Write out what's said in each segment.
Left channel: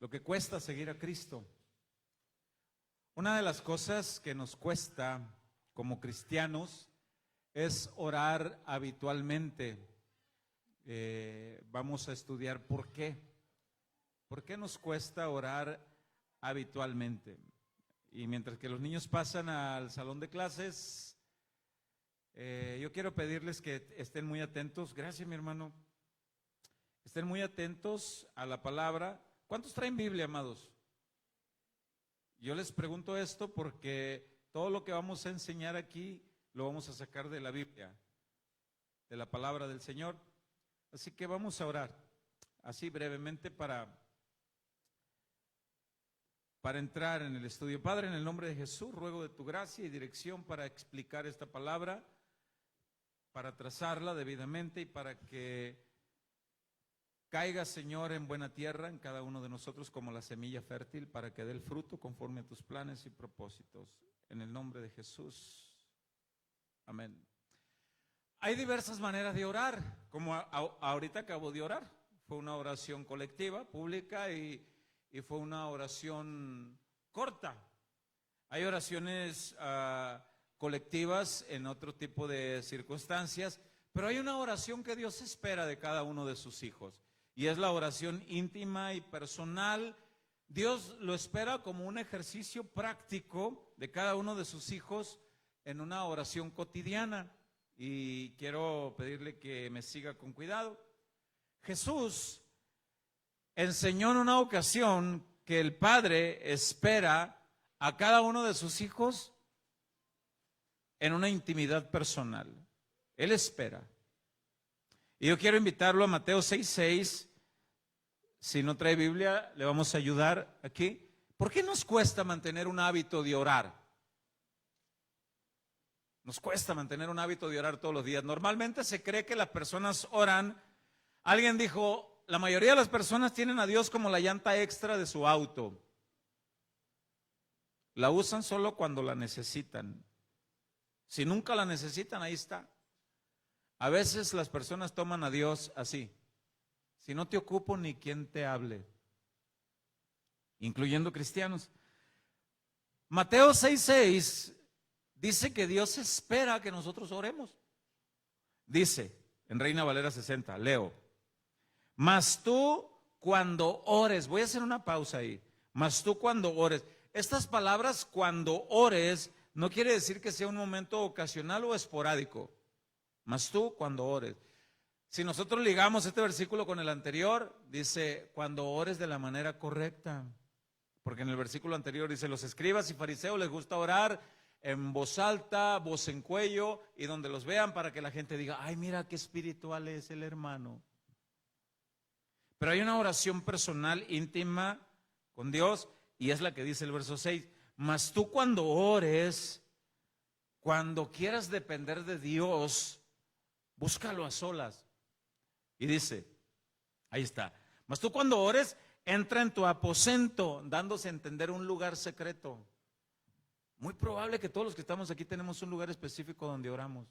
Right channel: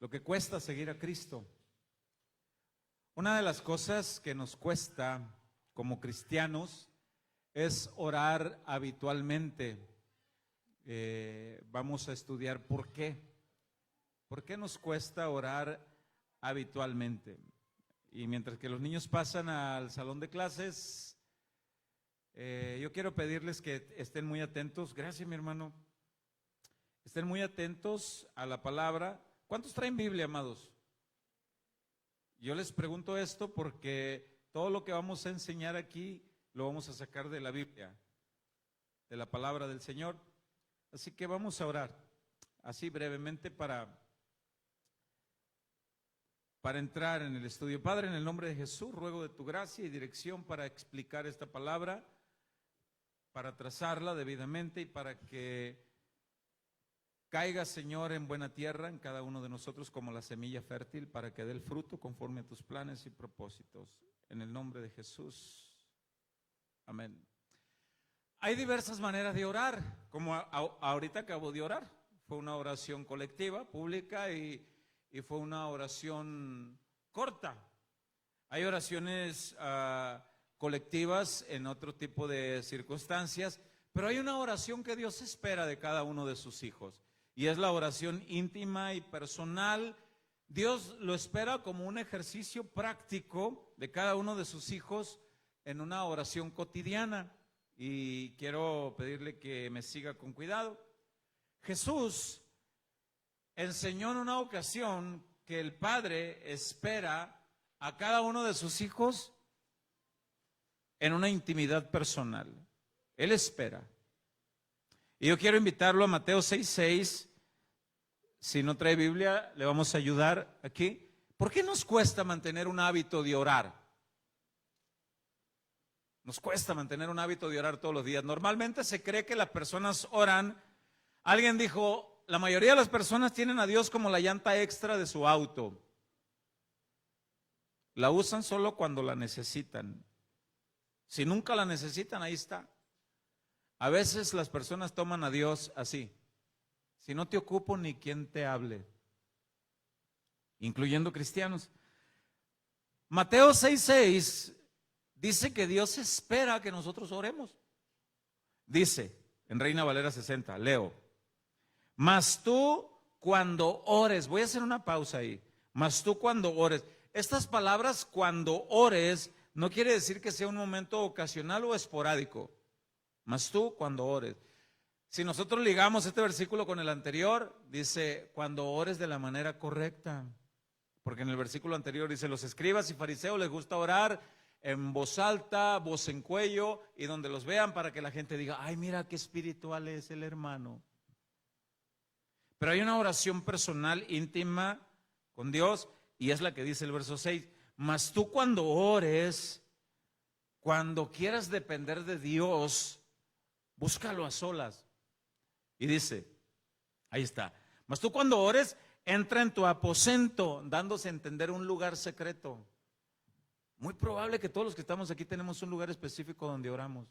lo que cuesta seguir a Cristo. Una de las cosas que nos cuesta como cristianos es orar habitualmente. Vamos a estudiar por qué. ¿Por qué nos cuesta orar habitualmente? Y mientras que los niños pasan al salón de clases, yo quiero pedirles que estén muy atentos. Gracias, mi hermano. Estén muy atentos a la palabra. ¿Cuántos traen Biblia, amados? Yo les pregunto esto porque todo lo que vamos a enseñar aquí lo vamos a sacar de la Biblia, de la palabra del Señor. Así que vamos a orar, así brevemente para entrar en el estudio. Padre, en el nombre de Jesús, ruego de tu gracia y dirección para explicar esta palabra, para trazarla debidamente y para que caiga, Señor, en buena tierra en cada uno de nosotros como la semilla fértil, para que dé el fruto conforme a tus planes y propósitos. En el nombre de Jesús. Amén. Hay diversas maneras de orar, como ahorita acabo de orar. Fue una oración colectiva, pública y fue una oración corta. Hay oraciones colectivas en otro tipo de circunstancias, pero hay una oración que Dios espera de cada uno de sus hijos, y es la oración íntima y personal. Dios lo espera como un ejercicio práctico de cada uno de sus hijos en una oración cotidiana, y quiero pedirle que me siga con cuidado. Jesús enseñó en una ocasión que el Padre espera a cada uno de sus hijos en una intimidad personal. Él espera. Y yo quiero invitarlo a Mateo 6:6. Si no trae Biblia, le vamos a ayudar aquí. ¿Por qué nos cuesta mantener un hábito de orar? Nos cuesta mantener un hábito de orar todos los días. Normalmente se cree que las personas oran. Alguien dijo, la mayoría de las personas tienen a Dios como la llanta extra de su auto. La usan solo cuando la necesitan. Si nunca la necesitan, ahí está. A veces las personas toman a Dios así. Si no te ocupo, ni quien te hable. Incluyendo cristianos. Mateo 6:6 dice que Dios espera que nosotros oremos. Dice, en Reina Valera 60, leo. Mas tú cuando ores, voy a hacer una pausa ahí. Mas tú cuando ores. Estas palabras, cuando ores, no quiere decir que sea un momento ocasional o esporádico. Mas tú cuando ores. Si nosotros ligamos este versículo con el anterior, dice, cuando ores de la manera correcta. Porque en el versículo anterior dice, los escribas y fariseos les gusta orar en voz alta, voz en cuello, y donde los vean para que la gente diga, ay, mira qué espiritual es el hermano. Pero hay una oración personal, íntima con Dios, y es la que dice el verso 6. Mas tú cuando ores, cuando quieras depender de Dios, búscalo a solas. Y dice, ahí está. Mas tú cuando ores, entra en tu aposento, dándose a entender un lugar secreto. Muy probable que todos los que estamos aquí tenemos un lugar específico donde oramos.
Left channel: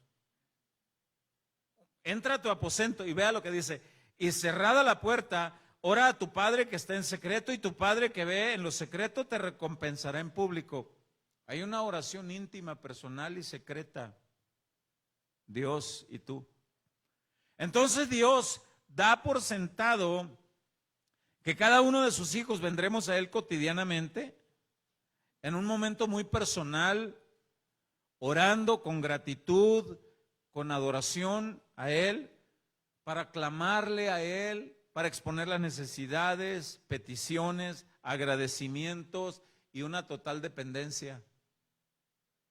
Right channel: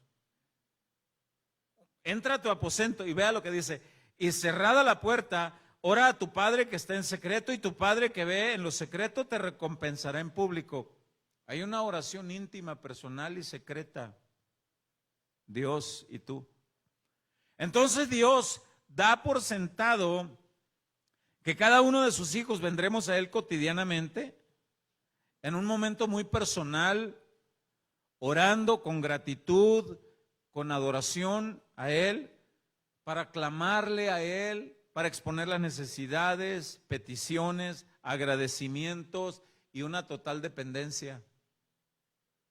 Entra a tu aposento y vea lo que dice. Y cerrada la puerta, ora a tu Padre que está en secreto, y tu Padre que ve en lo secreto te recompensará en público. Hay una oración íntima, personal y secreta. Dios y tú. Entonces Dios da por sentado que cada uno de sus hijos vendremos a Él cotidianamente, en un momento muy personal, orando con gratitud, con adoración a Él, para clamarle a Él, para exponer las necesidades, peticiones, agradecimientos y una total dependencia.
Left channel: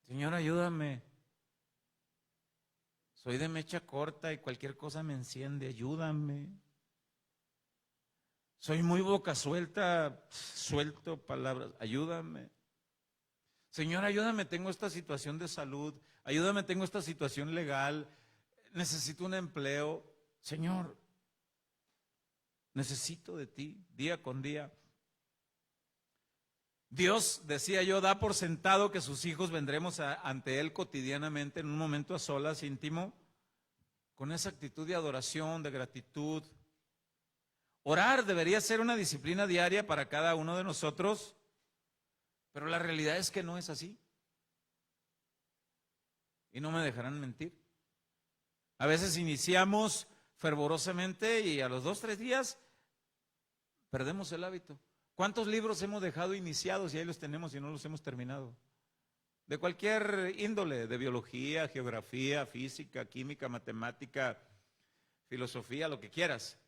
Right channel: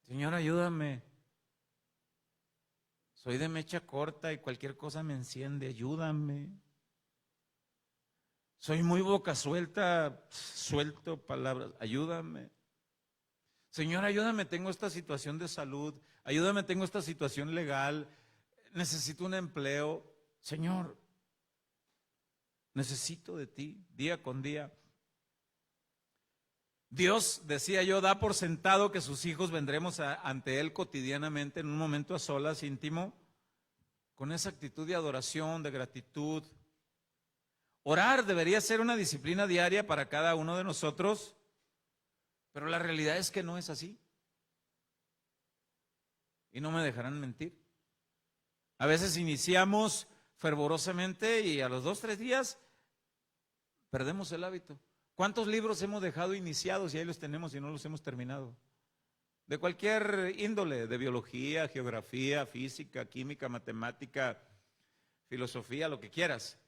Señor, ayúdame. Soy de mecha corta y cualquier cosa me enciende, ayúdame. Soy muy boca suelta, suelto palabras, ayúdame. Señor, ayúdame, tengo esta situación de salud, ayúdame, tengo esta situación legal, necesito un empleo. Señor, necesito de ti día con día. Dios, decía yo, da por sentado que sus hijos vendremos ante Él cotidianamente en un momento a solas, íntimo, con esa actitud de adoración, de gratitud. Orar debería ser una disciplina diaria para cada uno de nosotros, pero la realidad es que no es así. Y no me dejarán mentir. A veces iniciamos fervorosamente y a los 2, 3 días perdemos el hábito. ¿Cuántos libros hemos dejado iniciados y ahí los tenemos y no los hemos terminado? De cualquier índole, de biología, geografía, física, química, matemática, filosofía, lo que quieras.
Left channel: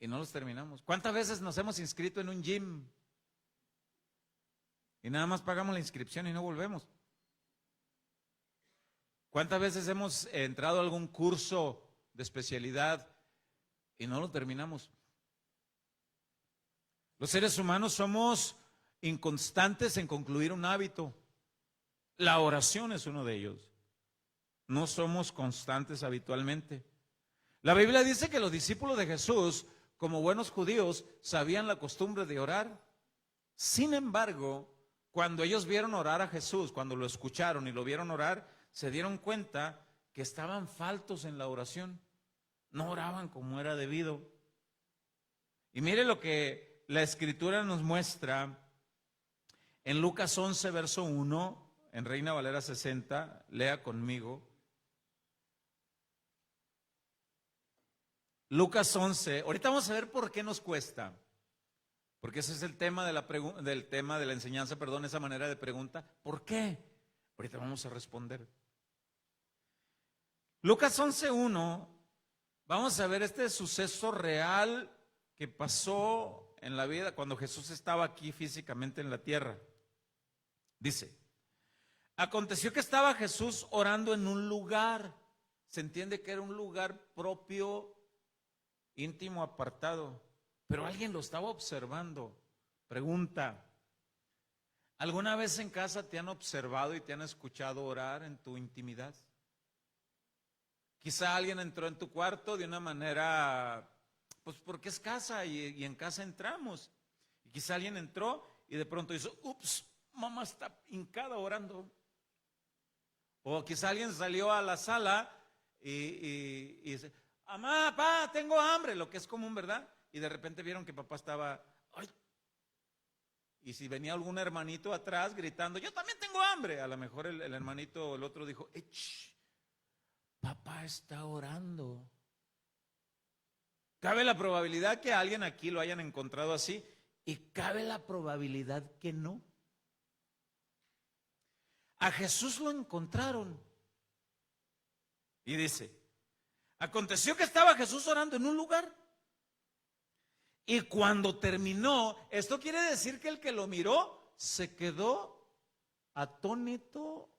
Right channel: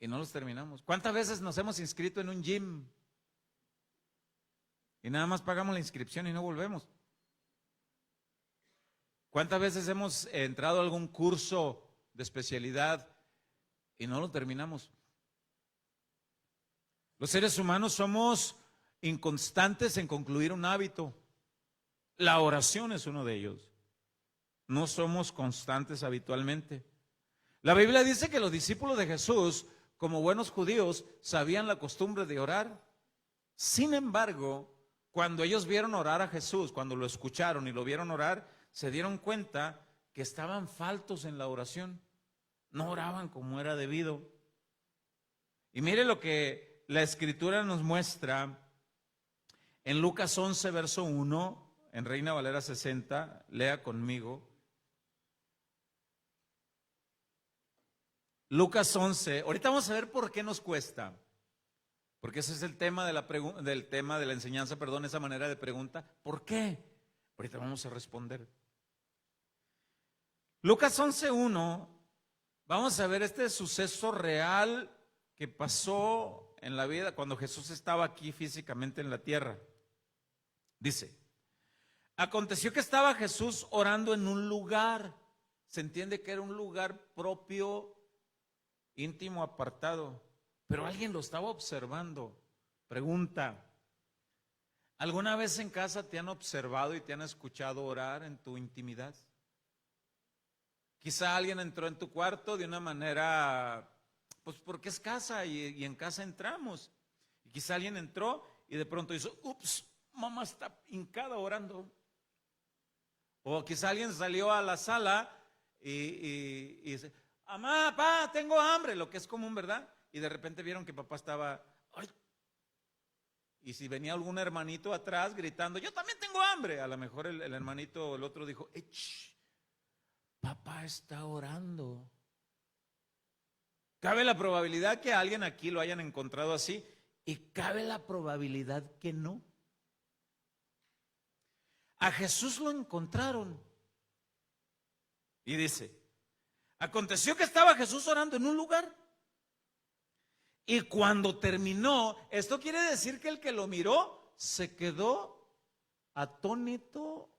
Y no los terminamos. ¿Cuántas veces nos hemos inscrito en un gym y nada más pagamos la inscripción y no volvemos? ¿Cuántas veces hemos entrado a algún curso de especialidad y no lo terminamos? Los seres humanos somos inconstantes en concluir un hábito. La oración es uno de ellos. No somos constantes habitualmente. La Biblia dice que los discípulos de Jesús, como buenos judíos, sabían la costumbre de orar. Sin embargo, cuando ellos vieron orar a Jesús, cuando lo escucharon y lo vieron orar, se dieron cuenta que estaban faltos en la oración. No oraban como era debido. Y mire lo que la Escritura nos muestra en Lucas 11, verso 1, en Reina Valera 60, lea conmigo. Lucas 11, ahorita vamos a ver por qué nos cuesta, porque ese es el tema de la enseñanza, esa manera de pregunta. ¿Por qué? Ahorita vamos a responder. Lucas 11:1, vamos a ver este suceso real que pasó en la vida cuando Jesús estaba aquí físicamente en la tierra. Dice, aconteció que estaba Jesús orando en un lugar, se entiende que era un lugar propio, íntimo, apartado, pero alguien lo estaba observando. Pregunta, ¿alguna vez en casa te han observado y te han escuchado orar en tu intimidad? Quizá alguien entró en tu cuarto de una manera, pues porque es casa y en casa entramos. Y quizá alguien entró y de pronto hizo, ups, mamá está hincada orando. O quizá alguien salió a la sala y dice, mamá, papá, tengo hambre, lo que es común, ¿verdad? Y de repente vieron que papá estaba, ay. Y si venía algún hermanito atrás gritando, yo también tengo hambre, a lo mejor el hermanito o el otro dijo, papá está orando. Cabe la probabilidad que alguien aquí lo hayan encontrado así y cabe la probabilidad que no. A Jesús lo encontraron y dice, aconteció que estaba Jesús orando en un lugar y cuando terminó, esto quiere decir que el que lo miró se quedó atónito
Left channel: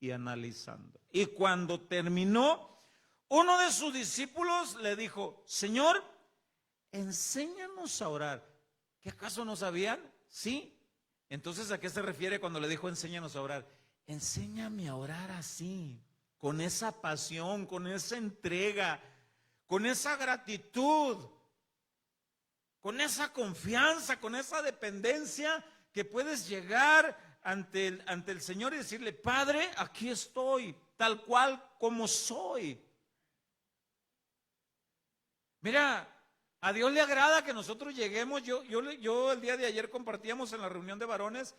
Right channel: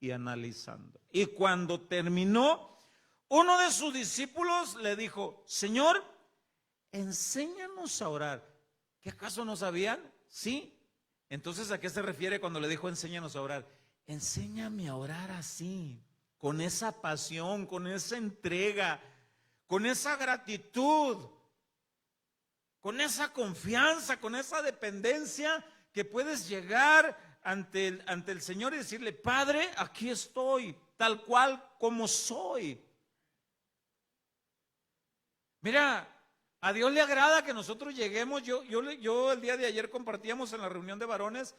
y analizando. Y cuando terminó, uno de sus discípulos le dijo, Señor, enséñanos a orar. ¿Qué acaso no sabían? Sí. Entonces, ¿a qué se refiere cuando le dijo enséñanos a orar? Enséñame a orar así, con esa pasión, con esa entrega, con esa gratitud, con esa confianza, con esa dependencia que puedes llegar ante el Señor y decirle, Padre, aquí estoy, tal cual como soy. Mira, a Dios le agrada que nosotros lleguemos, yo el día de ayer compartíamos en la reunión de varones,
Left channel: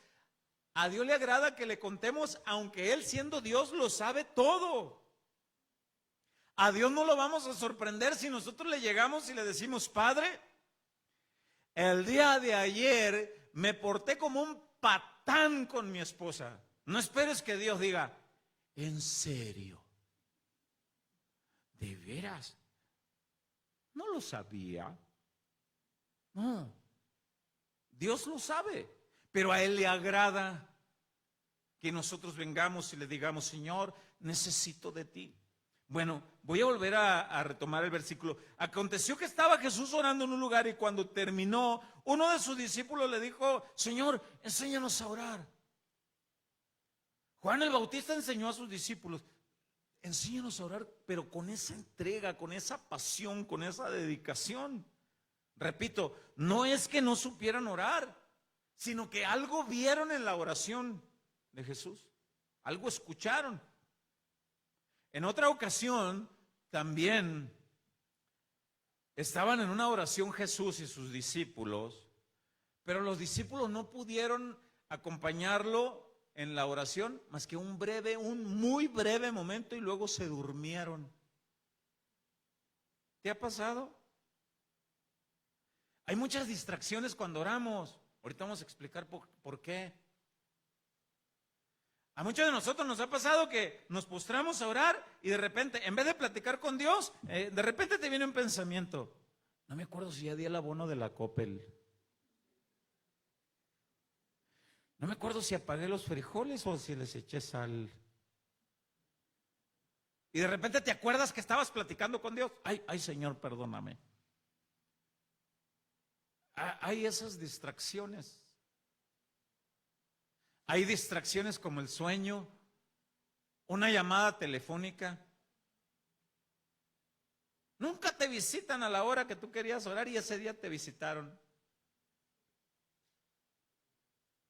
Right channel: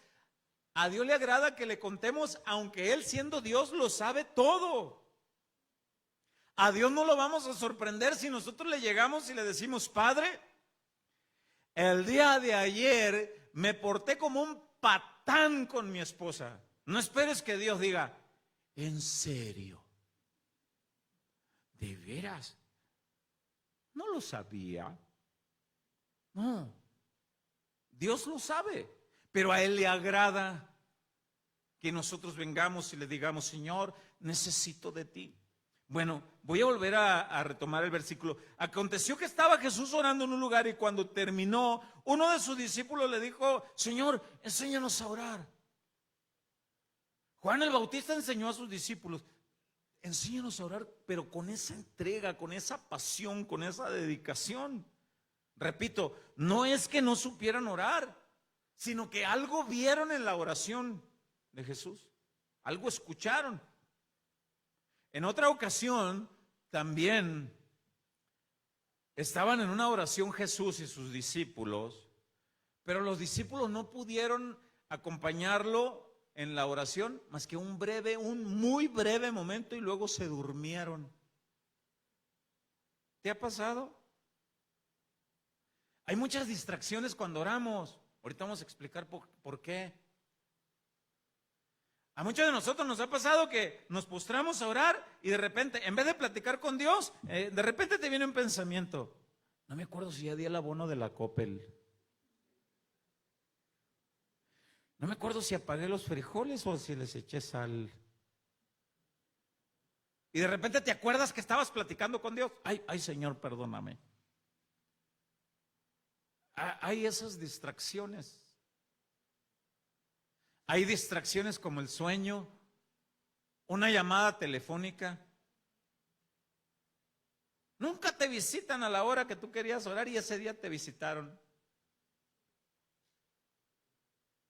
a Dios le agrada que le contemos, aunque Él siendo Dios lo sabe todo. A Dios no lo vamos a sorprender si nosotros le llegamos y le decimos, Padre, el día de ayer me porté como un patán con mi esposa. No esperes que Dios diga, ¿en serio? ¿De veras? No lo sabía. No. Dios lo sabe, pero a Él le agrada que nosotros vengamos y le digamos, Señor, necesito de ti. Bueno, voy a volver a retomar el versículo. Aconteció que estaba Jesús orando en un lugar y cuando terminó, uno de sus discípulos le dijo, Señor, enséñanos a orar. Juan el Bautista enseñó a sus discípulos, enséñanos a orar, pero con esa entrega, con esa pasión, con esa dedicación. Repito, no es que no supieran orar, sino que algo vieron en la oración de Jesús, algo escucharon. En otra ocasión, también Estaban en una oración Jesús y sus discípulos, pero los discípulos no pudieron acompañarlo en la oración más que un muy breve momento, y luego se durmieron. ¿Te ha pasado? Hay muchas distracciones cuando oramos. Ahorita vamos a explicar por qué. A muchos de nosotros nos ha pasado que nos postramos a orar y de repente, en vez de platicar con Dios, de repente te viene un pensamiento. No me acuerdo si ya di el abono de la Coppel. No me acuerdo si apagué los frijoles o si les eché sal. Y de repente te acuerdas que estabas platicando con Dios. Ay, Señor, perdóname. Hay esas distracciones. Hay distracciones como el sueño, una llamada telefónica. Nunca te visitan a la hora que tú querías orar y ese día te visitaron.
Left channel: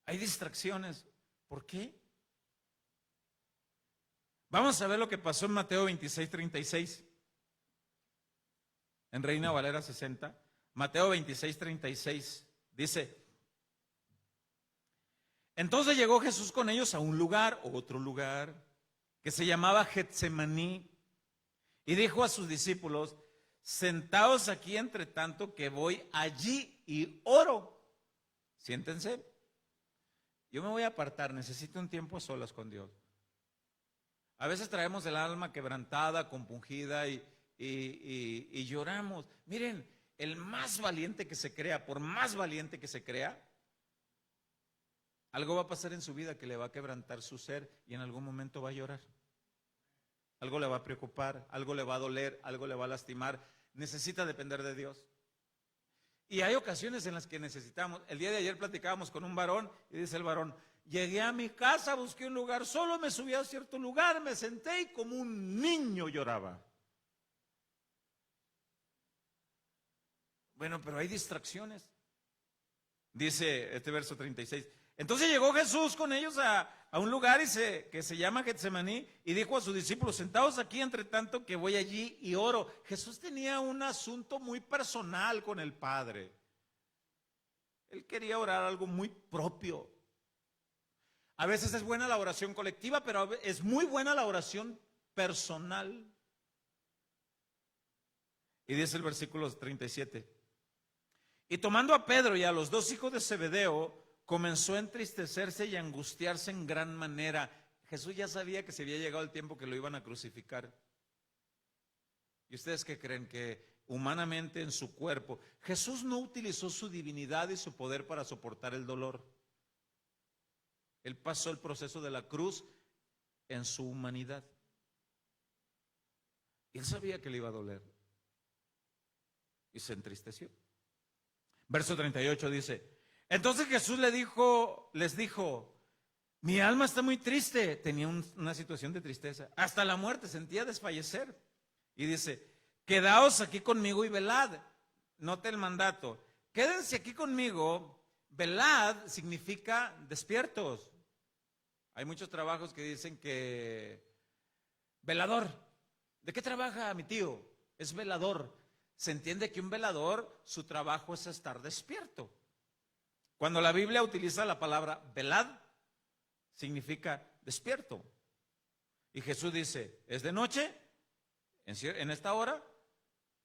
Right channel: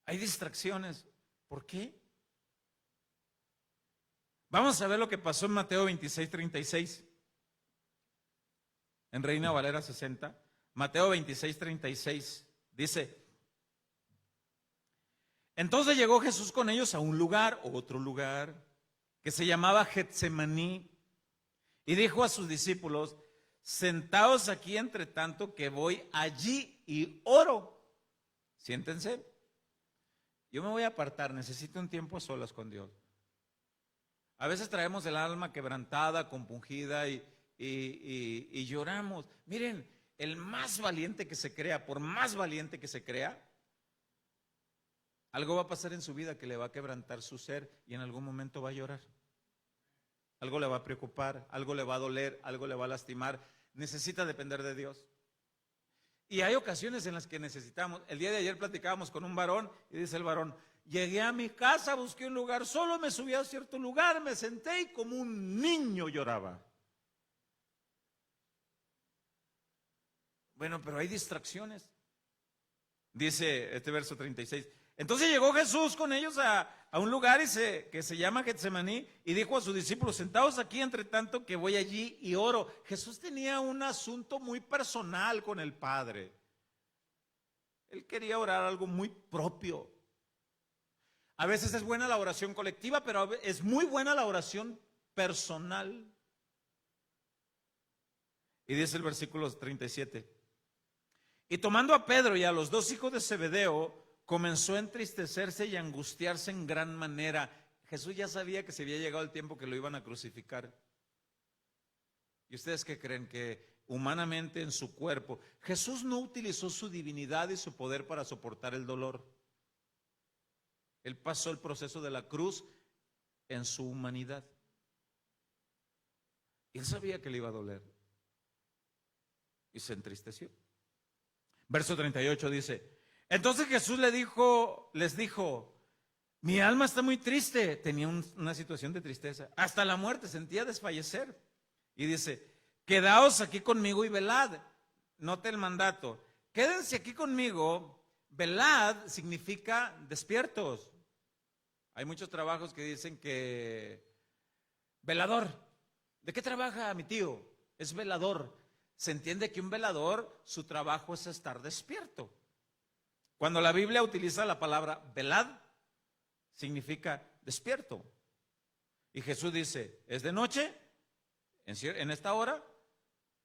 Hay distracciones. ¿Por qué? Vamos a ver lo que pasó en Mateo 26:36. En Reina Valera 60. Mateo 26:36 dice: entonces llegó Jesús con ellos a un lugar, otro lugar, que se llamaba Getsemaní, y dijo a sus discípulos: sentaos aquí entre tanto que voy allí y oro. Siéntense. Yo me voy a apartar, necesito un tiempo a solas con Dios. A veces traemos el alma quebrantada, compungida y lloramos. Miren, el más valiente que se crea, por más valiente que se crea, algo va a pasar en su vida que le va a quebrantar su ser y en algún momento va a llorar. Algo le va a preocupar, algo le va a doler, algo le va a lastimar. Necesita depender de Dios. Y hay ocasiones en las que necesitamos. El día de ayer platicábamos con un varón y dice el varón: llegué a mi casa, busqué un lugar, solo me subí a cierto lugar, me senté y como un niño lloraba. Bueno, pero hay distracciones. Dice este verso 36. Entonces llegó Jesús con ellos a un lugar que se llama Getsemaní y dijo a sus discípulos: sentaos aquí entre tanto que voy allí y oro. Jesús tenía un asunto muy personal con el Padre. Él quería orar algo muy propio. A veces es buena la oración colectiva, pero es muy buena la oración personal. Y dice el versículo 37. Y tomando a Pedro y a los dos hijos de Zebedeo, comenzó a entristecerse y a angustiarse en gran manera. Jesús ya sabía que se había llegado el tiempo que lo iban a crucificar. ¿Y ustedes qué creen? Que humanamente en su cuerpo, Jesús no utilizó su divinidad y su poder para soportar el dolor. Él pasó el proceso de la cruz en su humanidad. Él sabía que le iba a doler. Y se entristeció. Verso 38 dice: entonces Jesús les dijo, mi alma está muy triste. Tenía una situación de tristeza. Hasta la muerte, sentía desfallecer. Y dice: quedaos aquí conmigo y velad. Note el mandato. Quédense aquí conmigo. Velad significa despiertos. Hay muchos trabajos que dicen que velador. ¿De qué trabaja mi tío? Es velador. Se entiende que un velador, su trabajo es estar despierto. Cuando la Biblia utiliza la palabra velad, significa despierto. Y Jesús dice: es de noche, en esta hora,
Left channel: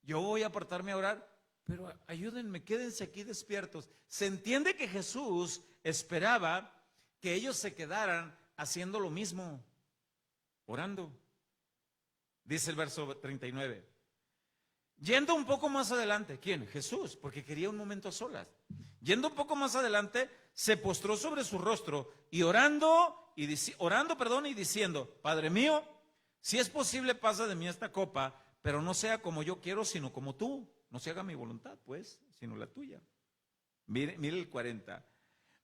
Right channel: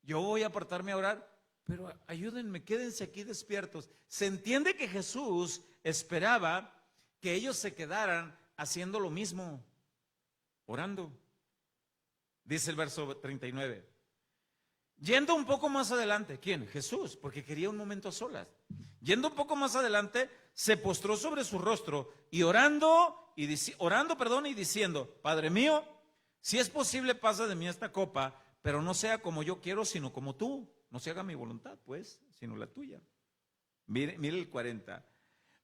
yo voy a apartarme a orar, pero ayúdenme, quédense aquí despiertos. Se entiende que Jesús esperaba que ellos se quedaran haciendo lo mismo, orando. Dice el verso 39. Yendo un poco más adelante, ¿quién? Jesús, porque quería un momento a solas. Yendo un poco más adelante, se postró sobre su rostro y orando y diciendo: Padre mío, si es posible, pasa de mí esta copa, pero no sea como yo quiero, sino como tú. No se haga mi voluntad, pues, sino la tuya. Mire el 40.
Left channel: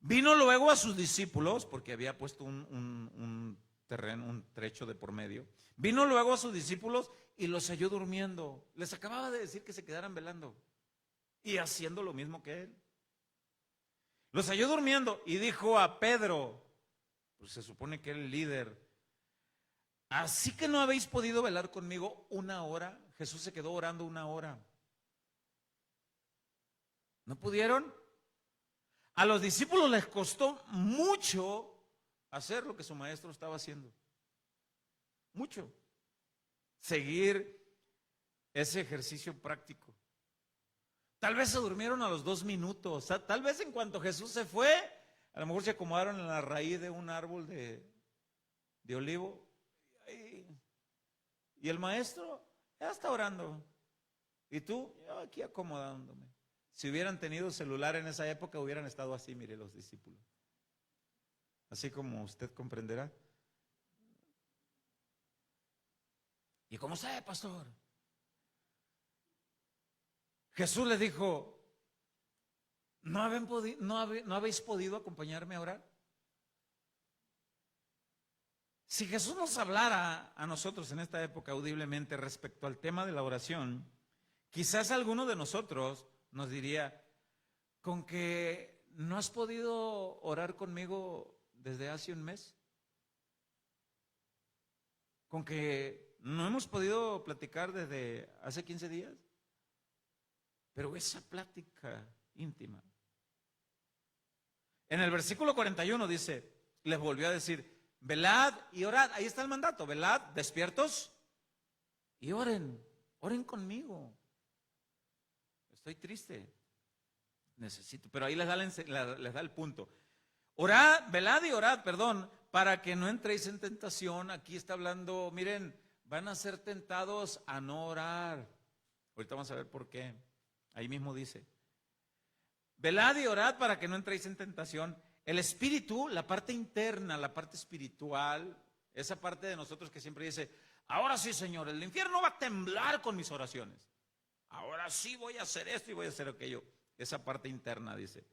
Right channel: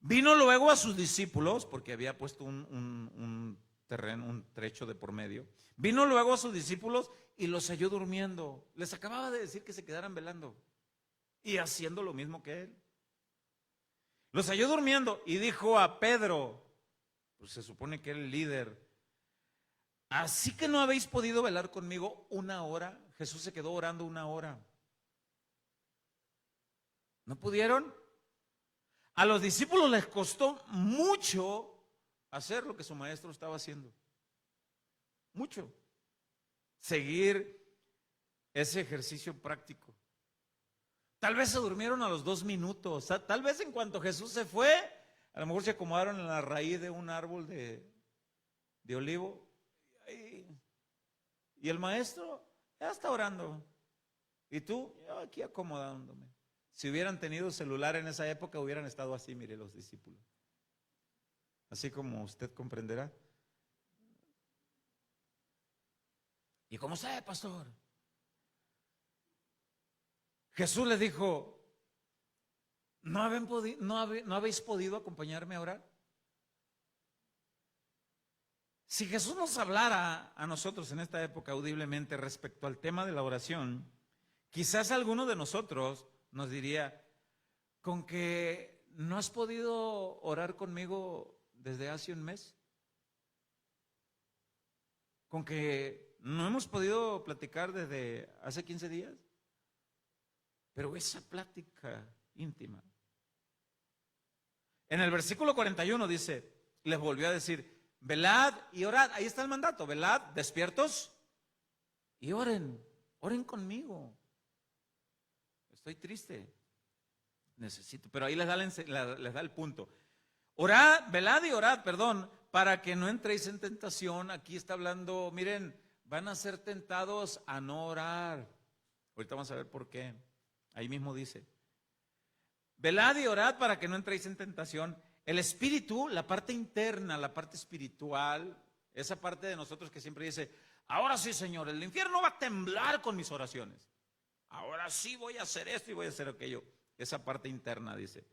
Vino luego a sus discípulos, porque había puesto un terreno, un trecho de por medio. Vino luego a sus discípulos y los halló durmiendo. Les acababa de decir que se quedaran velando y haciendo lo mismo que él. Los halló durmiendo y dijo a Pedro, pues se supone que era el líder: ¿así que no habéis podido velar conmigo una hora? Jesús se quedó orando una hora. ¿No pudieron? A los discípulos les costó mucho hacer lo que su maestro estaba haciendo. Mucho. Seguir ese ejercicio práctico. Tal vez se durmieron a los 2 minutos. Tal vez en cuanto Jesús se fue, a lo mejor se acomodaron en la raíz de un árbol de olivo. Y el maestro ya está orando. Y tú, yo aquí acomodándome. Si hubieran tenido celular en esa época, hubieran estado así, mire, los discípulos. Así como usted comprenderá. ¿Y cómo sabe, pastor? Jesús les dijo, ¿no habéis podido acompañarme a orar? Si Jesús nos hablara a nosotros en esta época audiblemente respecto al tema de la oración, quizás alguno de nosotros nos diría, ¿con que no has podido orar conmigo desde hace un mes? ¿Con que no hemos podido platicar desde hace 15 días? Pero esa plática íntima. En el versículo 41 dice, les volvió a decir, velad y orad. Ahí está el mandato, velad, despiertos y oren conmigo. Estoy triste, necesito, pero ahí les da el punto. Orad, velad y orad, para que no entréis en tentación. Aquí está hablando, miren, van a ser tentados a no orar. Ahorita vamos a ver por qué. Ahí mismo dice, velad y orad para que no entréis en tentación. El espíritu, la parte interna, la parte espiritual, esa parte de nosotros que siempre dice, ahora sí, Señor, el infierno va a temblar con mis oraciones. Ahora sí voy a hacer esto y voy a hacer aquello. Esa parte interna dice.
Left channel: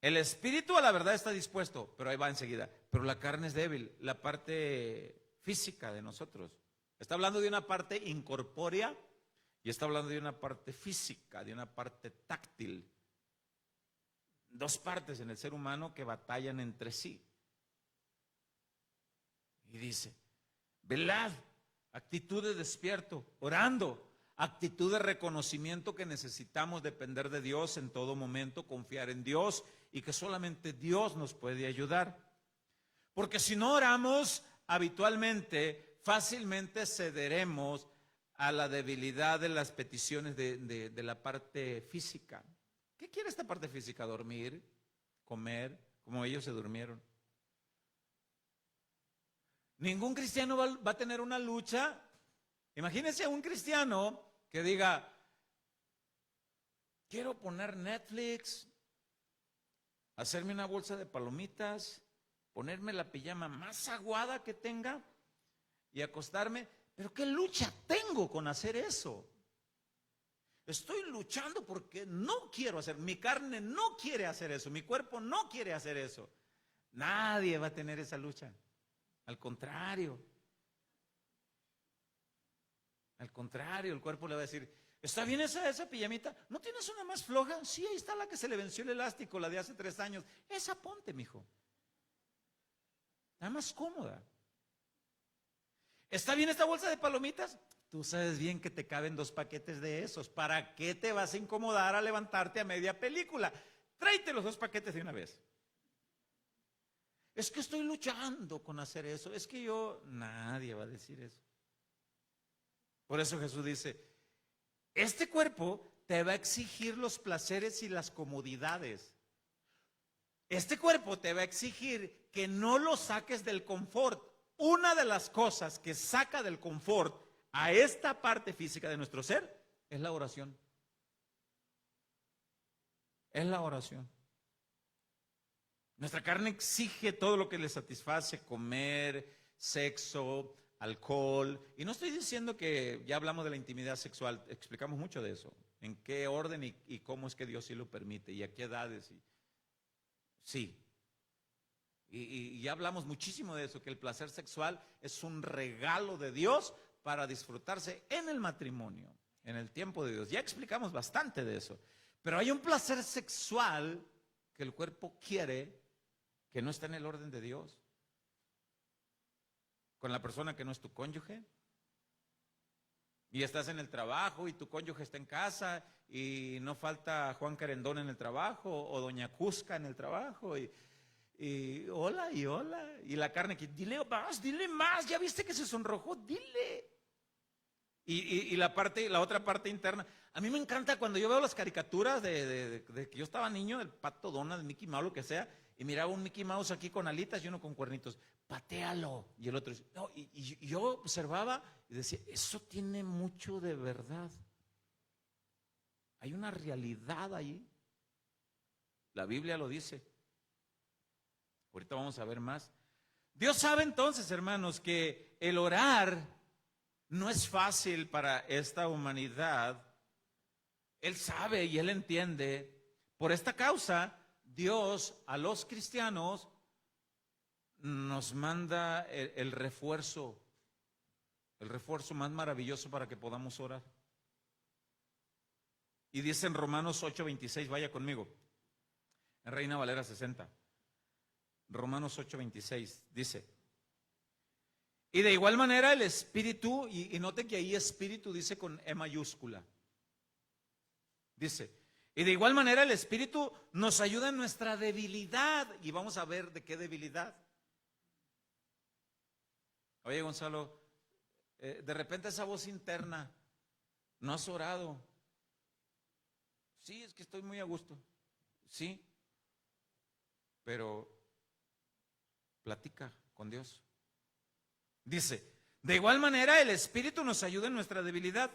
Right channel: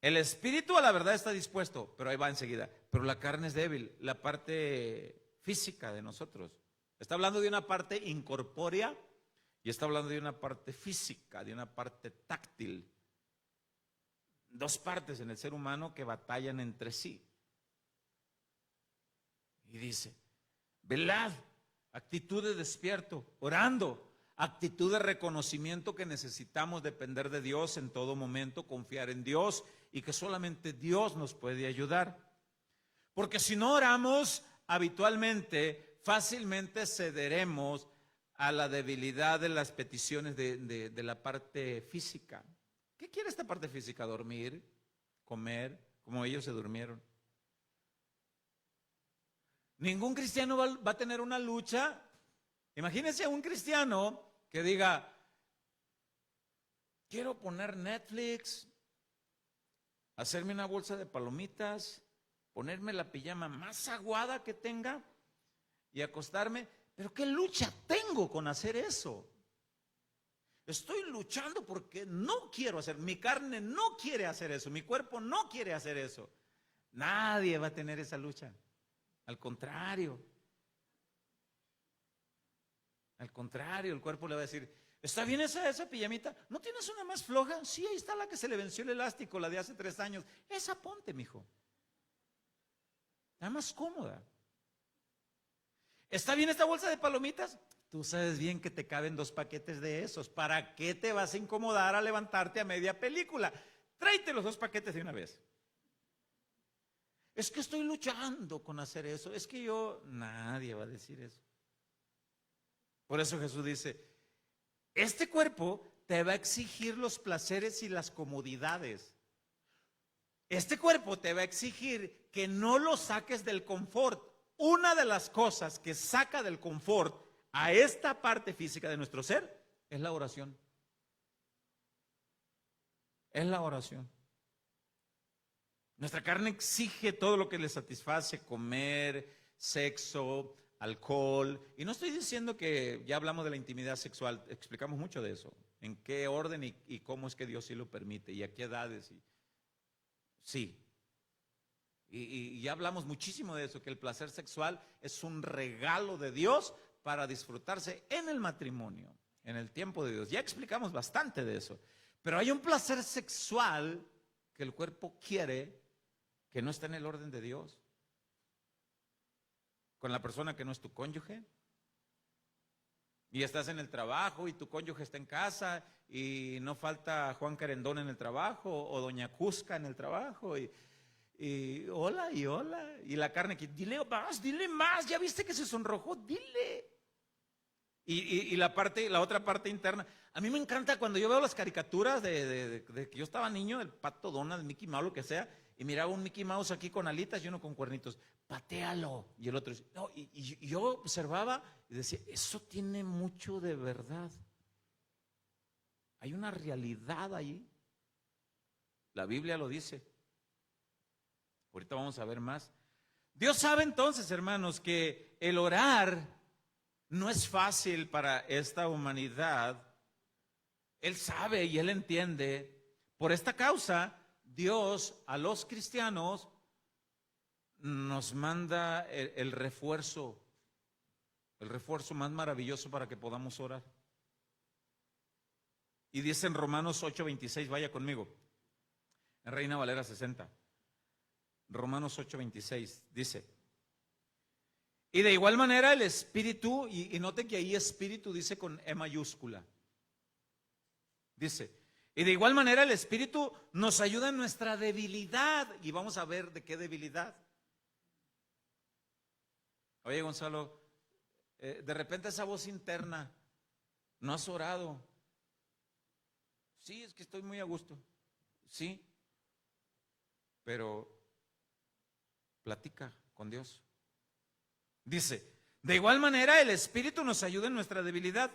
El espíritu a la verdad está dispuesto, pero ahí va enseguida. Pero la carne es débil, la parte física de nosotros. Está hablando de una parte incorpórea y está hablando de una parte física, de una parte táctil. 2 partes en el ser humano que batallan entre sí. Y dice, velad, actitud de despierto, orando, actitud de reconocimiento que necesitamos depender de Dios en todo momento, confiar en Dios y que solamente Dios nos puede ayudar. Porque si no oramos habitualmente, fácilmente cederemos a la debilidad de las peticiones de la parte física. ¿Qué quiere esta parte física? Dormir, comer, como ellos se durmieron. Ningún cristiano va a tener una lucha. Imagínense a un cristiano que diga, quiero poner Netflix, hacerme una bolsa de palomitas, ponerme la pijama más aguada que tenga y acostarme. Pero ¿qué lucha tengo con hacer eso? Estoy luchando porque no quiero hacer, mi carne no quiere hacer eso, mi cuerpo no quiere hacer eso. Nadie va a tener esa lucha. Al contrario, el cuerpo le va a decir, ¿está bien esa pijamita? ¿No tienes una más floja? Sí, ahí está la que se le venció el elástico, la de hace 3 años. Esa ponte, mijo. Está más cómoda. ¿Está bien esta bolsa de palomitas? Tú sabes bien que te caben 2 paquetes de esos. ¿Para qué te vas a incomodar a levantarte a media película? Tráete los 2 paquetes de una vez. Es que estoy luchando con hacer eso. Es que nadie va a decir eso. Por eso Jesús dice, este cuerpo te va a exigir los placeres y las comodidades. Este cuerpo te va a exigir que no lo saques del confort. Una de las cosas que saca del confort a esta parte física de nuestro ser es la oración. Es la oración. Nuestra carne exige todo lo que le satisface, comer, sexo, alcohol. Y no estoy diciendo que ya hablamos de la intimidad sexual, explicamos mucho de eso. En qué orden y cómo es que Dios sí lo permite y a qué edades. Sí. Y ya hablamos muchísimo de eso, que el placer sexual es un regalo de Dios para disfrutarse en el matrimonio, en el tiempo de Dios. Ya explicamos bastante de eso. Pero hay un placer sexual que el cuerpo quiere, que no está en el orden de Dios. Con la persona que no es tu cónyuge, Y estás en el trabajo y tu cónyuge está en casa y no falta Juan Carendón en el trabajo o Doña Cusca en el trabajo y hola y hola. Y la carne que dile más, ya viste que se sonrojó, dile. Y la otra parte interna. A mí me encanta cuando yo veo las caricaturas de que yo estaba niño, el Pato Donald, Mickey Mouse, lo que sea, y miraba un Mickey Mouse aquí con alitas y uno con cuernitos. Patéalo. Y el otro dice, no, y yo observaba y decía, eso tiene mucho de verdad. Hay una realidad ahí. La Biblia lo dice. Ahorita vamos a ver más. Dios sabe entonces, hermanos, que el orar no es fácil para esta humanidad. Él sabe y Él entiende. Por esta causa, Dios a los cristianos nos manda el refuerzo más maravilloso para que podamos orar. Y dice en Romanos 8:26, vaya conmigo, en Reina Valera 60. Romanos 8:26 dice, y de igual manera el Espíritu, y note que ahí Espíritu dice con E mayúscula, dice, y de igual manera el Espíritu nos ayuda en nuestra debilidad, y vamos a ver de qué debilidad. Oye, Gonzalo, de repente esa voz interna, ¿no has orado? Sí, es que estoy muy a gusto, sí, pero platica con Dios. Dice, de igual manera el Espíritu nos ayuda en nuestra debilidad.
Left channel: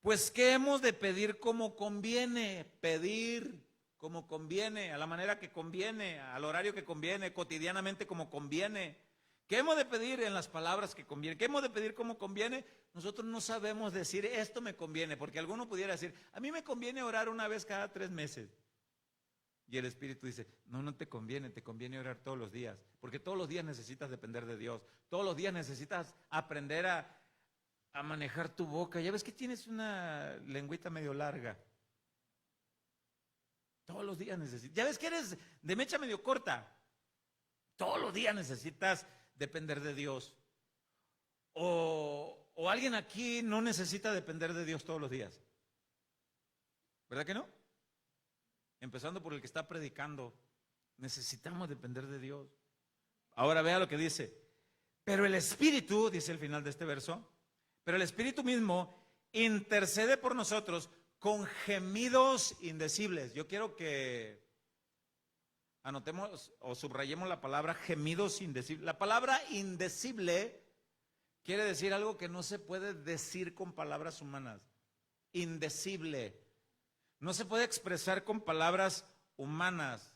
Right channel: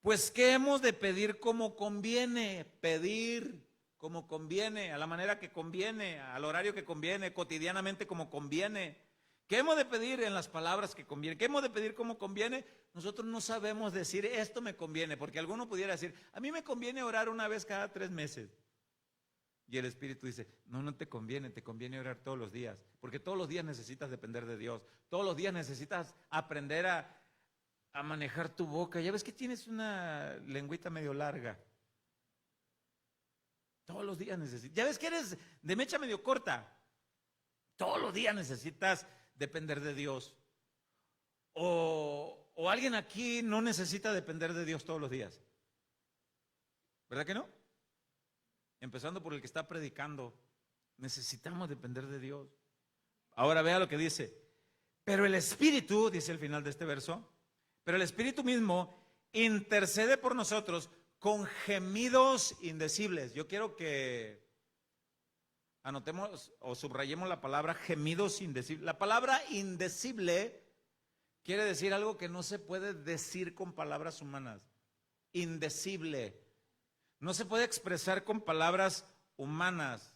Pues ¿qué hemos de pedir como conviene? Pedir como conviene, a la manera que conviene, al horario que conviene, cotidianamente como conviene. ¿Qué hemos de pedir en las palabras que conviene? ¿Qué hemos de pedir como conviene? Nosotros no sabemos decir esto me conviene, porque alguno pudiera decir, a mí me conviene orar una vez cada 3 meses. Y el Espíritu dice, no te conviene orar todos los días, porque todos los días necesitas depender de Dios, todos los días necesitas aprender a manejar tu boca. Ya ves que tienes una lengüita medio larga. Todos los días necesitas. Ya ves que eres de mecha medio corta. Todos los días necesitas depender de Dios. O alguien aquí no necesita depender de Dios todos los días. ¿Verdad que no? Empezando por el que está predicando. Necesitamos depender de Dios. Ahora vea lo que dice. Pero el Espíritu, dice el final de este verso, pero el Espíritu mismo intercede por nosotros con gemidos indecibles. Yo quiero que anotemos o subrayemos la palabra gemidos indecibles. La palabra indecible quiere decir algo que no se puede decir con palabras humanas. Indecible. No se puede expresar con palabras humanas.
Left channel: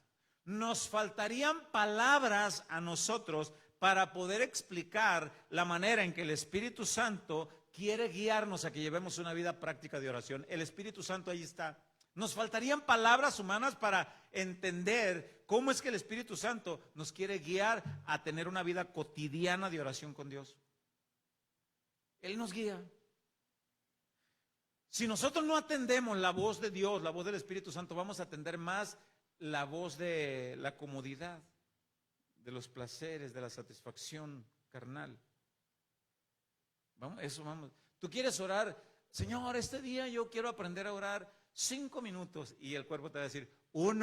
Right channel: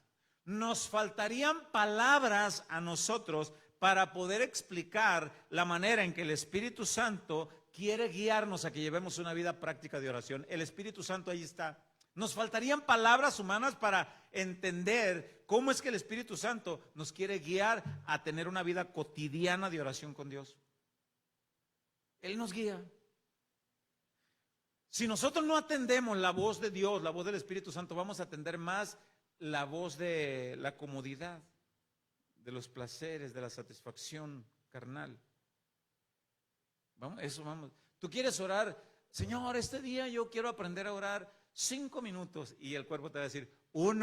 Nos faltarían palabras a nosotros para poder explicar la manera en que el Espíritu Santo quiere guiarnos a que llevemos una vida práctica de oración. El Espíritu Santo ahí está. Nos faltarían palabras humanas para entender cómo es que el Espíritu Santo nos quiere guiar a tener una vida cotidiana de oración con Dios. Él nos guía. Si nosotros no atendemos la voz de Dios, la voz del Espíritu Santo, vamos a atender más la voz de la comodidad, de los placeres, de la satisfacción carnal. Vamos. Tú quieres orar, Señor, este día yo quiero aprender a orar 5 minutos, y el cuerpo te va a decir, un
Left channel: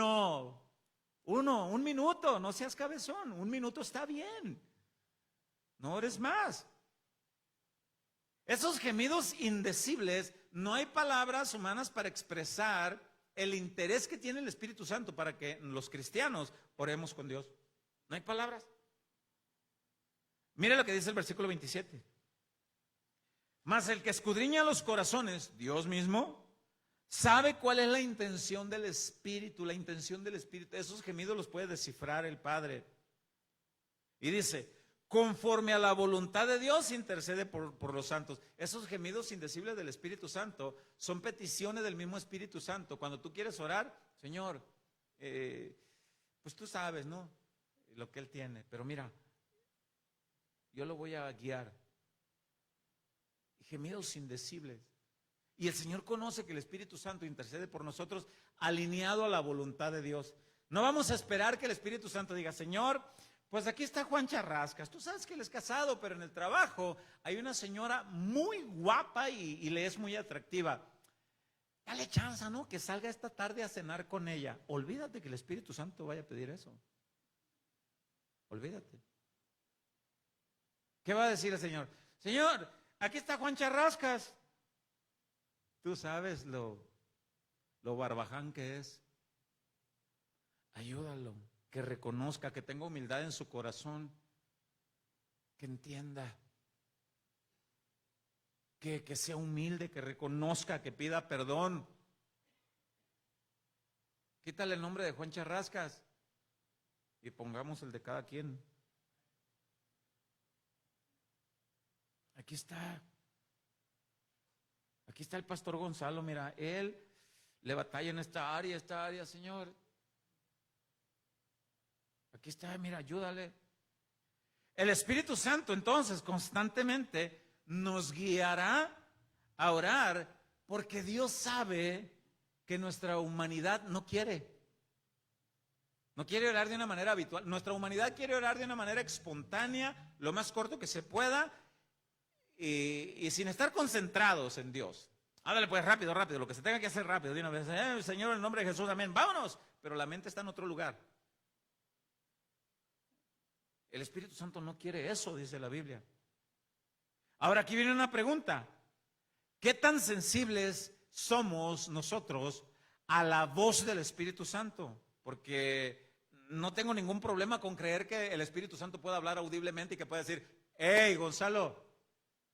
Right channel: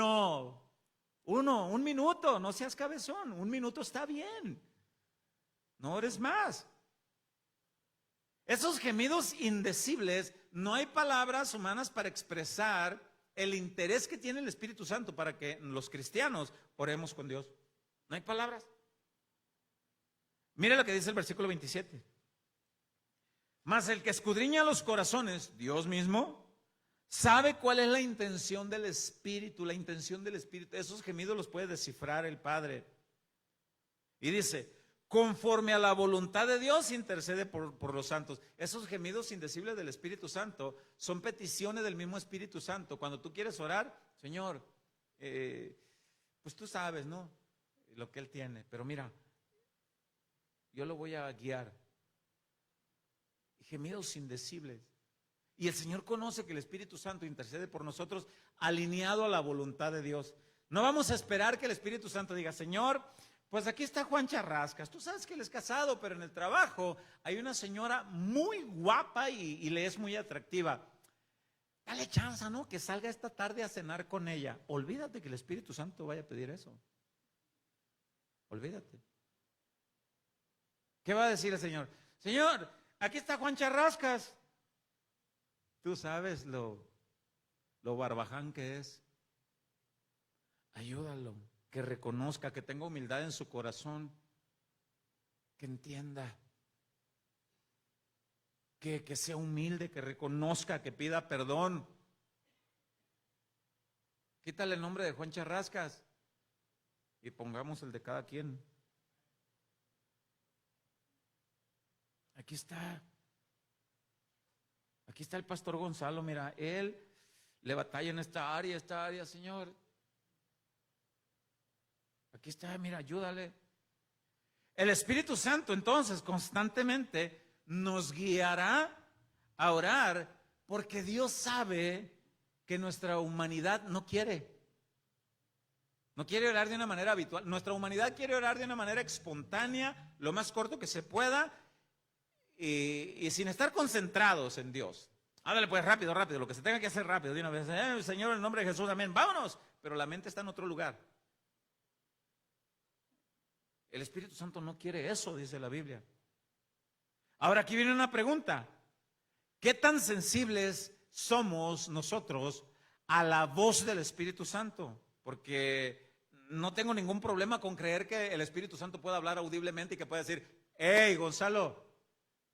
minuto, no seas cabezón, 1 minuto está bien, no ores más. Esos gemidos indecibles, no hay palabras humanas para expresar el interés que tiene el Espíritu Santo para que los cristianos oremos con Dios. No hay palabras. Mira lo que dice el versículo 27. Mas el que escudriña los corazones, Dios mismo, sabe cuál es la intención del Espíritu, la intención del Espíritu. Esos gemidos los puede descifrar el Padre. Y dice, conforme a la voluntad de Dios intercede por los santos. Esos gemidos indecibles del Espíritu Santo son peticiones del mismo Espíritu Santo. Cuando tú quieres orar, Señor, pues tú sabes, ¿no? Lo que Él tiene. Pero mira, yo lo voy a guiar. Gemidos indecibles. Y el Señor conoce que el Espíritu Santo intercede por nosotros alineado a la voluntad de Dios. No vamos a esperar que el Espíritu Santo diga, Señor, pues aquí está Juan Charrascas. Tú sabes que él es casado, pero en el trabajo hay una señora muy guapa y le es muy atractiva. Dale chance, ¿no? Que salga esta tarde a cenar con ella. Olvídate que el Espíritu Santo vaya a pedir eso. Olvídate. ¿Qué va a decir el Señor? Señor, aquí está Juan Charrascas. Tú sabes lo barbaján que es. Ayúdalo, que reconozca, que tenga humildad en su corazón, que entienda, que sea humilde, que reconozca, que pida perdón. Quítale el nombre de Juan Charrascas y pongamos el de cada quien. Aquí está el pastor Gonzalo, mira, él le batalla en esta área, Señor. Aquí está, mira, ayúdale. El Espíritu Santo entonces constantemente nos guiará a orar porque Dios sabe que nuestra humanidad no quiere orar de una manera habitual. Nuestra humanidad quiere orar de una manera espontánea, lo más corto que se pueda y sin estar concentrados en Dios. Háblale pues rápido, lo que se tenga que hacer rápido, de una vez. Señor, en el nombre de Jesús, amén, vámonos. Pero la mente está en otro lugar. El Espíritu Santo no quiere eso, dice la Biblia. Ahora aquí viene una pregunta. ¿Qué tan sensibles somos nosotros a la voz del Espíritu Santo? Porque no tengo ningún problema con creer que el Espíritu Santo pueda hablar audiblemente y que pueda decir, hey, Gonzalo,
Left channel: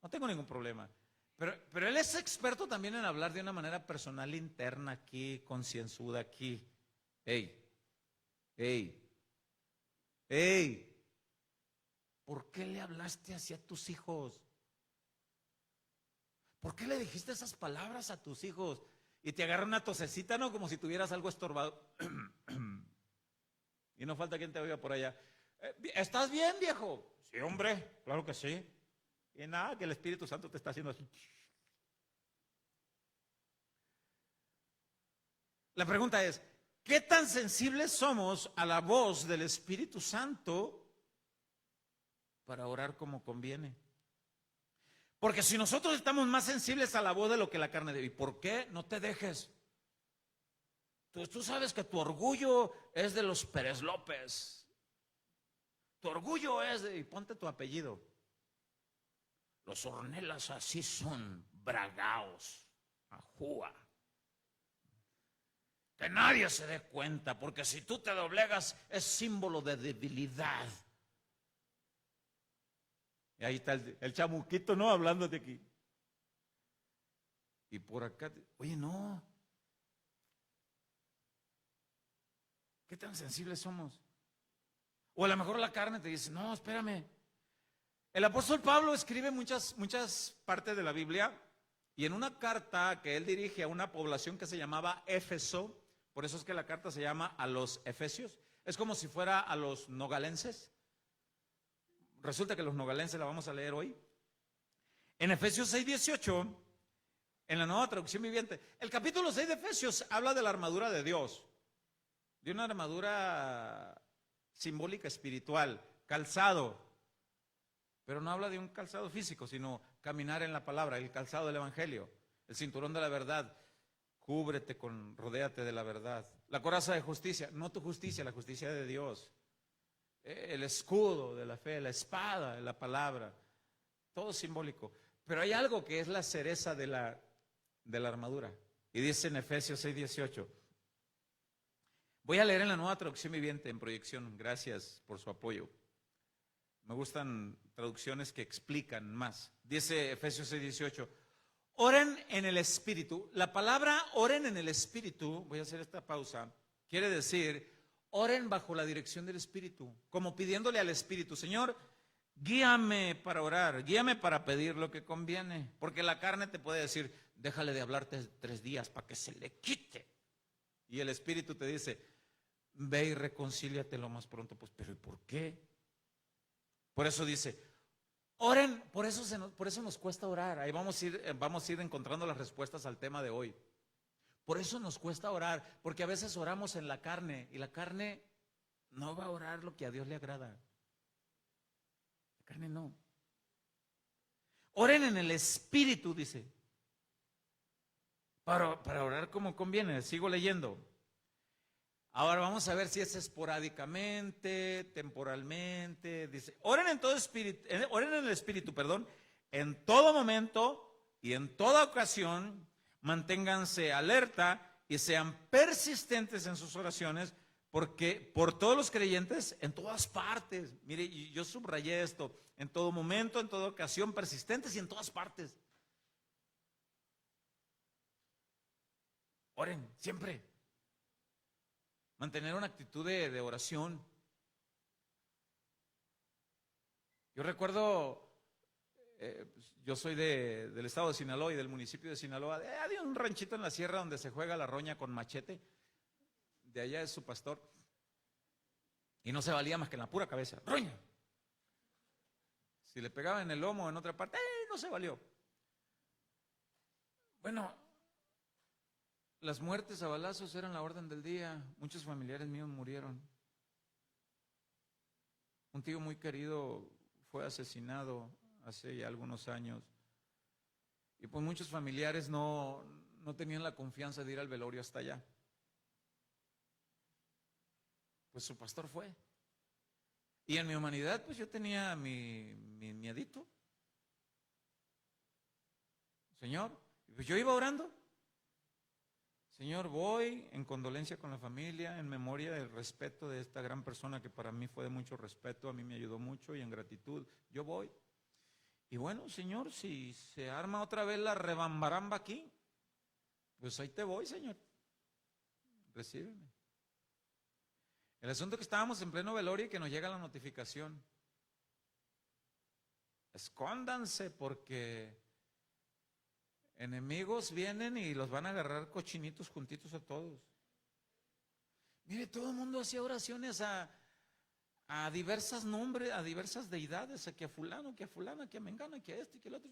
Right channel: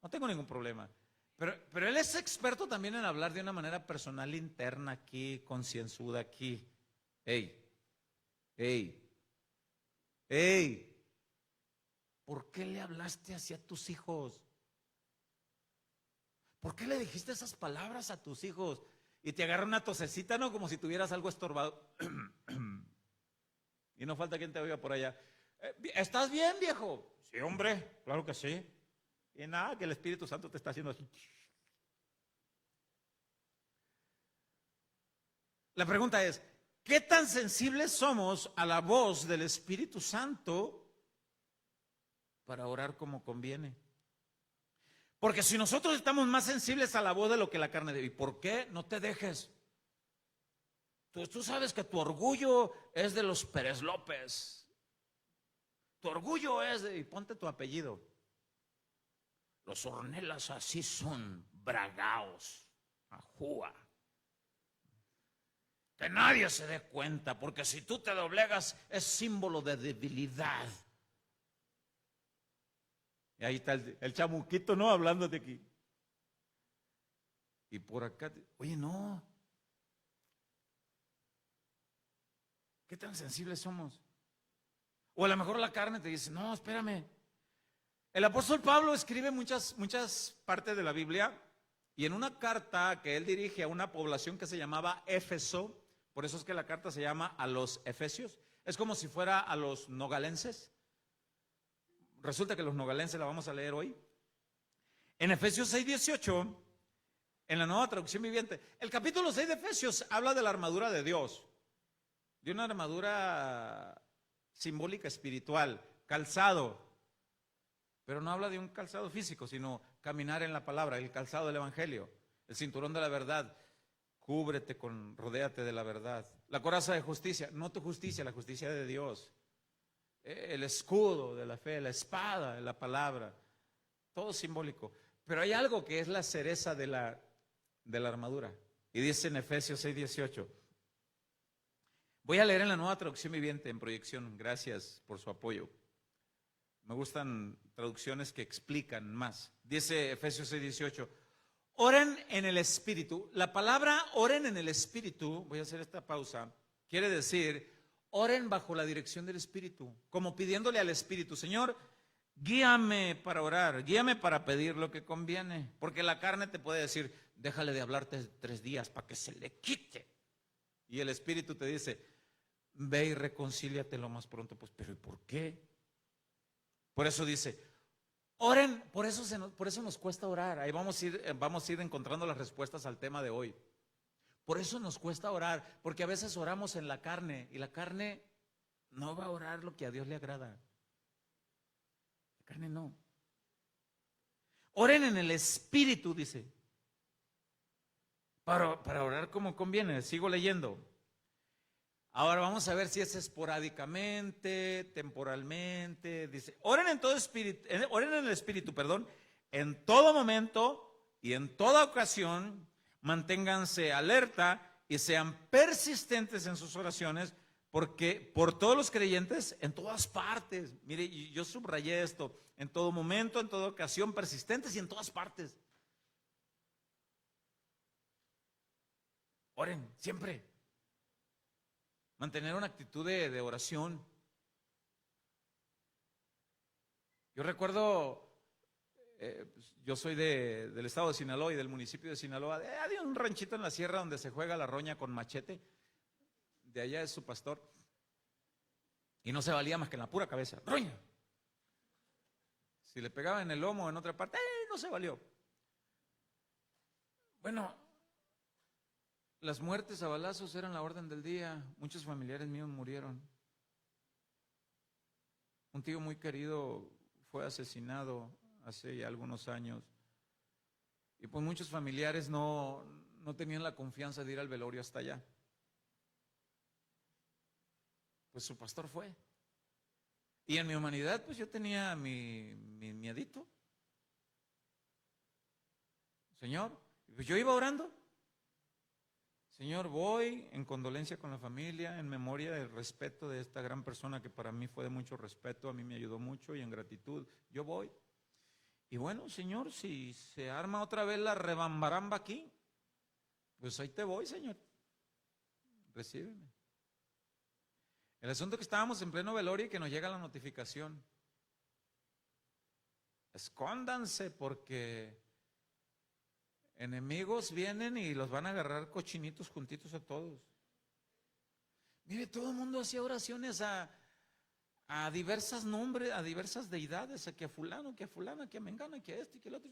no tengo ningún problema. Pero él es experto también en hablar de una manera personal, interna aquí, concienzuda aquí. Hey, ¿por qué le hablaste hacia tus hijos? ¿Por qué le dijiste esas palabras a tus hijos? Y te agarra una tosecita, ¿no? Como si tuvieras algo estorbado. Y no falta quien te oiga por allá. ¿Estás bien, viejo? Sí, hombre, claro que sí. Y nada, que el Espíritu Santo te está haciendo así. La pregunta es, ¿qué tan sensibles somos a la voz del Espíritu Santo para orar como conviene? Porque si nosotros estamos más sensibles a la voz de lo que la carne debe, ¿y por qué? No te dejes. Tú sabes que tu orgullo es de los Pérez López. Tu orgullo es de, y ponte tu apellido. Los Ornelas así son, bragaos, ajúa. Que nadie se dé cuenta, porque si tú te doblegas es símbolo de debilidad. Y ahí está el chamuquito, ¿no? Hablando de aquí. Y por acá, oye, no. ¿Qué tan sensibles somos? O a lo mejor la carne te dice, no, espérame. El apóstol Pablo escribe muchas partes de la Biblia y en una carta que él dirige a una población que se llamaba Éfeso, por eso es que la carta se llama a los Efesios, es como si fuera a los nogalenses. Resulta que los nogalenses la vamos a leer hoy. En Efesios 6:18, en la Nueva Traducción Viviente, el capítulo 6 de Efesios habla de la armadura de Dios, de una armadura simbólica espiritual, calzado, pero no habla de un calzado físico, sino caminar en la palabra, el calzado del Evangelio, el cinturón de la verdad, rodéate de la verdad, la coraza de justicia, no tu justicia, la justicia de Dios, el escudo de la fe, la espada de la palabra, todo simbólico. Pero hay algo que es la cereza de la armadura, y dice en Efesios 6:18. Voy a leer en la Nueva Traducción Viviente en proyección, gracias por su apoyo. Me gustan traducciones que explican más. Dice Efesios 6:18, oren en el Espíritu. La palabra oren en el Espíritu, voy a hacer esta pausa, quiere decir oren bajo la dirección del Espíritu, como pidiéndole al Espíritu, Señor, guíame para orar, guíame para pedir lo que conviene, porque la carne te puede decir, déjale de hablarte 3 días para que se le quite. Y el Espíritu te dice, ve y reconcíliate lo más pronto. Pues, pero ¿y por qué? Por eso dice, oren, por eso nos cuesta orar. Ahí vamos a ir encontrando las respuestas al tema de hoy. Por eso nos cuesta orar, porque a veces oramos en la carne y la carne no va a orar lo que a Dios le agrada. La carne no. Oren en el Espíritu, dice. Para orar como conviene. Sigo leyendo. Ahora vamos a ver si es esporádicamente, temporalmente. Dice, oren en todo espíritu, oren en el Espíritu, perdón, en todo momento y en toda ocasión. Manténganse alerta y sean persistentes en sus oraciones, porque por todos los creyentes en todas partes. Mire, yo subrayé esto: en todo momento, en toda ocasión, persistentes y en todas partes. Oren siempre. Mantener una actitud de oración. Yo recuerdo, yo soy del estado de Sinaloa y del municipio de Sinaloa. Hay un ranchito en la sierra donde se juega la roña con machete. De allá es su pastor. Y no se valía más que en la pura cabeza. ¡Roña! Si le pegaba en el lomo o en otra parte, no se valió. Bueno, las muertes a balazos eran la orden del día. Muchos familiares míos murieron. Un tío muy querido fue asesinado hace ya algunos años. Y pues muchos familiares no tenían la confianza de ir al velorio hasta allá. Pues su pastor fue. Y en mi humanidad, pues yo tenía mi miedito. Señor, pues yo iba orando. Señor, voy en condolencia con la familia, en memoria del respeto de esta gran persona que para mí fue de mucho respeto, a mí me ayudó mucho, y en gratitud, yo voy. Y bueno, Señor, si se arma otra vez la rebambaramba aquí, pues ahí te voy, Señor. Recíbeme. El asunto es que estábamos en pleno velorio y que nos llega la notificación. Escóndanse porque enemigos vienen y los van a agarrar cochinitos juntitos a todos. Mire, todo el mundo hacía oraciones a diversos nombres, a diversas deidades, a que a fulano, que a fulana, que a mengana, que a este, que el otro.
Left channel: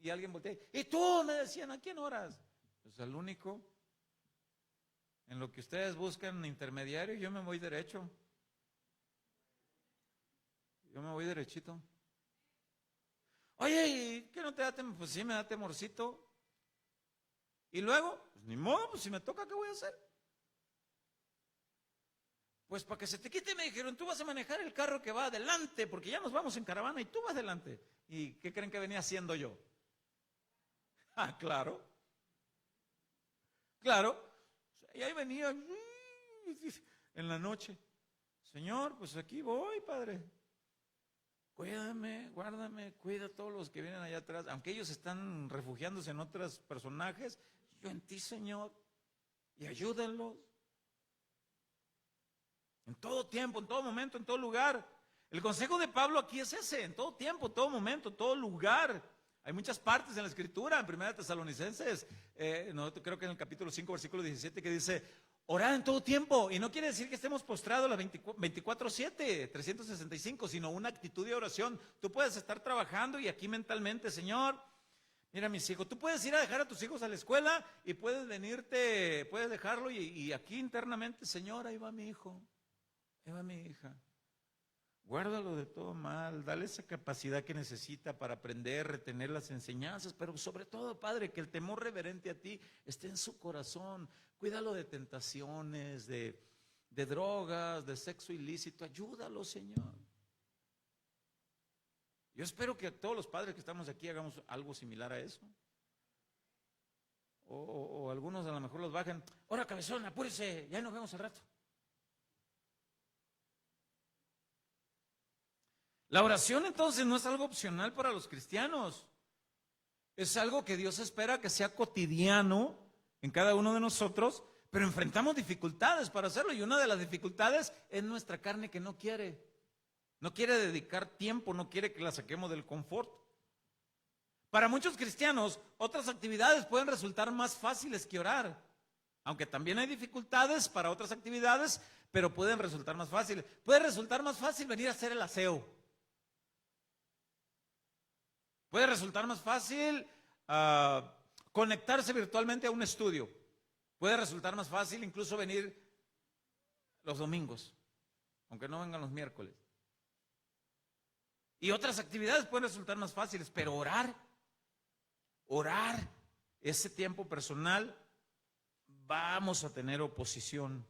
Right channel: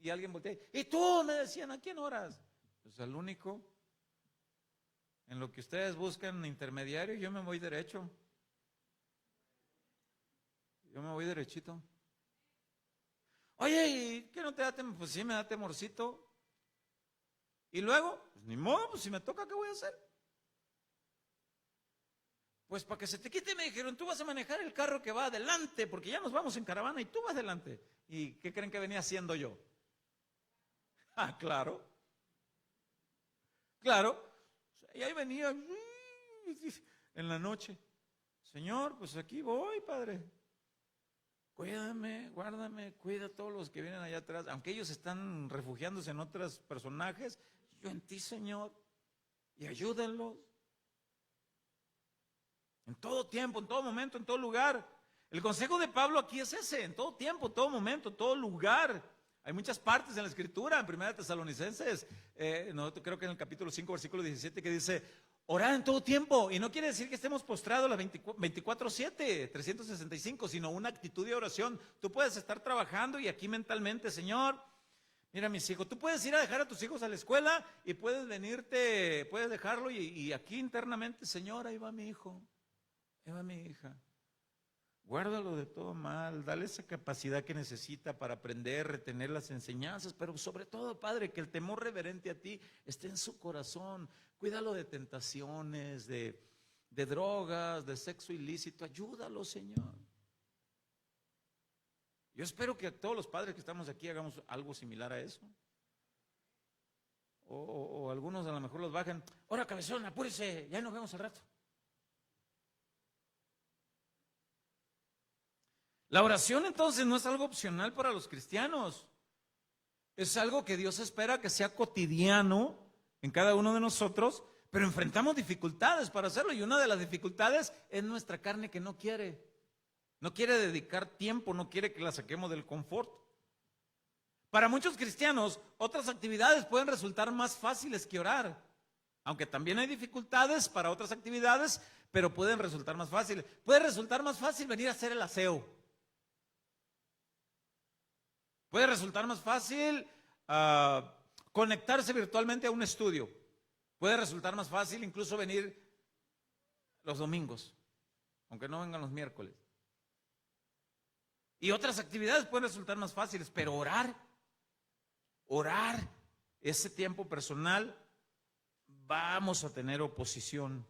Y alguien voltea, y tú, me decían, ¿a quién oras? Pues al único. En lo que ustedes buscan intermediario, yo me voy derecho. Yo me voy derechito. Oye, ¿y qué no te da temor? Pues sí me da temorcito. Y luego, pues ni modo, pues si me toca, ¿qué voy a hacer? Pues para que se te quite me dijeron, tú vas a manejar el carro que va adelante, porque ya nos vamos en caravana y tú vas adelante. ¿Y qué creen que venía haciendo yo? Ah, claro. Claro. Y ahí venía en la noche. Señor, pues aquí voy, Padre. Cuídame, guárdame, cuida a todos los que vienen allá atrás. Aunque ellos están refugiándose en otros personajes, yo en ti, Señor. Y ayúdenlos. En todo tiempo, en todo momento, en todo lugar. El consejo de Pablo aquí es ese: en todo tiempo, todo momento, todo lugar. Hay muchas partes en la Escritura, en 1 Tesalonicenses, creo que en el capítulo 5, versículo 17, que dice, orar en todo tiempo. Y no quiere decir que estemos postrados las 24/7, 365, sino una actitud de oración. Tú puedes estar trabajando y aquí mentalmente, Señor, mira mis hijos, tú puedes ir a dejar a tus hijos a la escuela y puedes venirte, puedes dejarlo y aquí internamente, Señor, ahí va mi hijo, ahí va mi hija. Guárdalo de todo mal, dale esa capacidad que necesita para aprender, retener las enseñanzas, pero sobre todo, Padre, que el temor reverente a ti esté en su corazón. Cuídalo de tentaciones, de drogas, de sexo ilícito. Ayúdalo, Señor. Yo espero que todos los padres que estamos aquí hagamos algo similar a eso. O algunos a lo mejor los bajen. Ahora, cabezón, apúrese, ya nos vemos al rato. La oración entonces no es algo opcional para los cristianos. Es algo que Dios espera que sea cotidiano en cada uno de nosotros, pero enfrentamos dificultades para hacerlo, y una de las dificultades es nuestra carne, que no quiere dedicar tiempo, no quiere que la saquemos del confort. Para muchos cristianos, otras actividades pueden resultar más fáciles que orar, aunque también hay dificultades para otras actividades, pero pueden resultar más fáciles. Puede resultar más fácil venir a hacer el aseo. Puede resultar más fácil conectarse virtualmente a un estudio. Puede resultar más fácil incluso venir los domingos, aunque no vengan los miércoles. Y otras actividades pueden resultar más fáciles, pero orar, ese tiempo personal, vamos a tener oposición.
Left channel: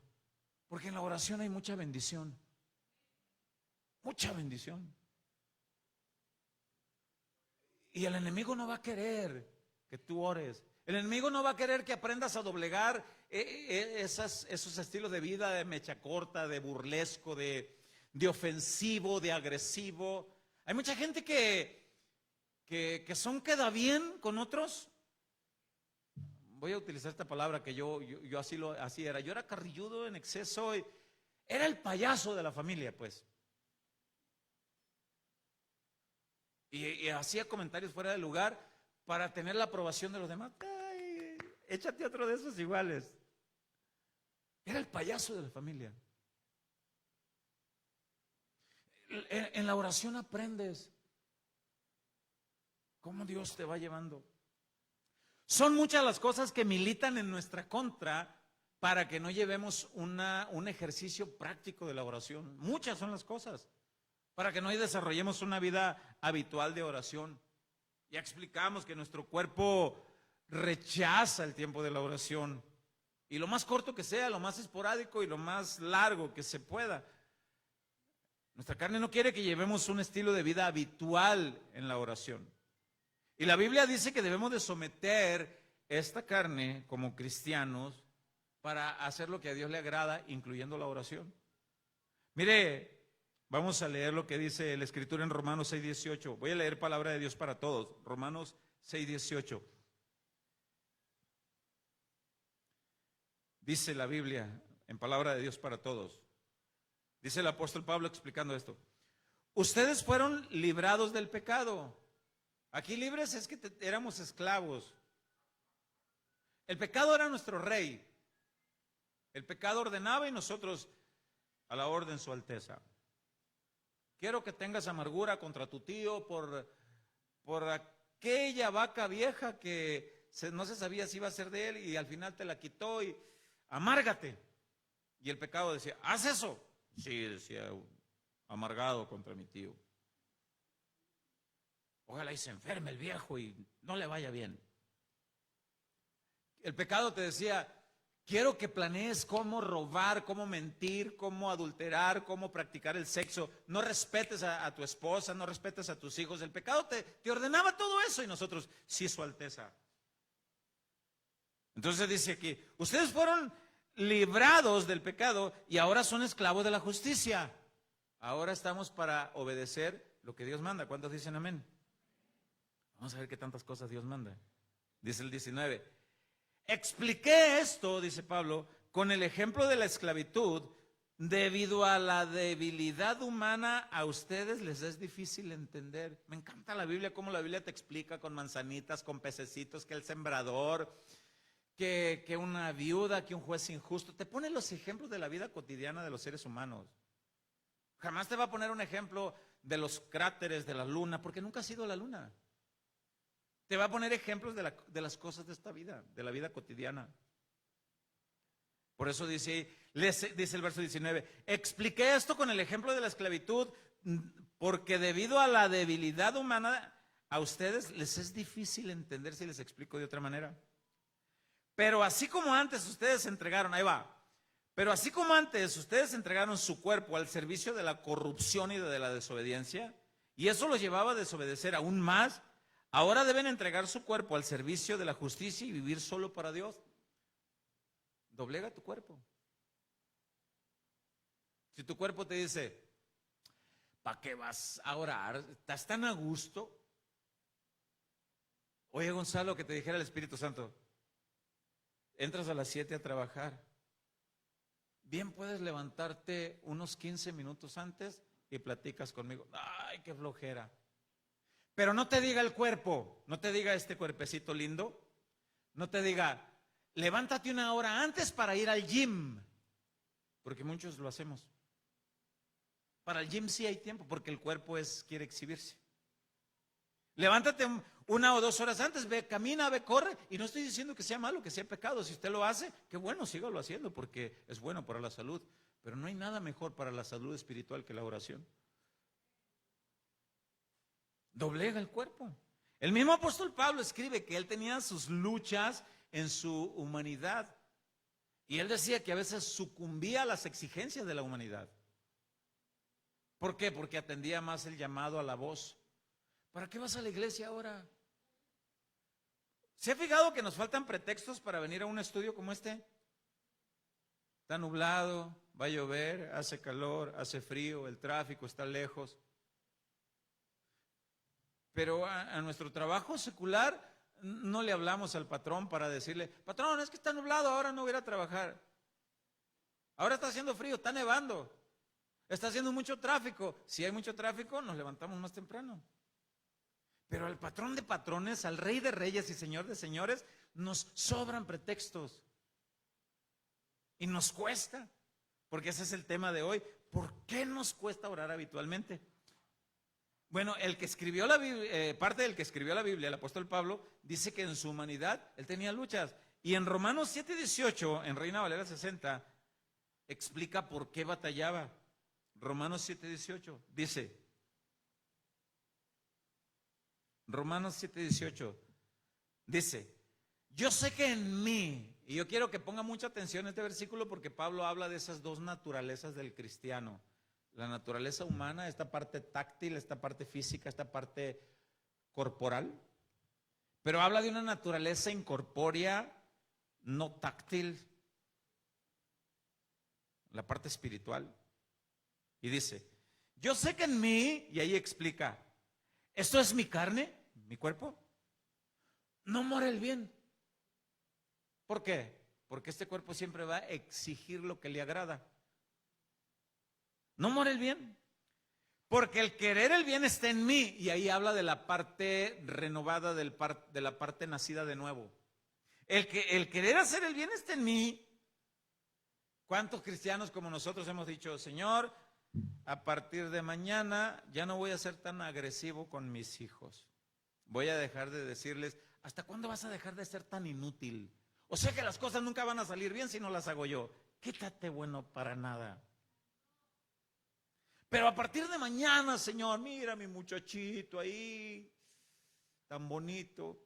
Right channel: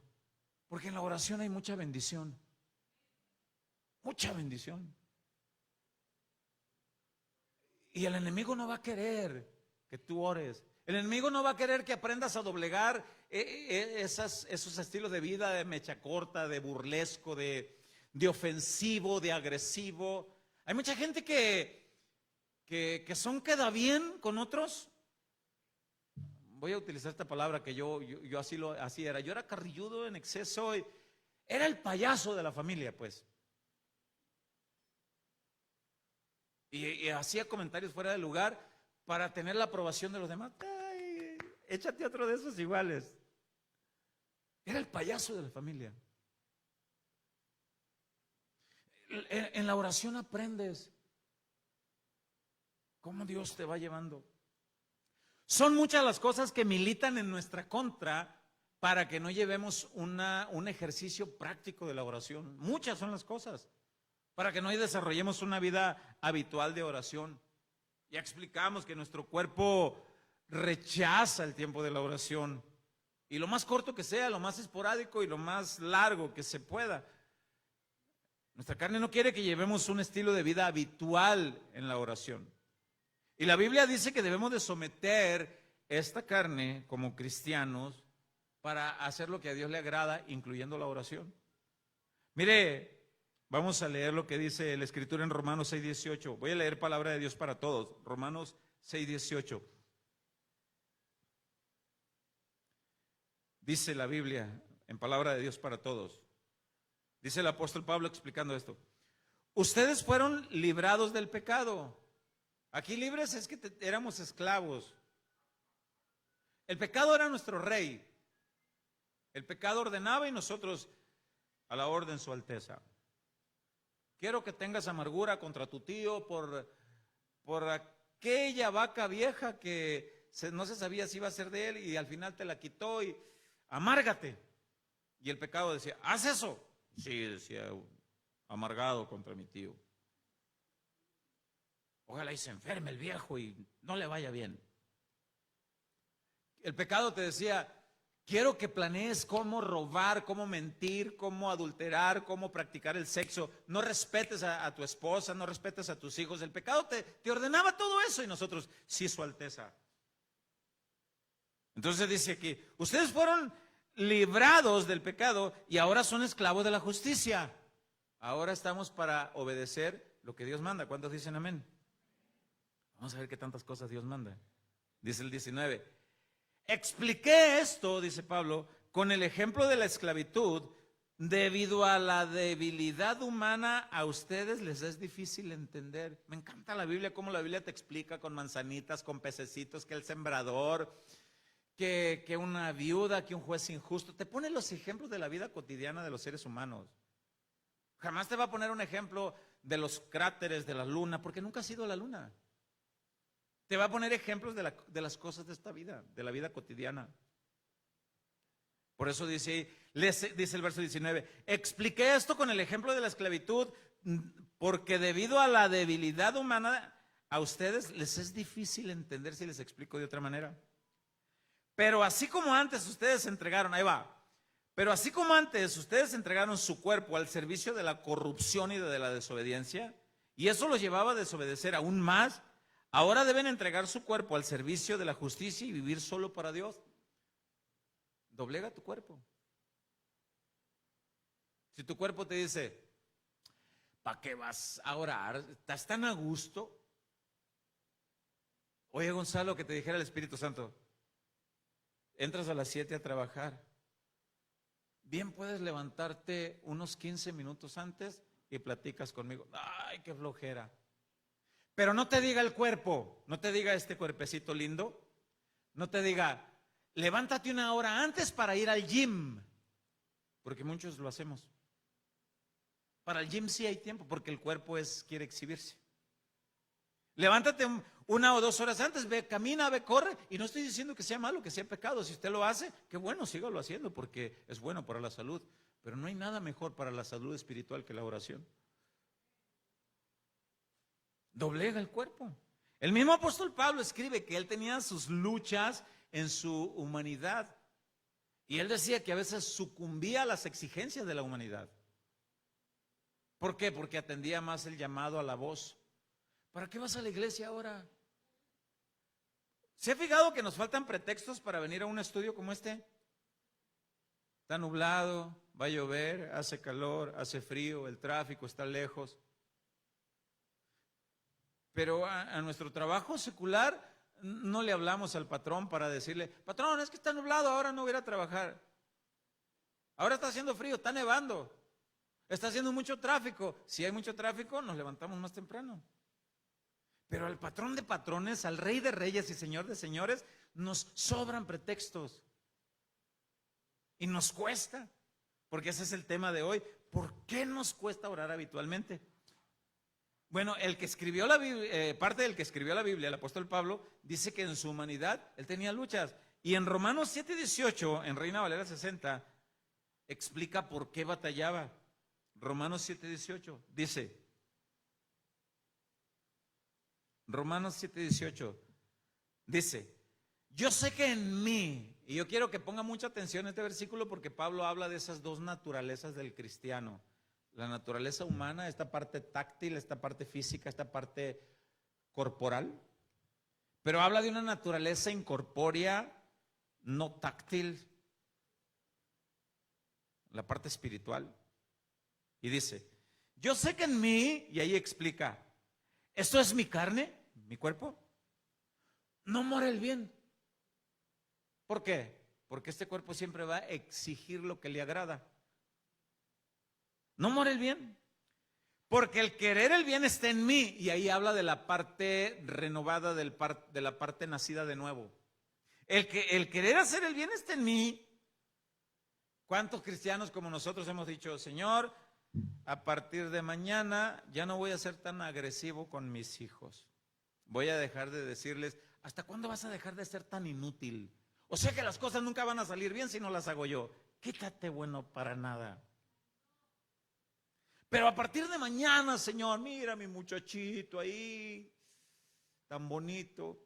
Porque en la oración hay mucha bendición. Mucha bendición. Y el enemigo no va a querer que tú ores. El enemigo no va a querer que aprendas a doblegar esos estilos de vida de mecha corta, de burlesco, de ofensivo, de agresivo. Hay mucha gente que son queda bien con otros. Voy a utilizar esta palabra que yo así era. Yo era carrilludo en exceso. Era el payaso de la familia, pues. Y hacía comentarios fuera de lugar para tener la aprobación de los demás. Ay, échate otro de esos iguales. Era el payaso de la familia. En la oración aprendes cómo Dios te va llevando. Son muchas las cosas que militan en nuestra contra para que no llevemos un ejercicio práctico de la oración. Muchas son las cosas para que no desarrollemos una vida habitual de oración. Ya explicamos que nuestro cuerpo rechaza el tiempo de la oración. Y lo más corto que sea, lo más esporádico y lo más largo que se pueda. Nuestra carne no quiere que llevemos un estilo de vida habitual en la oración. Y la Biblia dice que debemos de someter esta carne como cristianos para hacer lo que a Dios le agrada, incluyendo la oración. Mire, vamos a leer lo que dice la Escritura en Romanos 6:18. Voy a leer palabra de Dios para todos. Romanos 6:18. Dice la Biblia en palabra de Dios para todos. Dice el apóstol Pablo explicando esto. Ustedes fueron librados del pecado. Aquí libres es que éramos esclavos. El pecado era nuestro rey. El pecado ordenaba y nosotros a la orden su alteza. Quiero que tengas amargura contra tu tío por aquella vaca vieja que no se sabía si iba a ser de él y al final te la quitó y amárgate. Y el pecado decía, haz eso. Sí, decía, amargado contra mi tío. Ojalá y se enferme el viejo y no le vaya bien. El pecado te decía, quiero que planees cómo robar, cómo mentir, cómo adulterar, cómo practicar el sexo. No respetes a tu esposa, no respetes a tus hijos. El pecado te ordenaba todo eso y nosotros, sí, su alteza. Entonces dice aquí, ustedes fueron librados del pecado y ahora son esclavos de la justicia. Ahora estamos para obedecer lo que Dios manda. ¿Cuántos dicen amén? Vamos a ver qué tantas cosas Dios manda. Dice el 19. Expliqué esto, dice Pablo, con el ejemplo de la esclavitud. Debido a la debilidad humana, a ustedes les es difícil entender. Me encanta la Biblia, cómo la Biblia te explica con manzanitas, con pececitos, que el sembrador, que una viuda, que un juez injusto. Te pone los ejemplos de la vida cotidiana de los seres humanos. Jamás te va a poner un ejemplo de los cráteres de la luna, porque nunca has ido a la luna. Te va a poner ejemplos de las cosas de esta vida, de la vida cotidiana. Por eso dice el verso 19, expliqué esto con el ejemplo de la esclavitud, porque debido a la debilidad humana, a ustedes les es difícil entender si les explico de otra manera. Pero así como antes ustedes entregaron, ahí va, pero así como antes ustedes entregaron su cuerpo al servicio de la corrupción y de la desobediencia, y eso los llevaba a desobedecer aún más, ahora deben entregar su cuerpo al servicio de la justicia y vivir solo para Dios. Doblega tu cuerpo. Si tu cuerpo te dice, ¿para qué vas a orar? ¿Estás tan a gusto? Oye, Gonzalo, que te dijera el Espíritu Santo, entras a las 7 a trabajar. Bien puedes levantarte unos 15 minutos antes y platicas conmigo. Ay, qué flojera. Pero no te diga el cuerpo, no te diga este cuerpecito lindo, no te diga, levántate una hora antes para ir al gym, porque muchos lo hacemos. Para el gym sí hay tiempo, porque el cuerpo quiere exhibirse. Levántate 1 o 2 horas antes, ve, camina, ve, corre, y no estoy diciendo que sea malo, que sea pecado. Si usted lo hace, qué bueno, sígalo haciendo, porque es bueno para la salud, pero no hay nada mejor para la salud espiritual que la oración. doblega el cuerpo. El mismo apóstol Pablo escribe que él tenía sus luchas en su humanidad. Y él decía que a veces sucumbía a las exigencias de la humanidad. ¿Por qué? Porque atendía más el llamado a la voz. ¿Para qué vas a la iglesia ahora? ¿Se ha fijado que nos faltan pretextos para venir a un estudio como este? Está nublado, va a llover, hace calor, hace frío, el tráfico está lejos. Pero a nuestro trabajo secular no le hablamos al patrón para decirle, patrón, es que está nublado, ahora no voy a ir a trabajar. Ahora está haciendo frío, está nevando, está haciendo mucho tráfico. Si hay mucho tráfico, nos levantamos más temprano. Pero al patrón de patrones, al rey de reyes y señor de señores, nos sobran pretextos. Y nos cuesta, porque ese es el tema de hoy. ¿Por qué nos cuesta orar habitualmente? Bueno, el que escribió la Biblia, parte del que escribió la Biblia, el apóstol Pablo, dice que en su humanidad él tenía luchas. Y en Romanos 7:18, en Reina Valera 60, explica por qué batallaba. Romanos 7:18 dice, Romanos 7:18 dice, yo sé que en mí, y yo quiero que ponga mucha atención a este versículo porque Pablo habla de esas dos naturalezas del cristiano. La naturaleza humana, esta parte táctil, esta parte física, esta parte corporal. Pero habla de una naturaleza incorpórea, no táctil, la parte espiritual. Y dice, yo sé que en mí, y ahí explica, esto es mi carne, mi cuerpo, no mora el bien. ¿Por qué? Porque este cuerpo siempre va a exigir lo que le agrada. No mora el bien, porque el querer el bien está en mí, y ahí habla de la parte renovada, de la parte nacida de nuevo. El querer hacer el bien está en mí. ¿Cuántos cristianos como nosotros hemos dicho, Señor, a partir de mañana ya no voy a ser tan agresivo con mis hijos? Voy a dejar de decirles, ¿hasta cuándo vas a dejar de ser tan inútil? O sea que las cosas nunca van a salir bien si no las hago yo. Quítate bueno para nada. Pero a partir de mañana, Señor, mira mi muchachito ahí, tan bonito.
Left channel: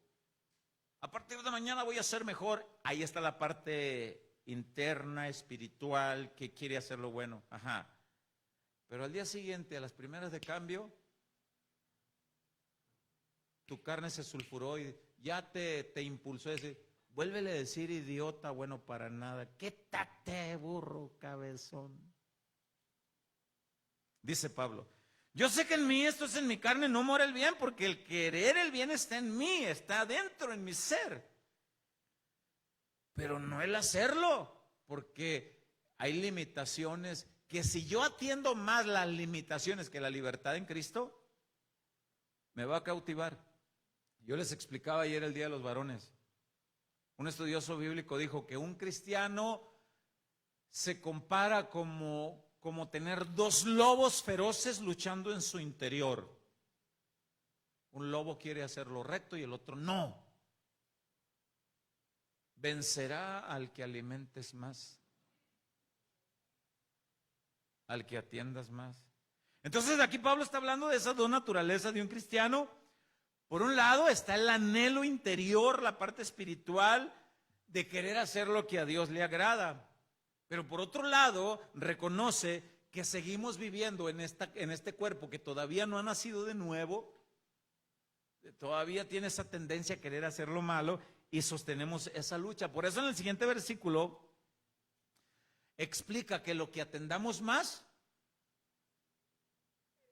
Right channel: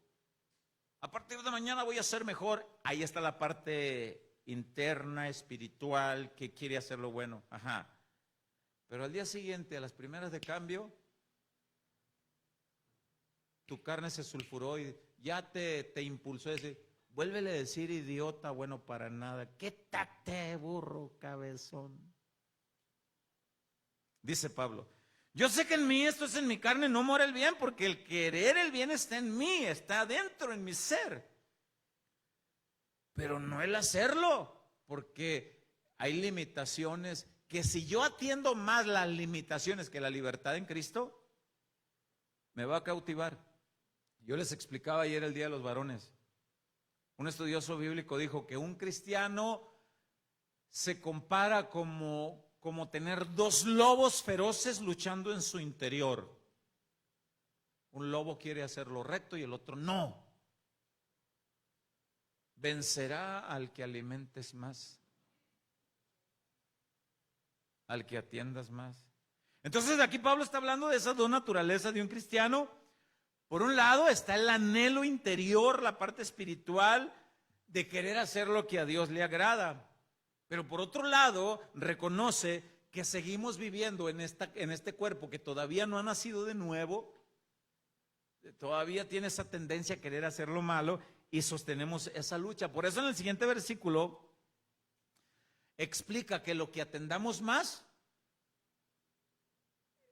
A partir de mañana voy a ser mejor. Ahí está la parte interna, espiritual, que quiere hacer lo bueno. Ajá. Pero al día siguiente, a las primeras de cambio, tu carne se sulfuró y ya te impulsó a decir, vuélvele a decir idiota, bueno para nada. Quítate, burro, cabezón. Dice Pablo, yo sé que en mí, esto es en mi carne, no mora el bien, porque el querer el bien está en mí, está dentro en mi ser. Pero no el hacerlo, porque hay limitaciones que si yo atiendo más las limitaciones que la libertad en Cristo, me va a cautivar. Yo les explicaba ayer el Día de los Varones. Un estudioso bíblico dijo que un cristiano se compara como tener dos lobos feroces luchando en su interior. Un lobo quiere hacer lo recto y el otro no. Vencerá al que alimentes más, al que atiendas más. Entonces aquí Pablo está hablando de esas dos naturalezas de un cristiano. Por un lado está el anhelo interior, la parte espiritual de querer hacer lo que a Dios le agrada. Pero por otro lado, reconoce que seguimos viviendo en este cuerpo que todavía no ha nacido de nuevo, todavía tiene esa tendencia a querer hacer lo malo y sostenemos esa lucha. Por eso en el siguiente versículo explica que lo que atendamos más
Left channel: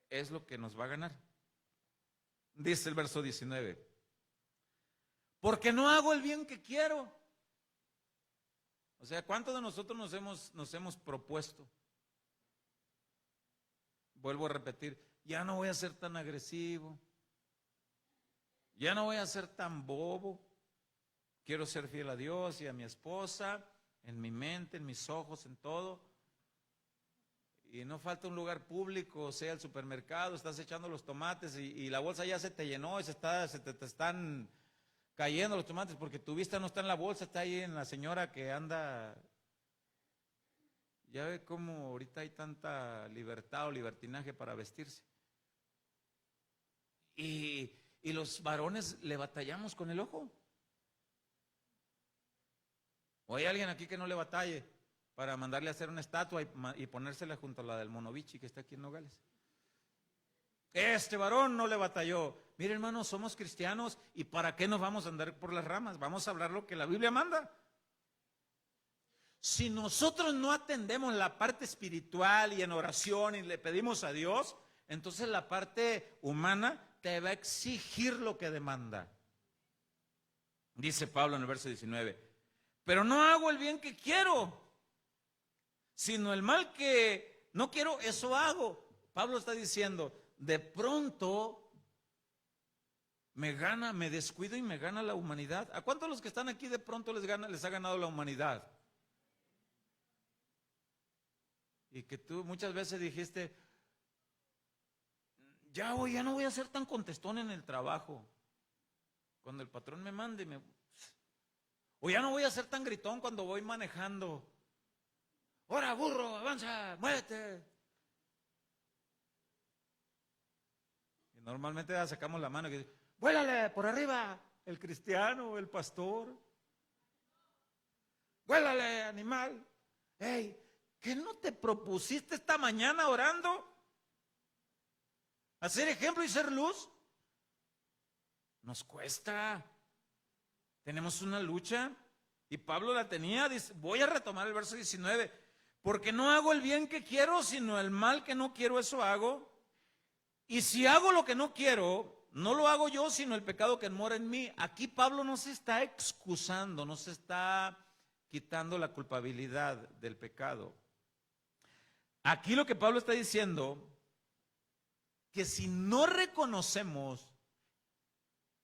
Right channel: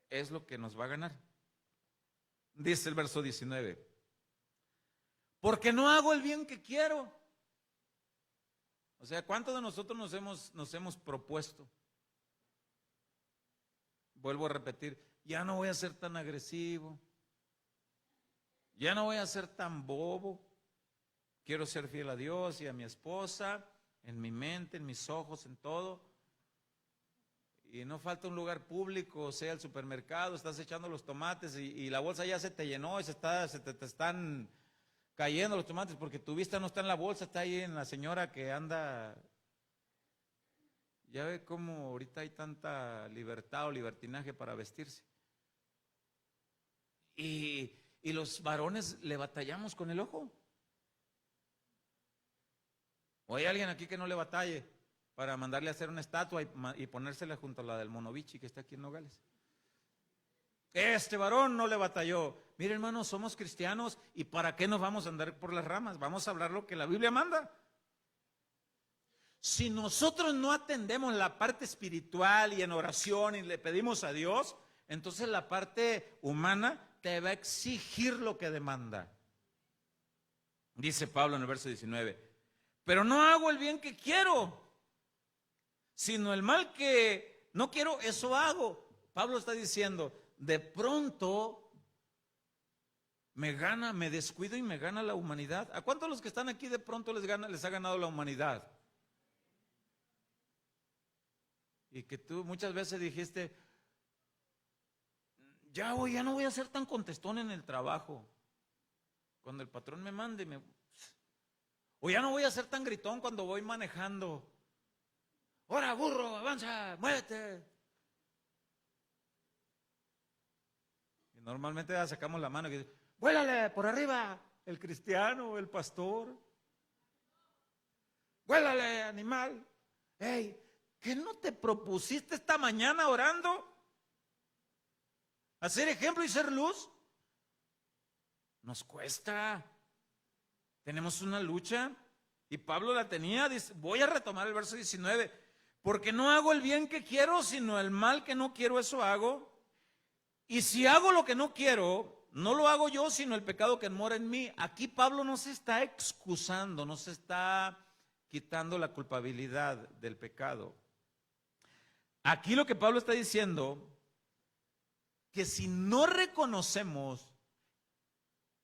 es lo que nos va a ganar. Dice el verso 19, porque no hago el bien que quiero. O sea, ¿cuántos de nosotros nos hemos propuesto? Vuelvo a repetir, ya no voy a ser tan agresivo, ya no voy a ser tan bobo, quiero ser fiel a Dios y a mi esposa, en mi mente, en mis ojos, en todo. Y no falta un lugar público, o sea, el supermercado, estás echando los tomates y la bolsa ya se te llenó y se te están cayendo los tomates porque tu vista no está en la bolsa, está ahí en la señora que anda. Ya ve cómo ahorita hay tanta libertad o libertinaje para vestirse. y los varones le batallamos con el ojo. ¿O hay alguien aquí que no le batalle para mandarle a hacer una estatua y ponérsela junto a la del Monovichi que está aquí en Nogales? Este varón no le batalló. Mire, hermanos, somos cristianos y ¿para qué nos vamos a andar por las ramas? Vamos a hablar lo que la Biblia manda. Si nosotros no atendemos la parte espiritual y en oración y le pedimos a Dios, entonces la parte humana te va a exigir lo que demanda. Dice Pablo en el verso 19, pero no hago el bien que quiero, sino el mal que no quiero, eso hago. Pablo está diciendo, de pronto me descuido y me gana la humanidad. ¿A cuántos de los que están aquí de pronto les ha ganado la humanidad? Y que tú muchas veces dijiste, ya no voy a ser tan contestón en el trabajo. Cuando el patrón me mande, o ya no voy a ser tan gritón cuando voy manejando. ¡Ora, burro, avanza, muévete! Y normalmente ya sacamos la mano y dice, ¡vuélale por arriba! El cristiano, el pastor. ¡Vuélale, animal! ¡Ey! ¿Qué no te propusiste esta mañana orando? ¿Hacer ejemplo y ser luz? Nos cuesta. Tenemos una lucha. Y Pablo la tenía. Dice, voy a retomar el verso 19. Porque no hago el bien que quiero, sino el mal que no quiero, eso hago. Y si hago lo que no quiero, no lo hago yo, sino el pecado que mora en mí. Aquí Pablo no se está excusando, no se está quitando la culpabilidad del pecado. Aquí lo que Pablo está diciendo, que si no reconocemos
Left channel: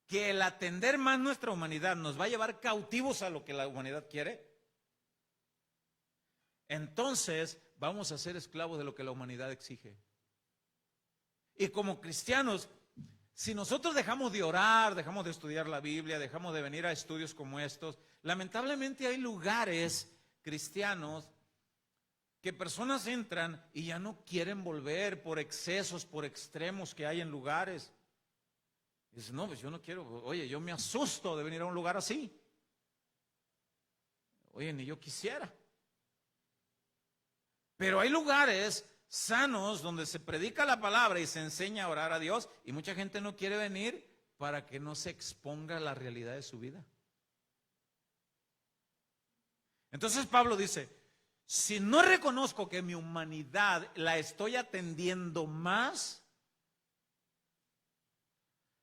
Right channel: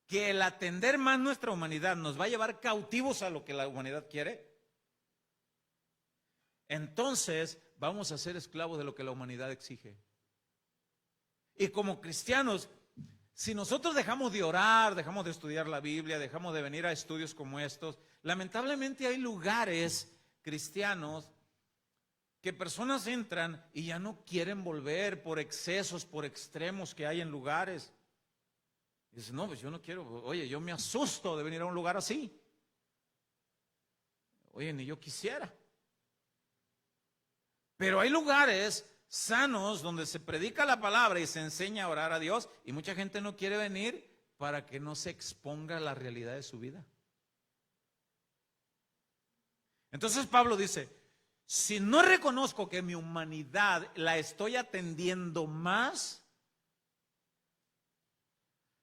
que el atender más nuestra humanidad nos va a llevar cautivos a lo que la humanidad quiere, entonces vamos a ser esclavos de lo que la humanidad exige. Y como cristianos, si nosotros dejamos de orar, dejamos de estudiar la Biblia, dejamos de venir a estudios como estos, lamentablemente hay lugares cristianos que personas entran y ya no quieren volver por excesos, por extremos que hay en lugares. Dicen, no, pues yo no quiero, oye, yo me asusto de venir a un lugar así. Oye, ni yo quisiera. Pero hay lugares sanos donde se predica la palabra y se enseña a orar a Dios y mucha gente no quiere venir para que no se exponga a la realidad de su vida. Entonces Pablo dice, si no reconozco que mi humanidad la estoy atendiendo más,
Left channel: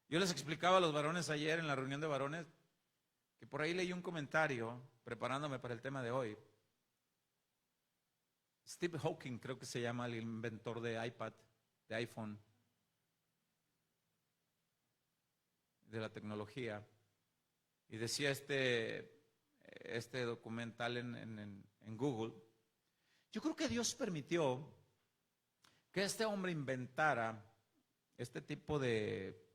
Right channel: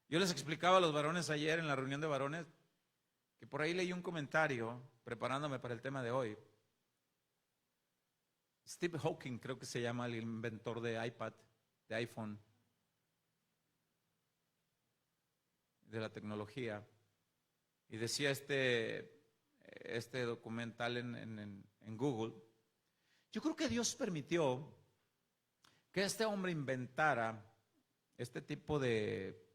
yo les explicaba a los varones ayer en la reunión de varones que por ahí leí un comentario preparándome para el tema de hoy. Steve Hawking, creo que se llama, el inventor de iPad, de iPhone, de la tecnología, y decía este documental en Google, yo creo que Dios permitió que este hombre inventara este tipo de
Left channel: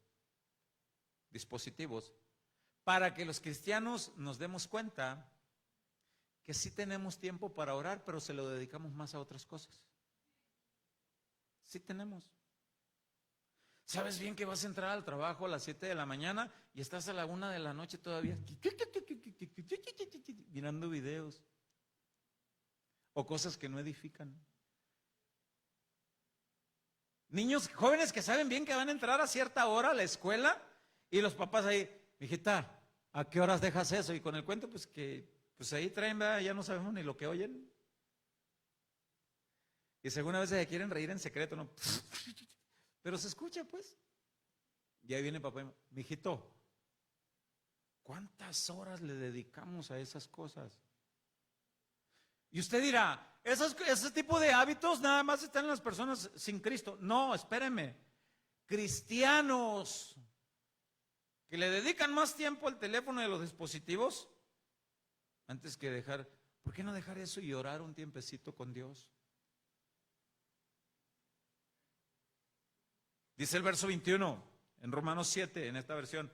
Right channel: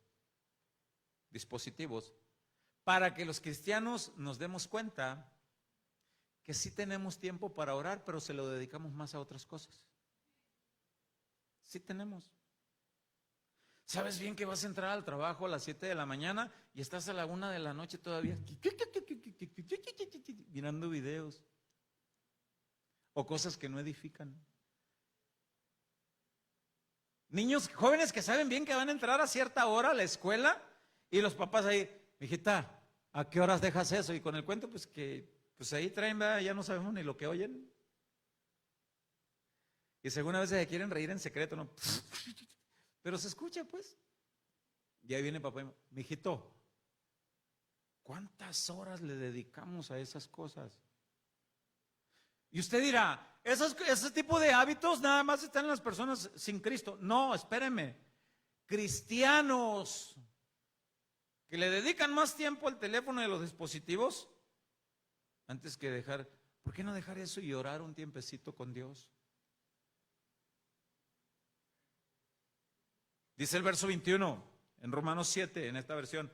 dispositivos para que los cristianos nos demos cuenta que sí tenemos tiempo para orar, pero se lo dedicamos más a otras cosas. Sí tenemos. ¿Sabes bien que vas a entrar al trabajo a las 7 de la mañana y estás a la 1 de la noche todavía mirando videos o cosas que no edifican? Niños jóvenes que saben bien que van a entrar a cierta hora a la escuela y los papás ahí, hijita, ¿a qué horas dejas eso? Y con el cuento, pues que ahí traen, ¿verdad? Ya no sabemos ni lo que oyen. Y según a veces se quieren reír en secreto, ¿no? Pero se escucha, pues. Y ahí viene papá y me, mijito, ¿cuántas horas le dedicamos a esas cosas? Y usted dirá, ese tipo de hábitos nada más están en las personas sin Cristo. No, espéreme. Cristianos que le dedican más tiempo al teléfono y a los dispositivos, antes que dejar, ¿por qué no dejar eso y orar un tiempecito con Dios? Dice el verso 21 en Romanos 7, en esta versión.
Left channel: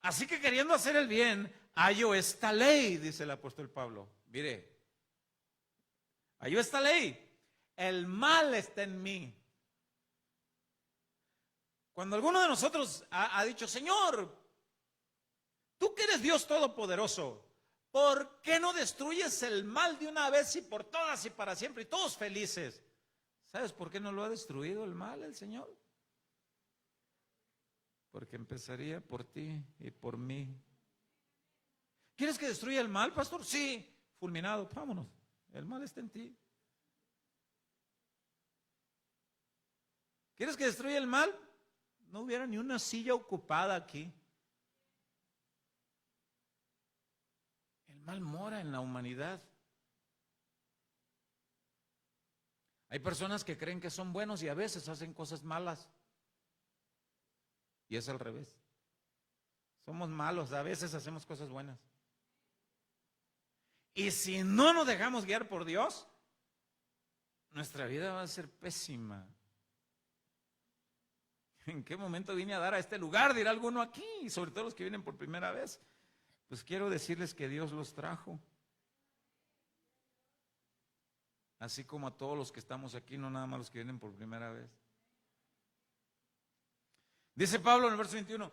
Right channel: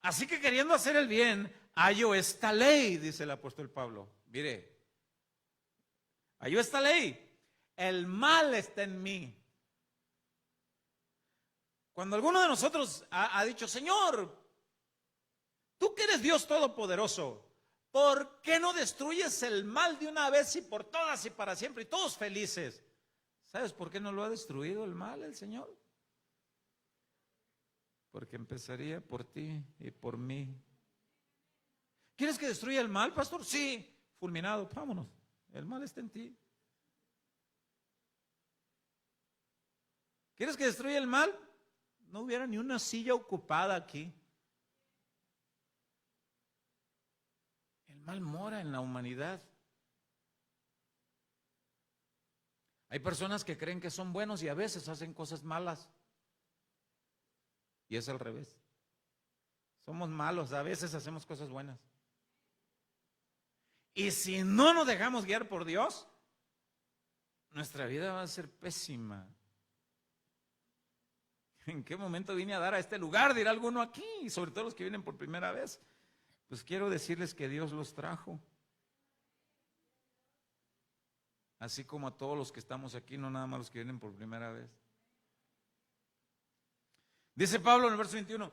Así que queriendo hacer el bien, hallo esta ley, dice el apóstol Pablo. Mire, hallo esta ley. El mal está en mí. Cuando alguno de nosotros ha dicho, Señor, tú que eres Dios Todopoderoso, ¿por qué no destruyes el mal de una vez y por todas y para siempre y todos felices? ¿Sabes por qué no lo ha destruido el mal el Señor? Porque empezaría por ti y por mí. ¿Quieres que destruya el mal, pastor? Sí, fulminado, vámonos. El mal está en ti. ¿Quieres que destruya el mal? No hubiera ni una silla ocupada aquí. El mal mora en la humanidad. Hay personas que creen que son buenos y a veces hacen cosas malas. Y es al revés. Somos malos, a veces hacemos cosas buenas. Y si no nos dejamos guiar por Dios, nuestra vida va a ser pésima. ¿En qué momento vine a dar a este lugar? Dirá alguno aquí, y sobre todo los que vienen por primera vez. Pues quiero decirles que Dios los trajo. Así como a todos los que estamos aquí, no nada más los que vienen por primera vez. Dice Pablo en el verso 21,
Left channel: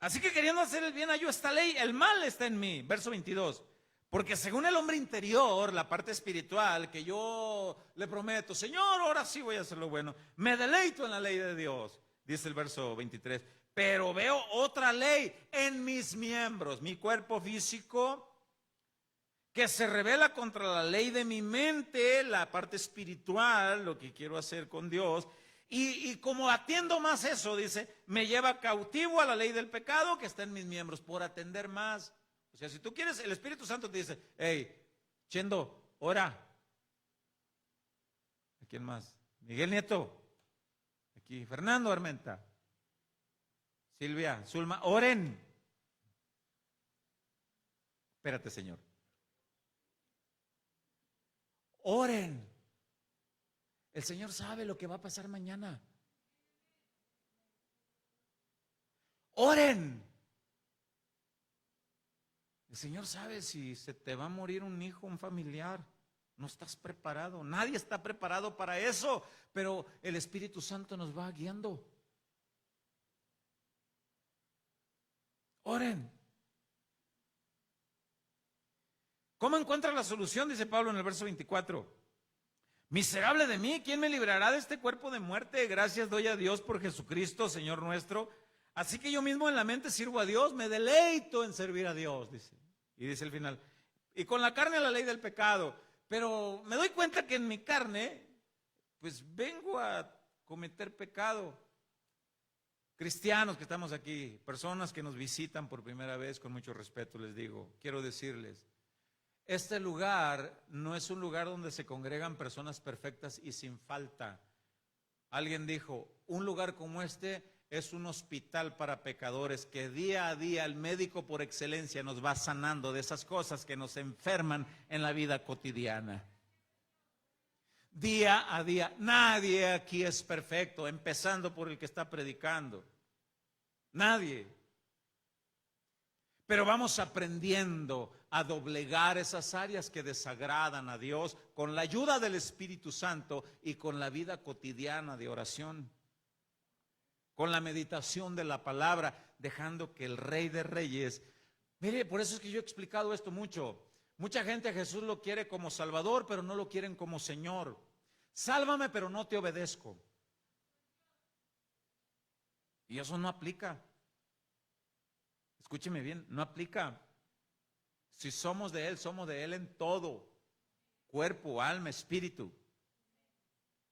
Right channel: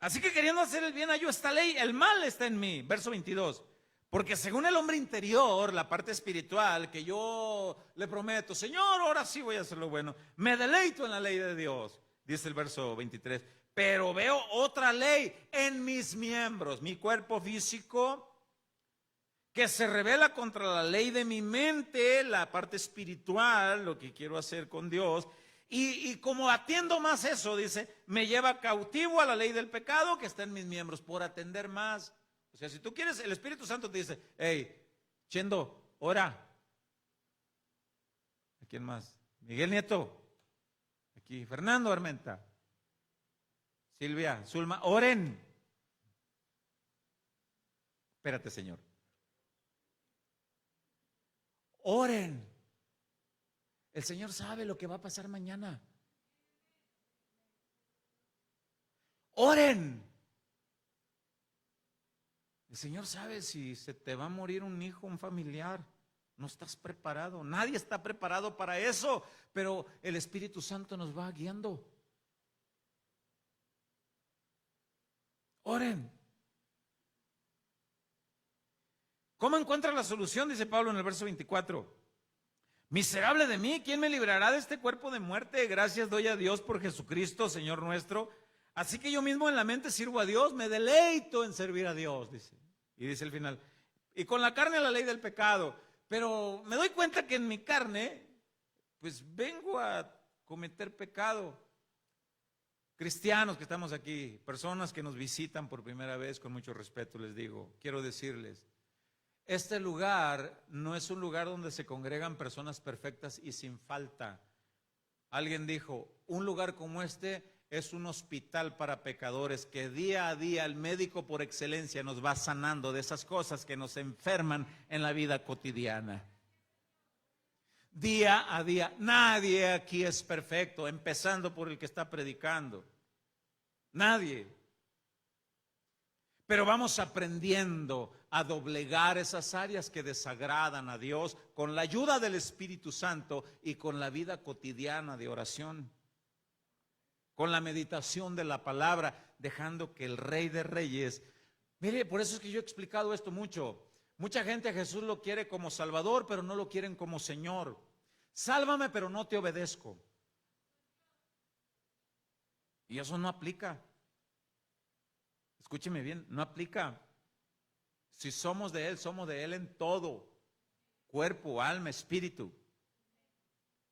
así que queriendo hacer el bien hallo esta ley, el mal está en mí. Verso 22, porque según el hombre interior, la parte espiritual, que yo le prometo, Señor, ahora sí voy a hacer lo bueno, me deleito en la ley de Dios, dice el verso 23, pero veo otra ley en mis miembros, mi cuerpo físico, que se revela contra la ley de mi mente, la parte espiritual, lo que quiero hacer con Dios, y como atiendo más eso, dice, me lleva cautivo a la ley del pecado que está en mis miembros, por atender más. O sea, si tú quieres, el Espíritu Santo te dice, hey, Chendo, ora. ¿A quién más? Miguel Nieto, aquí, Fernando Armenta, Silvia, Zulma, oren. Espérate, Señor. Oren. El Señor sabe lo que va a pasar mañana. Oren. El Señor sabe si se te va a morir un hijo, un familiar. No estás preparado. Nadie está preparado para eso. Pero el Espíritu Santo nos va guiando. Oren. ¿Cómo encuentra la solución? Dice Pablo en el verso 24. Miserable de mí, ¿quién me librará de este cuerpo de muerte? Gracias doy a Dios por Jesucristo, Señor nuestro. Así que yo mismo en la mente sirvo a Dios, me deleito en servir a Dios, dice. Y dice el final, y con la carne la ley del pecado. Pero me doy cuenta que en mi carne, pues vengo a cometer pecado. Cristianos que estamos aquí, personas que nos visitan por primera vez, con mucho respeto les digo, quiero decirles, este lugar no es un lugar donde se congregan personas perfectas y sin falta. Alguien dijo, un lugar como este es un hospital para pecadores que día a día el médico por excelencia nos va sanando de esas cosas que nos enferman en la vida cotidiana. Día a día, nadie aquí es perfecto, empezando por el que está predicando. Nadie. Pero vamos aprendiendo a doblegar esas áreas que desagradan a Dios con la ayuda del Espíritu Santo y con la vida cotidiana de oración, con la meditación de la palabra, dejando que el Rey de Reyes, mire, por eso es que yo he explicado esto mucho. Mucha gente a Jesús lo quiere como Salvador, pero no lo quieren como Señor. Sálvame, pero no te obedezco. Y eso no aplica. Escúcheme bien, no aplica. Si somos de Él en todo, cuerpo, alma, espíritu.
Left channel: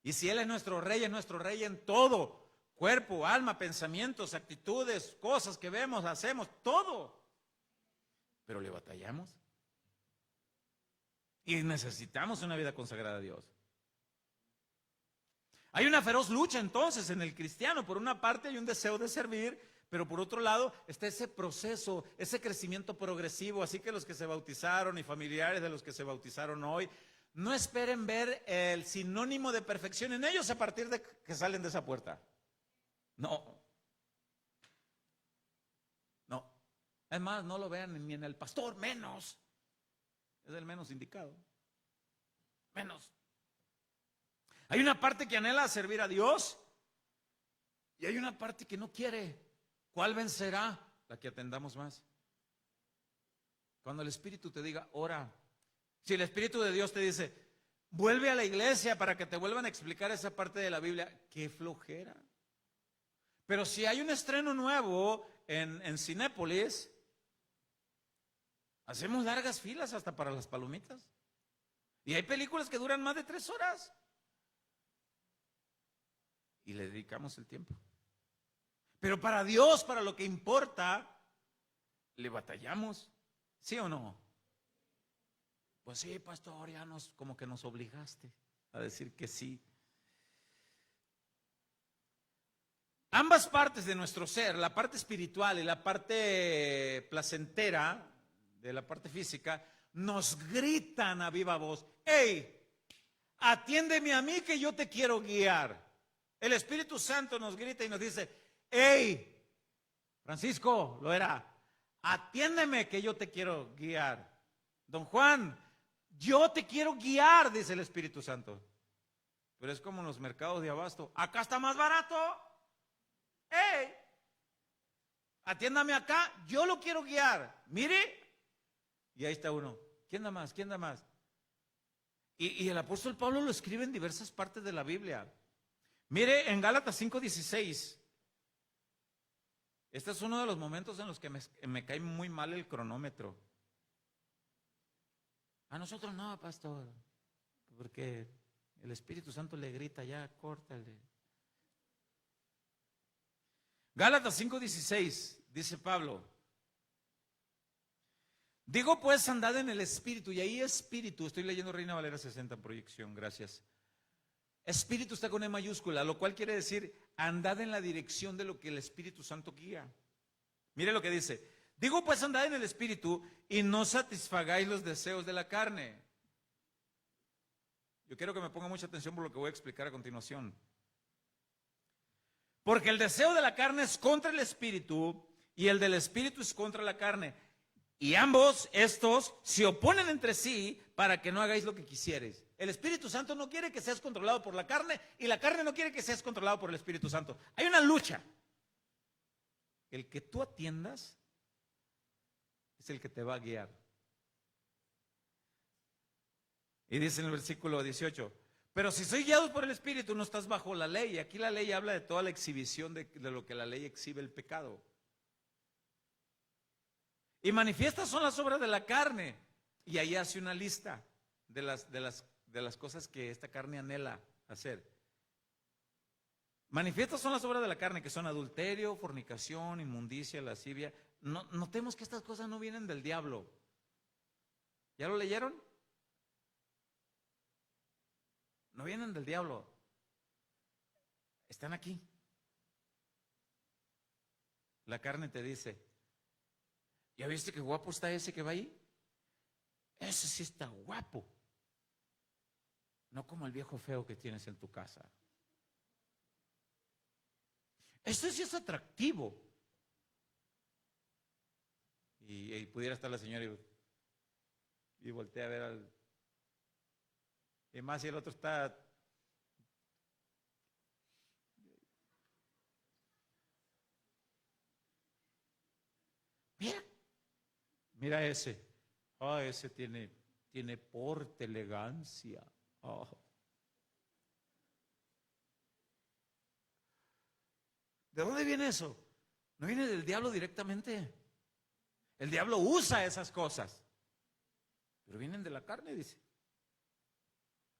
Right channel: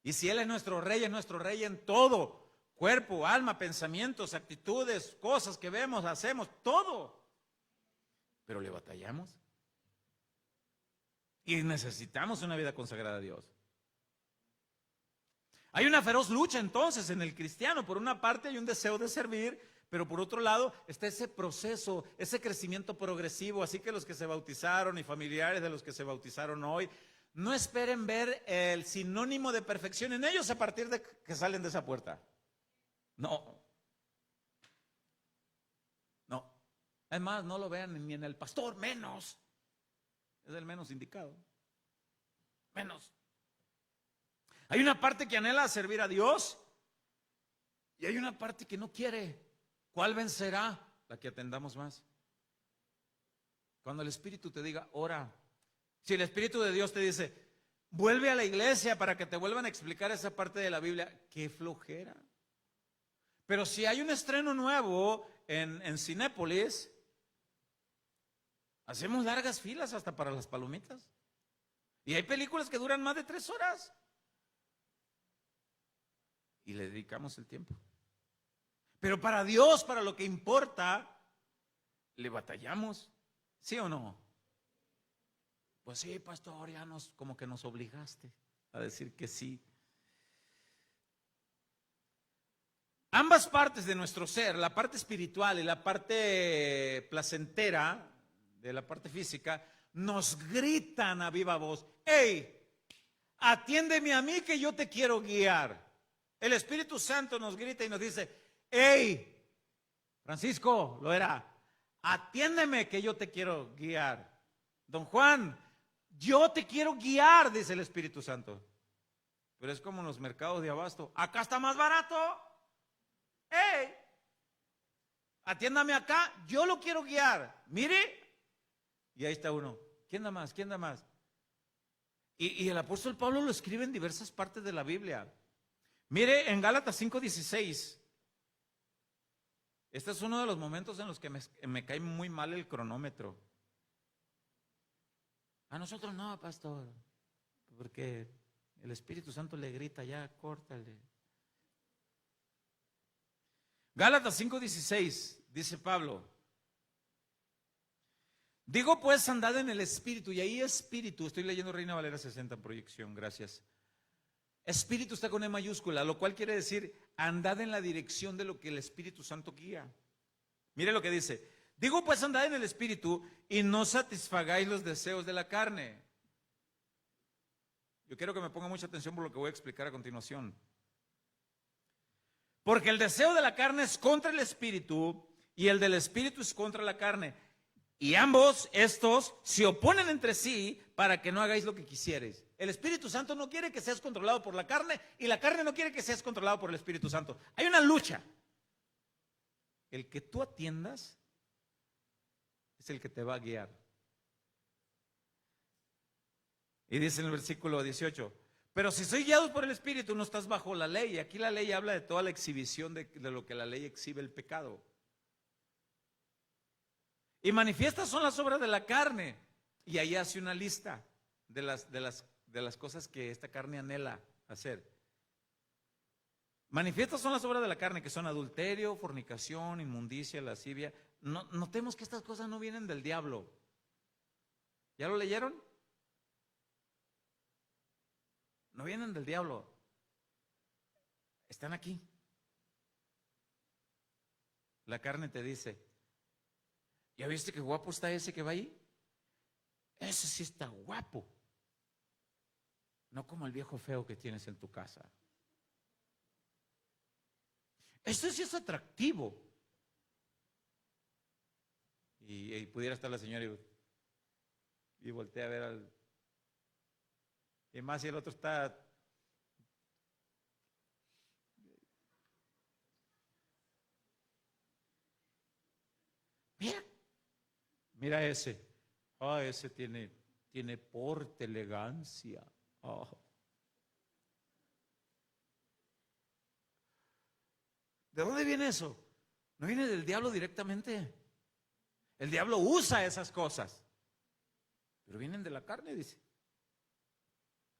Y si Él es nuestro Rey en todo, cuerpo, alma, pensamientos, actitudes, cosas que vemos, hacemos, todo. Pero le batallamos. Y necesitamos una vida consagrada a Dios. Hay una feroz lucha entonces en el cristiano. Por una parte hay un deseo de servir, pero por otro lado está ese proceso, ese crecimiento progresivo. Así que los que se bautizaron y familiares de los que se bautizaron hoy, no esperen ver el sinónimo de perfección en ellos a partir de que salen de esa puerta. No. Es más, no lo vean ni en el pastor, menos. Es el menos indicado. Menos. Hay una parte que anhela servir a Dios, Y hay una parte que no quiere. ¿Cuál vencerá? La que atendamos más. Cuando el Espíritu te diga, ora. Si el Espíritu de Dios te dice, vuelve a la iglesia para que te vuelvan a explicar esa parte de la Biblia, qué flojera. Pero si hay un estreno nuevo en Cinépolis, hacemos largas filas hasta para las palomitas. Y hay películas que duran más de 3 horas. Y le dedicamos el tiempo. Pero para Dios, para lo que importa, le batallamos. ¿Sí o no? Pues sí, pastor, ya como que nos obligaste a decir que sí. Ambas partes de nuestro ser, la parte espiritual y la parte placentera, de la parte física, nos gritan a viva voz, ¡hey! Atiéndeme a mí que yo te quiero guiar. El Espíritu Santo nos grita y nos dice, ¡hey! Francisco, lo era, atiéndeme que yo te quiero guiar. Don Juan, yo te quiero guiar, dice el Espíritu Santo. Pero es como en los mercados de abasto, acá está más barato. ¡Hey! Atiéndame acá, yo lo quiero guiar. Mire. Y ahí está uno. ¿Quién da más? ¿Quién da más? Y el apóstol Pablo lo escribe en diversas partes de la Biblia. Mire en Gálatas 5:16. Este es uno de los momentos en los que me cae muy mal el cronómetro. A nosotros no, pastor, porque el Espíritu Santo le grita, ya, córtale. Gálatas 5:16, dice Pablo. Digo pues, andad en el Espíritu, y ahí Espíritu, estoy leyendo Reina Valera 60 en proyección, gracias. Espíritu está con E mayúscula, lo cual quiere decir, andad en la dirección de lo que el Espíritu Santo guía. Mire lo que dice, digo pues, andad en el Espíritu y no satisfagáis los deseos de la carne. Yo quiero que me ponga mucha atención por lo que voy a explicar a continuación. Porque el deseo de la carne es contra el Espíritu y el del Espíritu es contra la carne. Y ambos, estos, se oponen entre sí para que no hagáis lo que quisierais. El Espíritu Santo no quiere que seas controlado por la carne y la carne no quiere que seas controlado por el Espíritu Santo. Hay una lucha. El que tú atiendas es el que te va a guiar. Y dice en el versículo 18, pero si sois guiados por el Espíritu no estás bajo la ley. Y aquí la ley habla de toda la exhibición de lo que la ley exhibe el pecado. Y manifiestas son las obras de la carne. Y ahí hace una lista de las cosas que esta carne anhela hacer. Manifiestas son las obras de la carne, que son adulterio, fornicación, inmundicia, lascivia. Notemos que estas cosas no vienen del diablo. ¿Ya lo leyeron? No vienen del diablo. Están aquí. La carne te dice, ¿ya viste qué guapo está ese que va ahí? Ese sí está guapo. No como el viejo feo que tienes en tu casa. Ese sí es atractivo. Y pudiera estar la señora y voltea a ver al... Y más si el otro está... Mira ese. Ese tiene porte, elegancia. Oh. ¿De dónde viene eso? No viene del diablo directamente. El diablo usa esas cosas. Pero vienen de la carne, dice.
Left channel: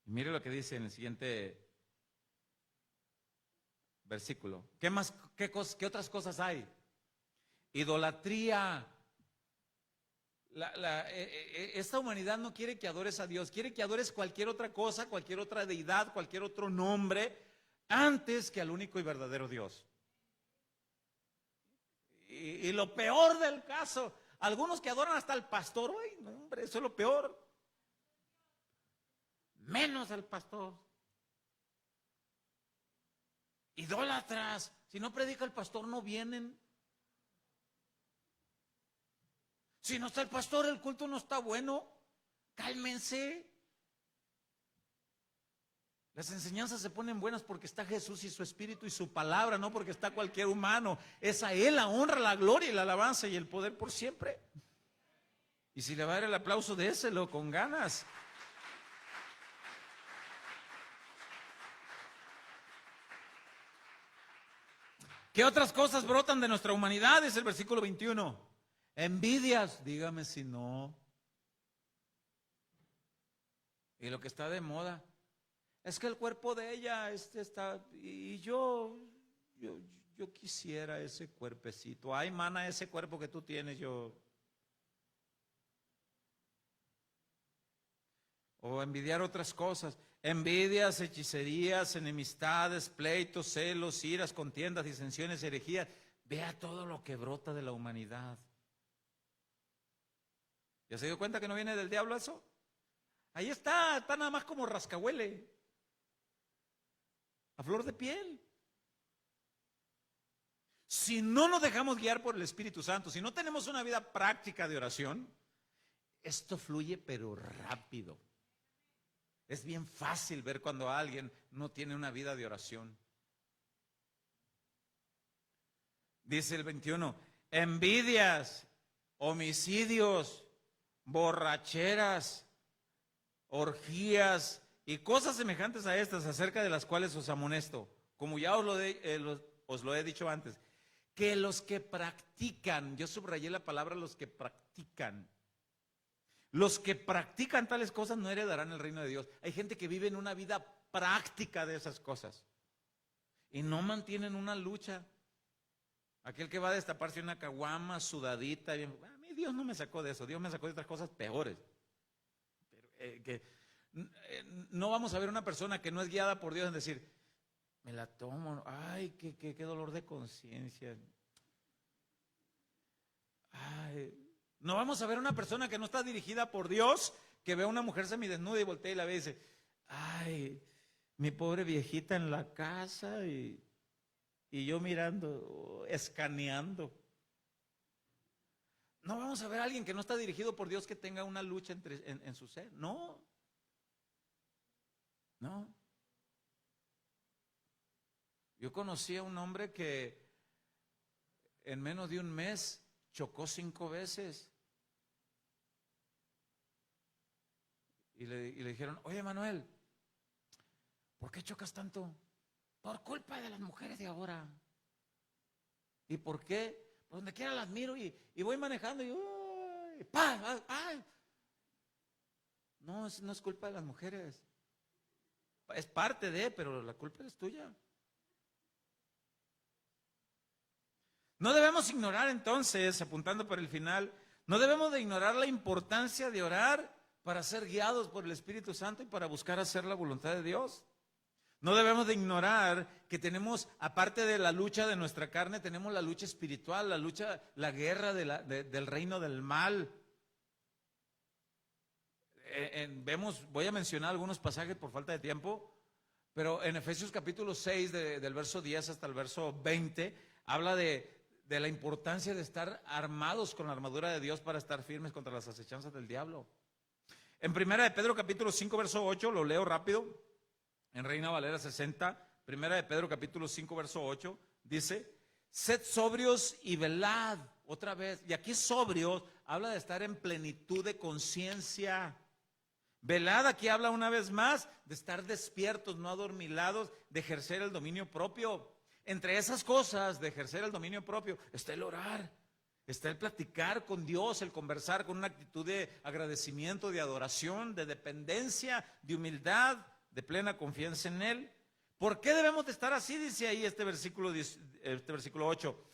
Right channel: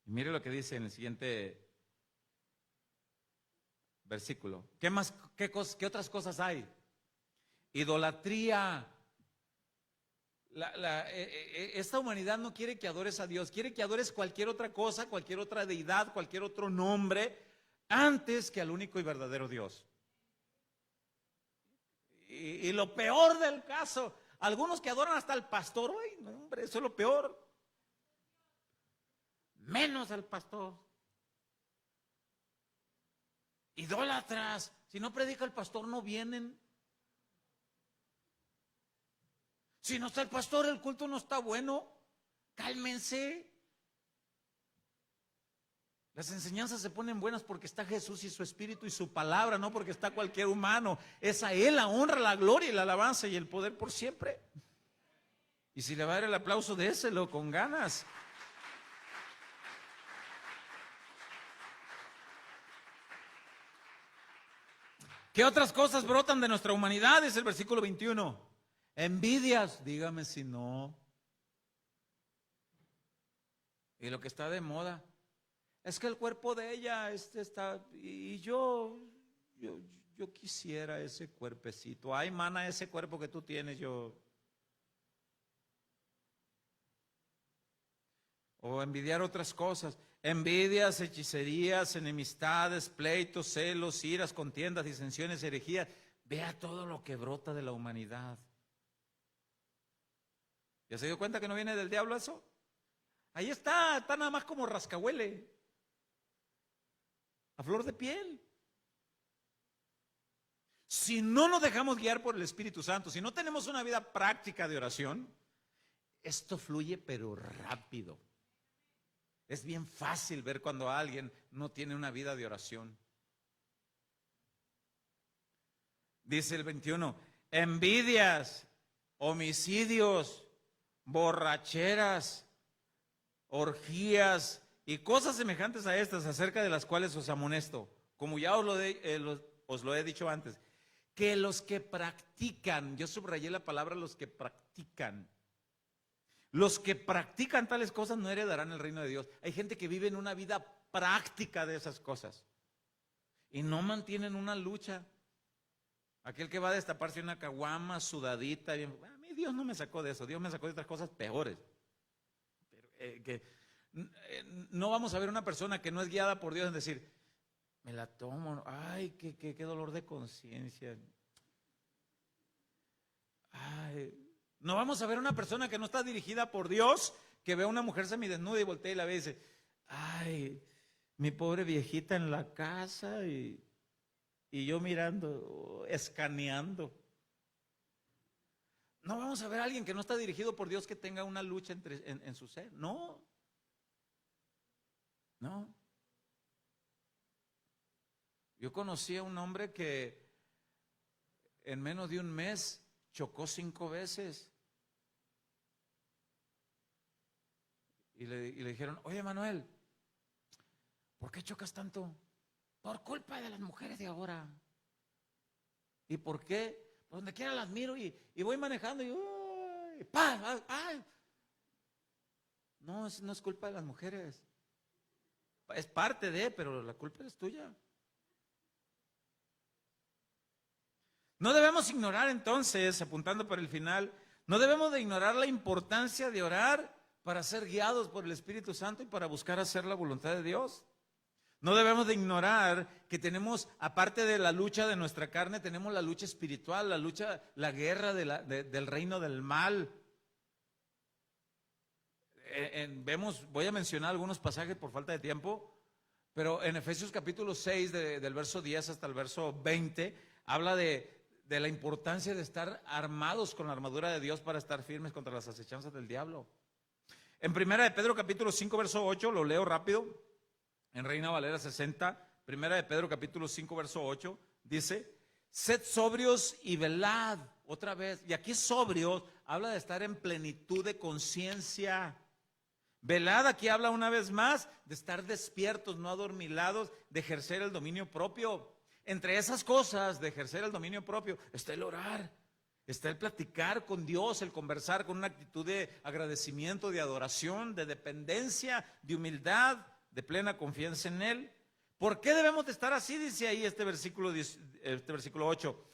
Y mire lo que dice en el siguiente versículo. ¿Qué más? ¿Qué otras cosas hay? Idolatría. Esta humanidad no quiere que adores a Dios, quiere que adores cualquier otra cosa, cualquier otra deidad, cualquier otro nombre, antes que al único y verdadero Dios. Y lo peor del caso, algunos que adoran hasta al pastor, ¡ay, no, hombre, eso es lo peor! Menos al pastor. Idólatras, si no predica el pastor no vienen. Si no está el pastor, el culto no está bueno. Cálmense. Las enseñanzas se ponen buenas porque está Jesús y su Espíritu y su palabra, no porque está cualquier humano. Es a Él la honra, la gloria y la alabanza y el poder por siempre. Y si le va a dar el aplauso, déselo con ganas. ¿Qué otras cosas brotan de nuestra humanidad? Es el versículo 21. Envidias, dígame si no. Y lo que está de moda es que el cuerpo de ella está, y yo quisiera ese cuerpecito. Ay, mana, ese cuerpo que tú tienes, yo. O envidiar otras cosas. Envidias, hechicerías, enemistades, pleitos, celos, iras, contiendas, disensiones, herejías. Vea todo lo que brota de la humanidad. ¿Ya se dio cuenta que no viene del diablo eso? Ahí está nada más como rascahuele. A flor de piel. Si no nos dejamos guiar por el Espíritu Santo, si no tenemos una vida práctica de oración, esto fluye pero rápido. Es bien fácil ver cuando alguien no tiene una vida de oración. Dice el 21, envidias, homicidios, borracheras, orgías y cosas semejantes a estas, acerca de las cuales os amonesto, como ya os lo he dicho antes, que los que practican, yo subrayé la palabra los que practican tales cosas no heredarán el reino de Dios. Hay gente que vive en una vida práctica de esas cosas y no mantienen una lucha. Aquel que va a destaparse una caguama sudadita, a mí Dios no me sacó de eso, Dios me sacó de otras cosas peores. Pero, no vamos a ver una persona que no es guiada por Dios en decir, me la tomo, ay, qué dolor de conciencia. Ay, no vamos a ver una persona que no está dirigida por Dios, que ve a una mujer semidesnuda y voltea y la ve y dice, ay, mi pobre viejita en la casa y yo mirando, escaneando. No vamos a ver a alguien que no está dirigido por Dios que tenga una lucha en su ser. No. Yo conocí a un hombre que en menos de un mes chocó 5 veces. Y le dijeron, oye Manuel, ¿por qué chocas tanto? Por culpa de las mujeres de ahora. ¿Y por qué? Por donde quiera las miro y voy manejando y ¡pah! ¡Ah! No es culpa de las mujeres. Es parte de, pero la culpa es tuya. No debemos ignorar entonces, apuntando para el final, no debemos de ignorar la importancia de orar para ser guiados por el Espíritu Santo y para buscar hacer la voluntad de Dios. No debemos de ignorar que tenemos, aparte de la lucha de nuestra carne, tenemos la lucha espiritual, la guerra del reino del mal. Voy a mencionar algunos pasajes por falta de tiempo, pero en Efesios capítulo 6, del verso 10 hasta el verso 20, habla de la importancia de estar armados con la armadura de Dios para estar firmes contra las acechanzas del diablo. En Primera de Pedro capítulo 5, verso 8, lo leo rápido, en Reina Valera 60, Primera de Pedro capítulo 5, verso 8, dice, sed sobrios y velad, otra vez, y aquí sobrios habla de estar en plenitud de conciencia. Velad, aquí habla una vez más de estar despiertos, no adormilados, de ejercer el dominio propio. Entre esas cosas de ejercer el dominio propio está el orar, está el platicar con Dios, el conversar con una actitud de agradecimiento, de adoración, de dependencia, de humildad, de plena confianza en Él. ¿Por qué debemos de estar así? Dice ahí este versículo 8.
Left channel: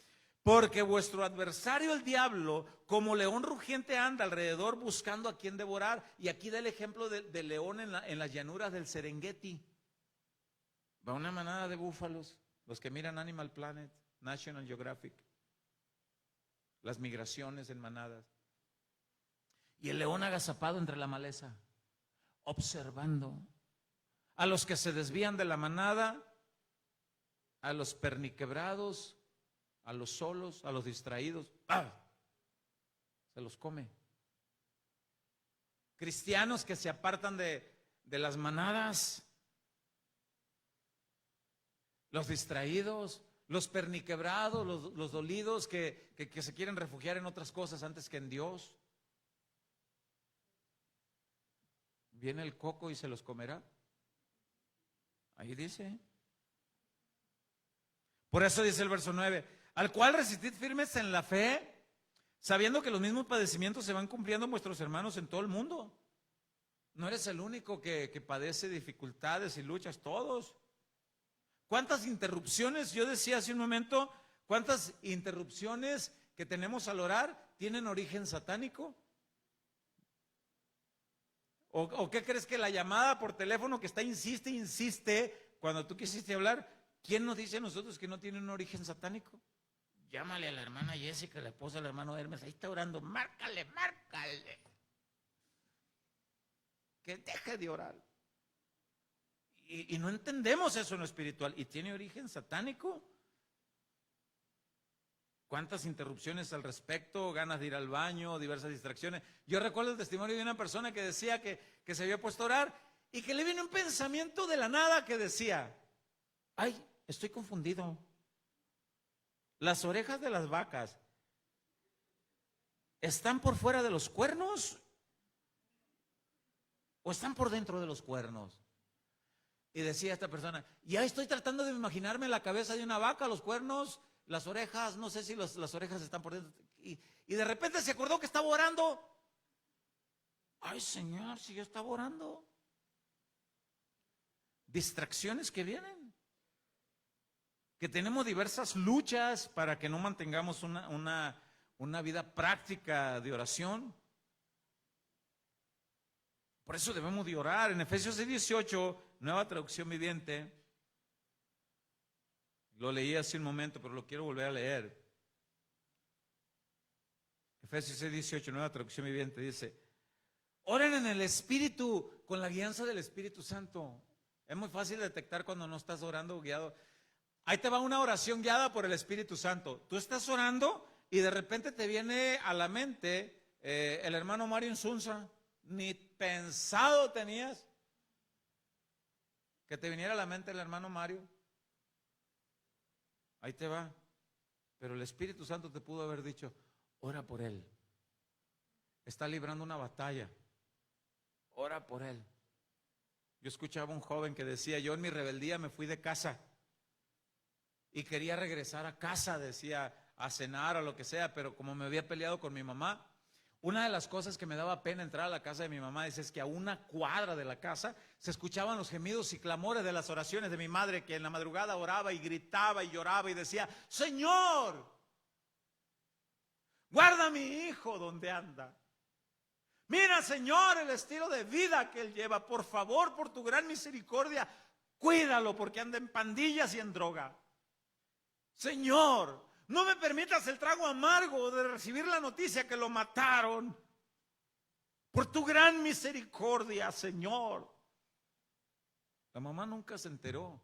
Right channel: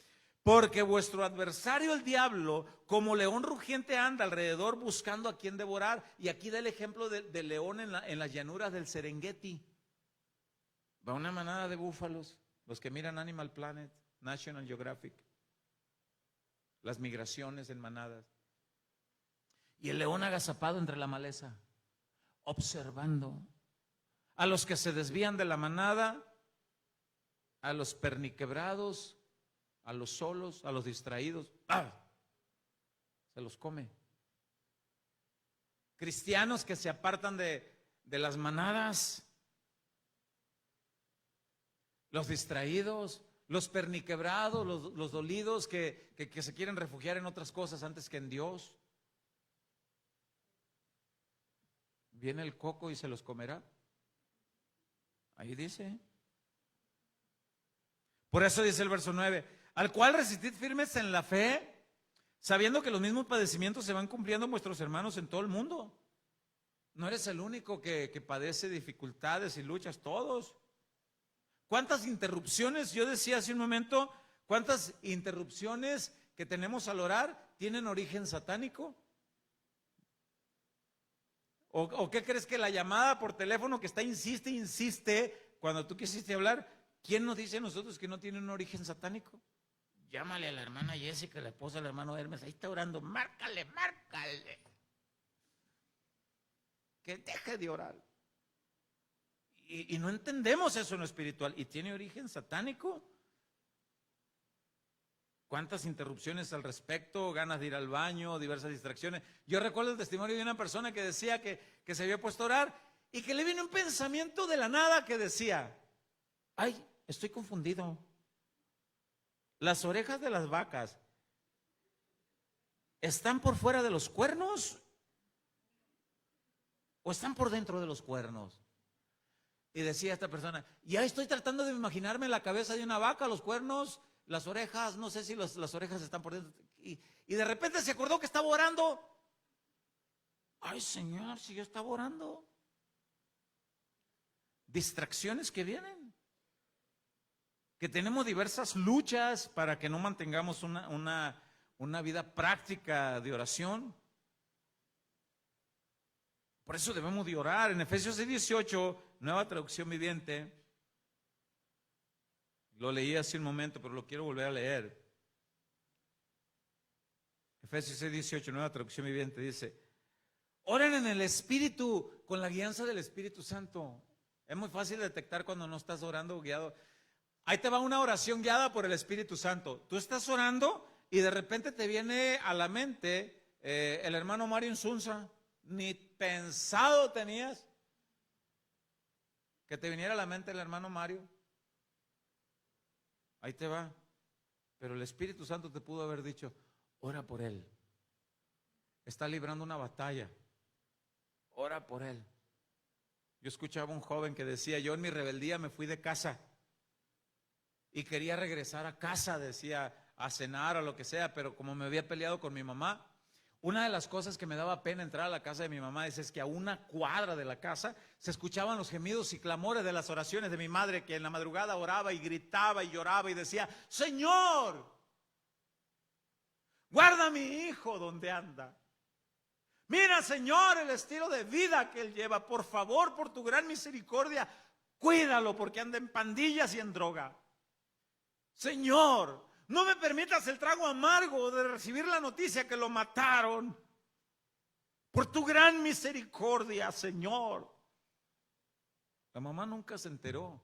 Porque vuestro adversario el diablo, como león rugiente anda alrededor buscando a quien devorar. Y aquí da el ejemplo del león en las llanuras del Serengeti. Va una manada de búfalos, los que miran Animal Planet, National Geographic, las migraciones en manadas. Y el león agazapado entre la maleza, observando a los que se desvían de la manada, a los perniquebrados, a los solos, a los distraídos, se los come. Cristianos que se apartan de las manadas, los distraídos, los perniquebrados, los dolidos que se quieren refugiar en otras cosas antes que en Dios. ¿Viene el coco y se los comerá? Ahí dice. Por eso dice el verso 9, al cual resistid firmes en la fe, sabiendo que los mismos padecimientos se van cumpliendo en vuestros hermanos en todo el mundo. No eres el único que padece dificultades y luchas, todos. ¿Cuántas interrupciones, yo decía hace un momento, cuántas interrupciones que tenemos al orar tienen origen satánico? ¿O qué crees que la llamada por teléfono que está insiste, cuando tú quisiste hablar, quién nos dice a nosotros que no tiene un origen satánico? Llámale a la hermana Jessica, la esposa del hermano Hermes, ahí está orando, márcale. Que deje de orar. Y no entendemos eso en lo espiritual, y tiene origen satánico. ¿Cuántas interrupciones al respecto? Ganas de ir al baño, diversas distracciones. Yo recuerdo el testimonio de una persona que decía que se había puesto a orar y que le vino un pensamiento de la nada que decía, ay, estoy confundido. Las orejas de las vacas ¿están por fuera de los cuernos o están por dentro de los cuernos? Y decía esta persona, ya estoy tratando de imaginarme la cabeza de una vaca, los cuernos, las orejas, no sé si las orejas están por dentro. Y de repente se acordó que estaba orando. Ay, Señor, si yo estaba orando. Distracciones que vienen. Que tenemos diversas luchas para que no mantengamos una vida práctica de oración. Por eso debemos de orar. En Efesios 6:18, Nueva Traducción Viviente, lo leí hace un momento, pero lo quiero volver a leer. Efesios 6:18, Nueva Traducción Viviente, dice, oren en el Espíritu, con la guianza del Espíritu Santo. Es muy fácil detectar cuando no estás orando guiado. Ahí te va una oración guiada por el Espíritu Santo. Tú estás orando y de repente te viene a la mente el hermano Mario Insunza. Ni pensado tenías que te viniera a la mente el hermano Mario. Ahí te va. Pero el Espíritu Santo te pudo haber dicho, ora por él. Está librando una batalla. Ora por él. Yo escuchaba a un joven que decía, yo en mi rebeldía me fui de casa y quería regresar a casa, decía, a cenar o lo que sea, pero como me había peleado con mi mamá, una de las cosas que me daba pena entrar a la casa de mi mamá es que a una cuadra de la casa se escuchaban los gemidos y clamores de las oraciones de mi madre, que en la madrugada oraba y gritaba y lloraba y decía, Señor, guarda a mi hijo donde anda. Mira, Señor, el estilo de vida que él lleva. Por favor, por tu gran misericordia, cuídalo porque anda en pandillas y en droga. Señor, no me permitas el trago amargo de recibir la noticia que lo mataron. Por tu gran misericordia, Señor. La mamá nunca se enteró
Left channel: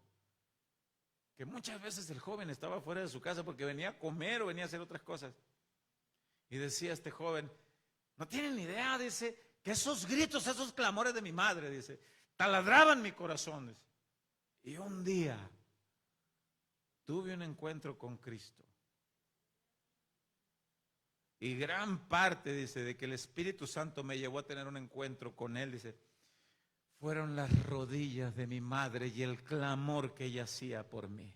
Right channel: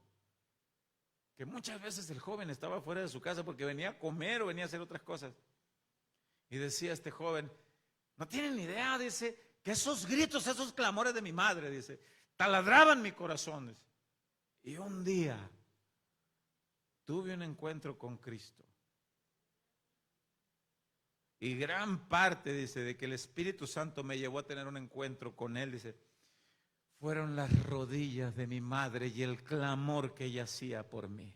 que muchas veces el joven estaba fuera de su casa porque venía a comer o venía a hacer otras cosas. Y decía este joven, no tienen ni idea, dice, que esos gritos, esos clamores de mi madre, dice, taladraban mi corazón. Dice. Y un día tuve un encuentro con Cristo. Y gran parte, dice, de que el Espíritu Santo me llevó a tener un encuentro con Él, dice, fueron las rodillas de mi madre y el clamor que ella hacía por mí.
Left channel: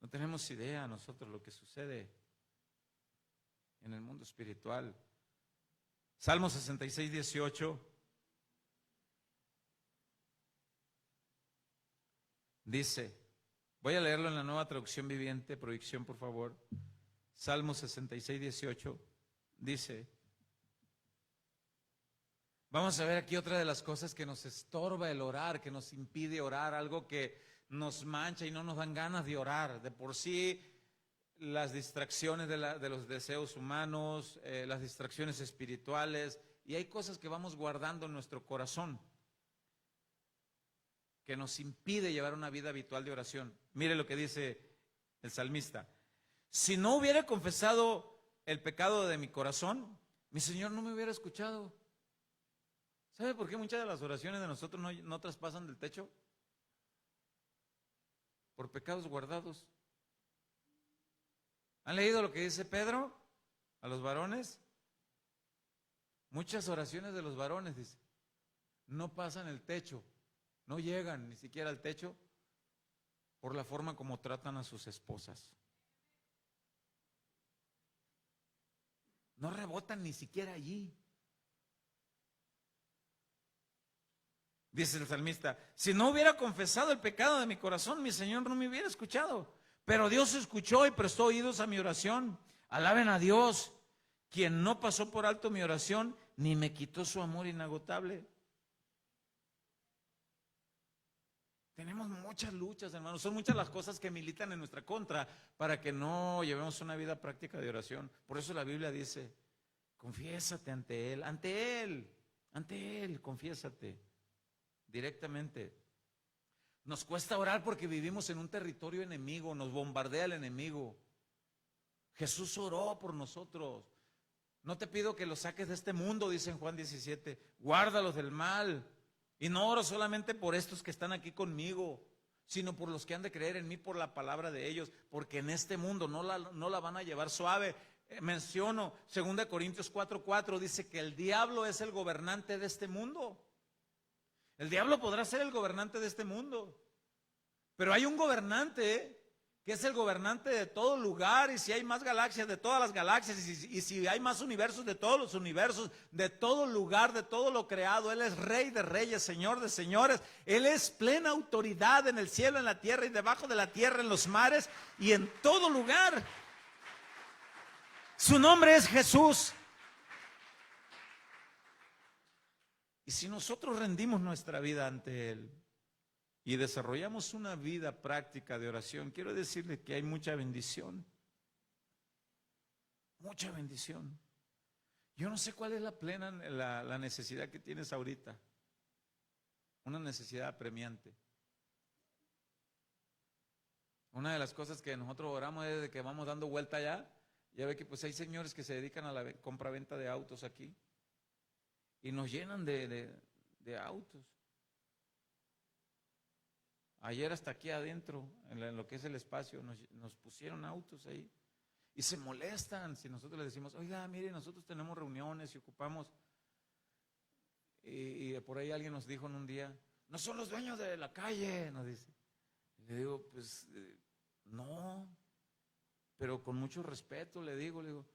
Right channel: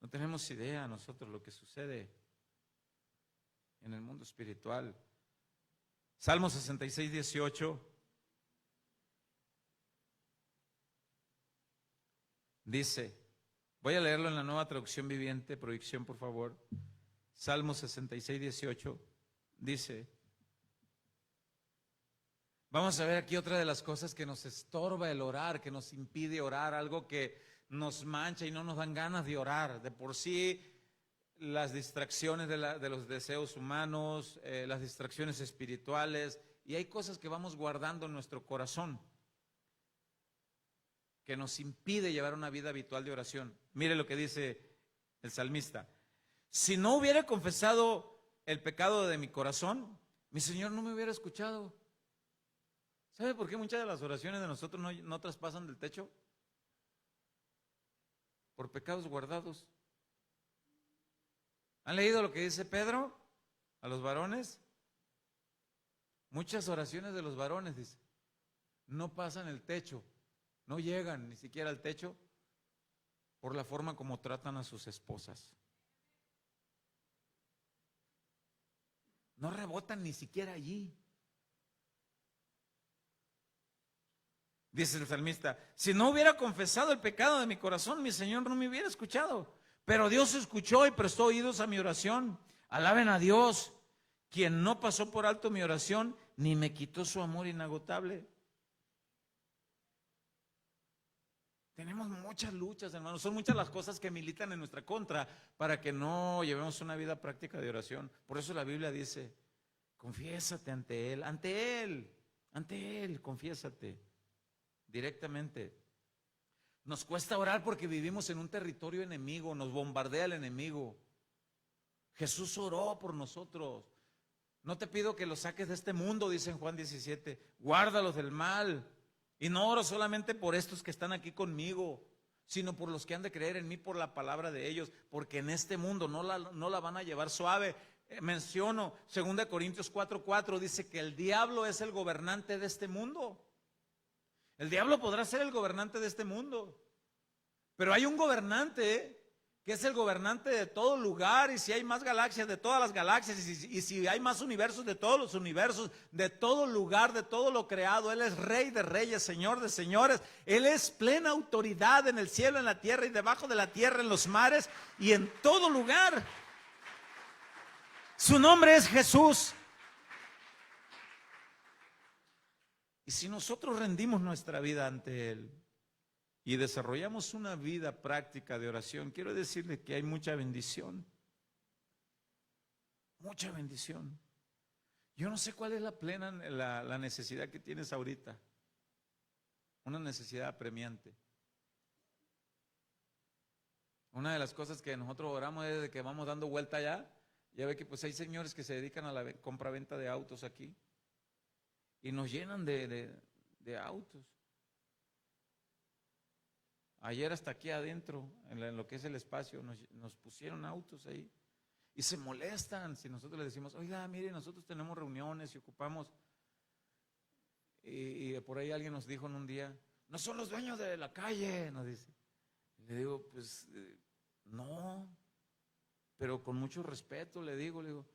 No tenemos idea nosotros lo que sucede en el mundo espiritual. Salmo 66:18 dice, voy a leerlo en la Nueva Traducción Viviente, proyección por favor. Salmo 66:18 dice, vamos a ver aquí otra de las cosas que nos estorba el orar, que nos impide orar, algo que nos mancha y no nos dan ganas de orar. De por sí, las distracciones de los deseos humanos, las distracciones espirituales, y hay cosas que vamos guardando en nuestro corazón que nos impide llevar una vida habitual de oración. Mire lo que dice el salmista. Si no hubiera confesado el pecado de mi corazón, mi Señor no me hubiera escuchado. ¿Sabe por qué muchas de las oraciones de nosotros no traspasan del techo? Por pecados guardados. ¿Han leído lo que dice Pedro a los varones? Muchas oraciones de los varones, dice, no pasan el techo, no llegan ni siquiera al techo por la forma como tratan a sus esposas. No rebotan ni siquiera allí. Dice el salmista, si no hubiera confesado el pecado de mi corazón, mi Señor no me hubiera escuchado. Pero Dios escuchó y prestó oídos a mi oración. Alaben a Dios, quien no pasó por alto mi oración, ni me quitó su amor inagotable. Tenemos muchas luchas, hermanos. Son muchas las cosas que militan en nuestra contra para que no llevemos una vida práctica de oración. Por eso la Biblia dice, confiésate ante Él, confiésate directamente. Nos cuesta orar porque vivimos en un territorio enemigo, nos bombardea el enemigo. Jesús oró por nosotros. No te pido que los saques de este mundo, dice en Juan 17, guárdalos del mal. Y no oro solamente por estos que están aquí conmigo, sino por los que han de creer en mí por la palabra de ellos, porque en este mundo no la van a llevar suave. Menciono 2 Corintios 4:4, dice que el diablo es el gobernante de este mundo. El diablo podrá ser el gobernante de este mundo, pero hay un gobernante que es el gobernante de todo lugar, y si hay más galaxias, de todas las galaxias, y si hay más universos, de todos los universos, de todo lugar, de todo lo creado. Él es Rey de reyes, Señor de señores. Él es plena autoridad en el cielo, en la tierra y debajo de la tierra, en los mares y en todo lugar. Su nombre es Jesús. Y si nosotros rendimos nuestra vida ante Él y desarrollamos una vida práctica de oración, quiero decirle que hay mucha bendición. Mucha bendición. Yo no sé cuál es la necesidad que tienes ahorita. Una necesidad apremiante. Una de las cosas que nosotros oramos es de que vamos dando vuelta allá. Ya ve que pues hay señores que se dedican a la compra-venta de autos aquí. Y nos llenan de autos. Ayer hasta aquí adentro, en lo que es el espacio, nos pusieron autos ahí. Y se molestan si nosotros les decimos, oiga, mire, nosotros tenemos reuniones y ocupamos. Y por ahí alguien nos dijo en un día, no son los dueños de la calle, nos dice. Le digo, pues no, pero con mucho respeto le digo,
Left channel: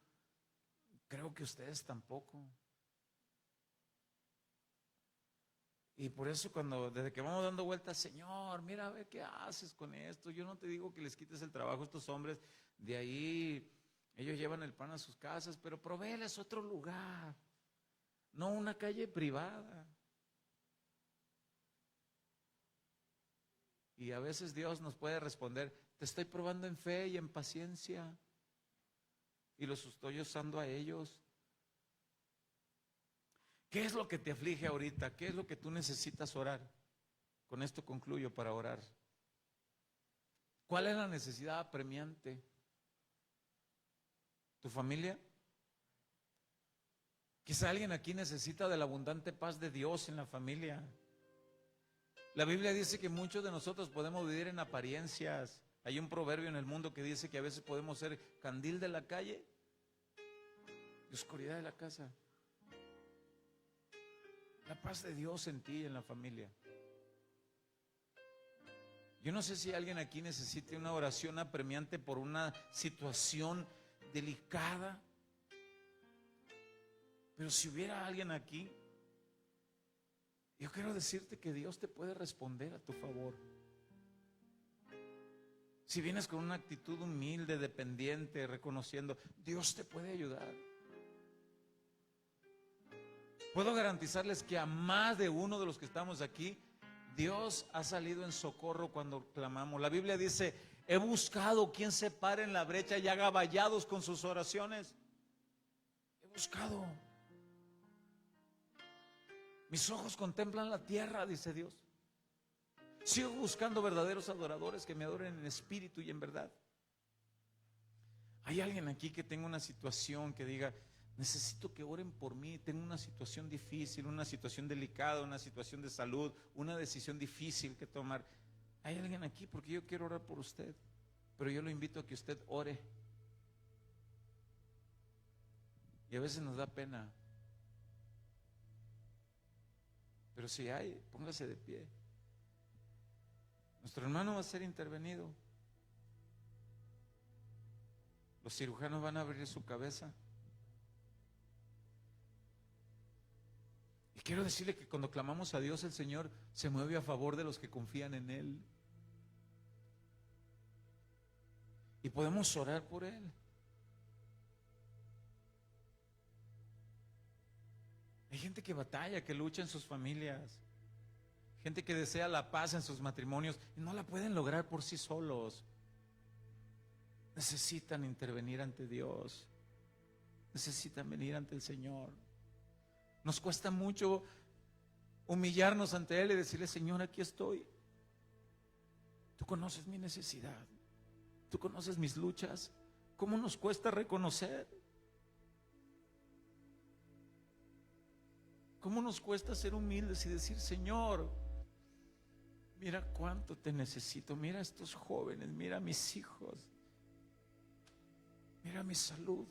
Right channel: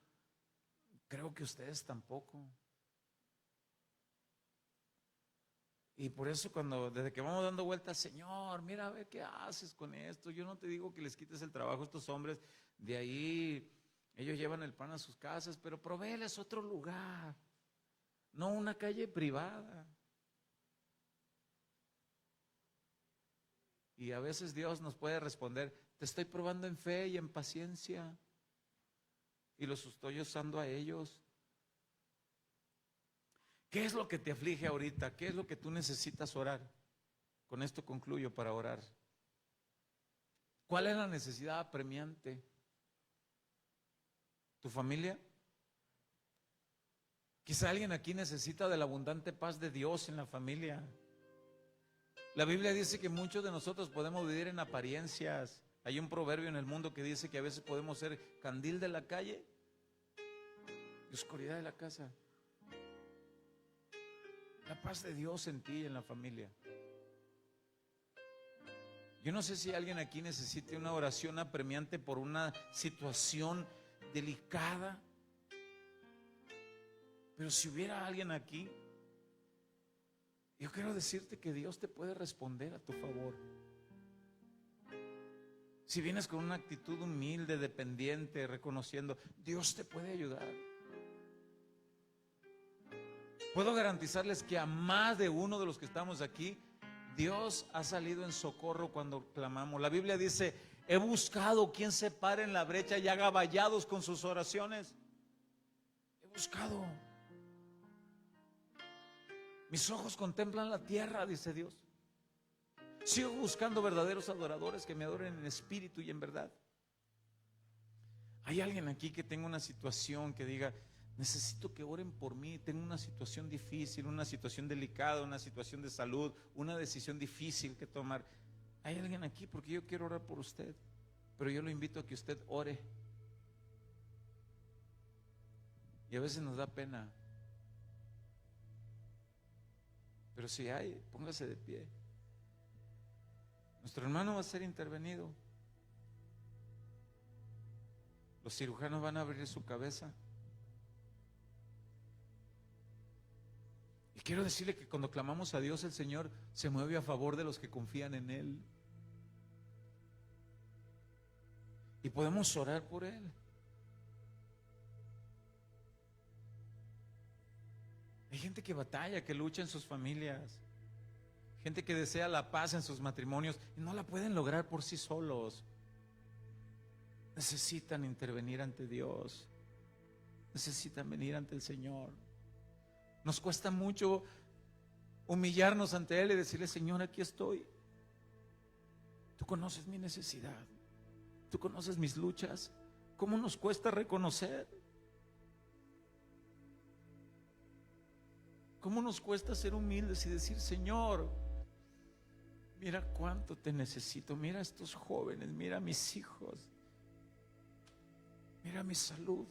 creo que ustedes tampoco. Y por eso desde que vamos dando vueltas, Señor, mira a ver qué haces con esto. Yo no te digo que les quites el trabajo a estos hombres, de ahí ellos llevan el pan a sus casas, pero provéeles otro lugar, no una calle privada. Y a veces Dios nos puede responder, te estoy probando en fe y en paciencia, y los estoy usando a ellos. ¿Qué es lo que te aflige ahorita? ¿Qué es lo que tú necesitas orar? Con esto concluyo para orar. ¿Cuál es la necesidad apremiante? ¿Tu familia? Quizá alguien aquí necesita de la abundante paz de Dios en la familia. La Biblia dice que muchos de nosotros podemos vivir en apariencias. Hay un proverbio en el mundo que dice que a veces podemos ser candil de la calle y oscuridad de la casa. La paz de Dios en ti y en la familia. Yo no sé si alguien aquí necesite una oración apremiante por una situación delicada, pero si hubiera alguien aquí, yo quiero decirte que Dios te puede responder a tu favor. Si vienes con una actitud humilde, dependiente, reconociendo, Dios te puede ayudar. Puedo garantizarles que a más de uno de los que estamos aquí, Dios ha salido en socorro cuando clamamos. La Biblia dice, he buscado quien se pare en la brecha y haga vallados con sus oraciones. He buscado. Mis ojos contemplan la tierra, dice Dios. Sigo buscando verdaderos adoradores que me adoren en espíritu y en verdad. Hay alguien aquí que tenga una situación que diga, Necesito que oren por mí. Tengo una situación difícil, una situación delicada, una situación de salud, una decisión difícil que tomar. Hay alguien aquí porque yo quiero orar por usted, pero yo lo invito a que usted ore. Y a veces nos da pena. Pero si hay, póngase de pie. Nuestro hermano va a ser intervenido. Los cirujanos van a abrir su cabeza. Y quiero decirle que cuando clamamos a Dios, el Señor se mueve a favor de los que confían en Él. Y podemos orar por Él. Hay gente que batalla, que lucha en sus familias. Gente que desea la paz en sus matrimonios y no la pueden lograr por sí solos. Necesitan intervenir ante Dios. Necesitan venir ante el Señor. Nos cuesta mucho humillarnos ante Él y decirle: Señor, aquí estoy. Tú conoces mi necesidad. Tú conoces mis luchas. ¿Cómo nos cuesta reconocer? ¿Cómo nos cuesta ser humildes y decir: Señor, mira cuánto te necesito, mira a estos jóvenes, mira a mis hijos, mira mi salud,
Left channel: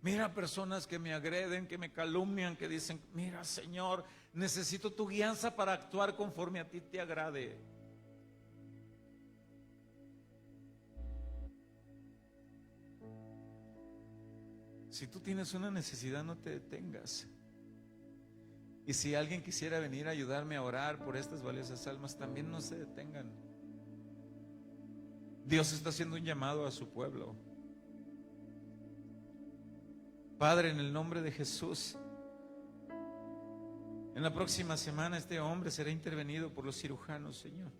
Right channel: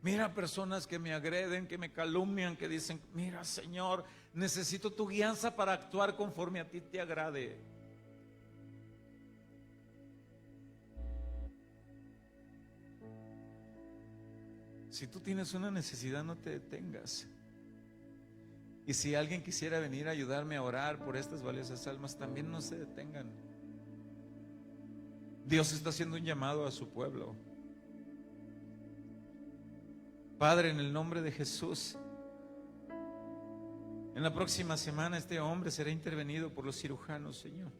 mira a personas que me agreden, que me calumnian, que dicen: mira, Señor, necesito tu guianza para actuar conforme a ti te agrade. Si tú tienes una necesidad, no te detengas. Y si alguien quisiera venir a ayudarme a orar por estas valiosas almas, también no se detengan. Dios está haciendo un llamado a su pueblo. Padre, en el nombre de Jesús, en la próxima semana este hombre será intervenido por los cirujanos, Señor.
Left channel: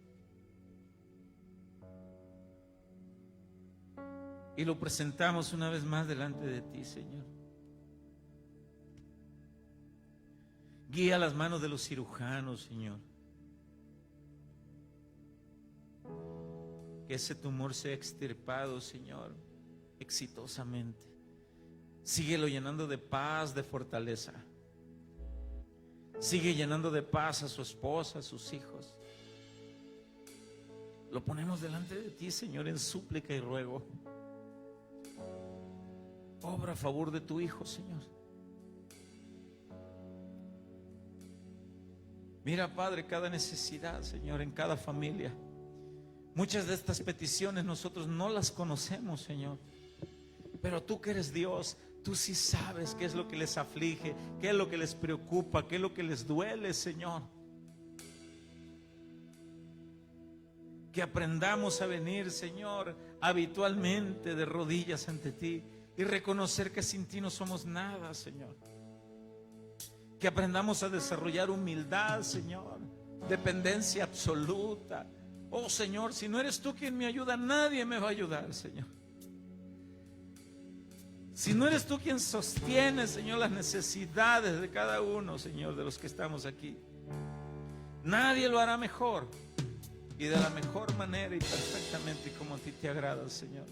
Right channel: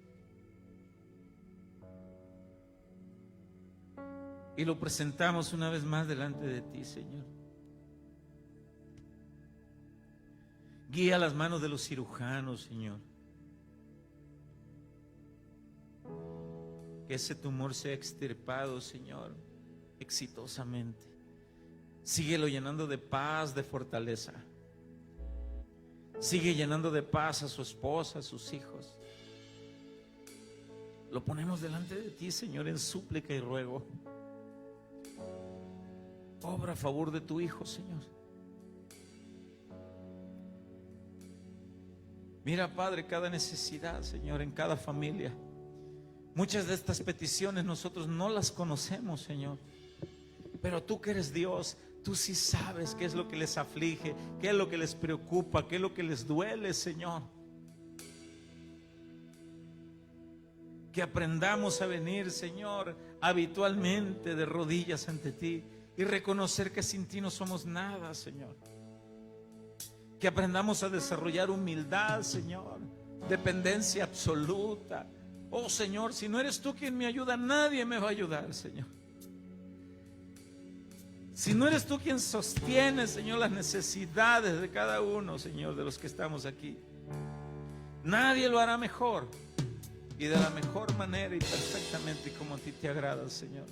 Y lo presentamos una vez más delante de ti, Señor. Guía las manos de los cirujanos, Señor. Que ese tumor sea extirpado, Señor, exitosamente. Síguelo llenando de paz, de fortaleza. Sigue llenando de paz a su esposa, a sus hijos. Lo ponemos delante de ti, Señor, en súplica y ruego. Obra a favor de tu Hijo, Señor. Mira, Padre, cada necesidad, Señor, en cada familia. Muchas de estas peticiones nosotros no las conocemos, Señor. Pero tú que eres Dios, tú sí sabes qué es lo que les aflige, qué es lo que les preocupa, qué es lo que les duele, Señor. Que aprendamos a venir, Señor, habitualmente de rodillas ante ti y reconocer que sin ti no somos nada, Señor. Que aprendamos a desarrollar humildad, Señor, dependencia absoluta. Oh, Señor, si no eres tú quien me ayuda, nadie me va a ayudar, Señor. Si no eres tú quien sostiene, Señor, las necesidades de cada uno, Señor, de los que estamos aquí, nadie lo hará mejor y de la mejor manera y perfectamente como a ti te agrada, Señor.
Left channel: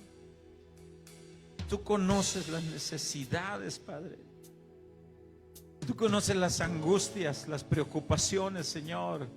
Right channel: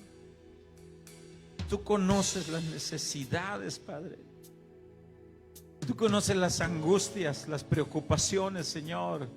Tú conoces las necesidades, Padre. Tú conoces las angustias, las preocupaciones, Señor.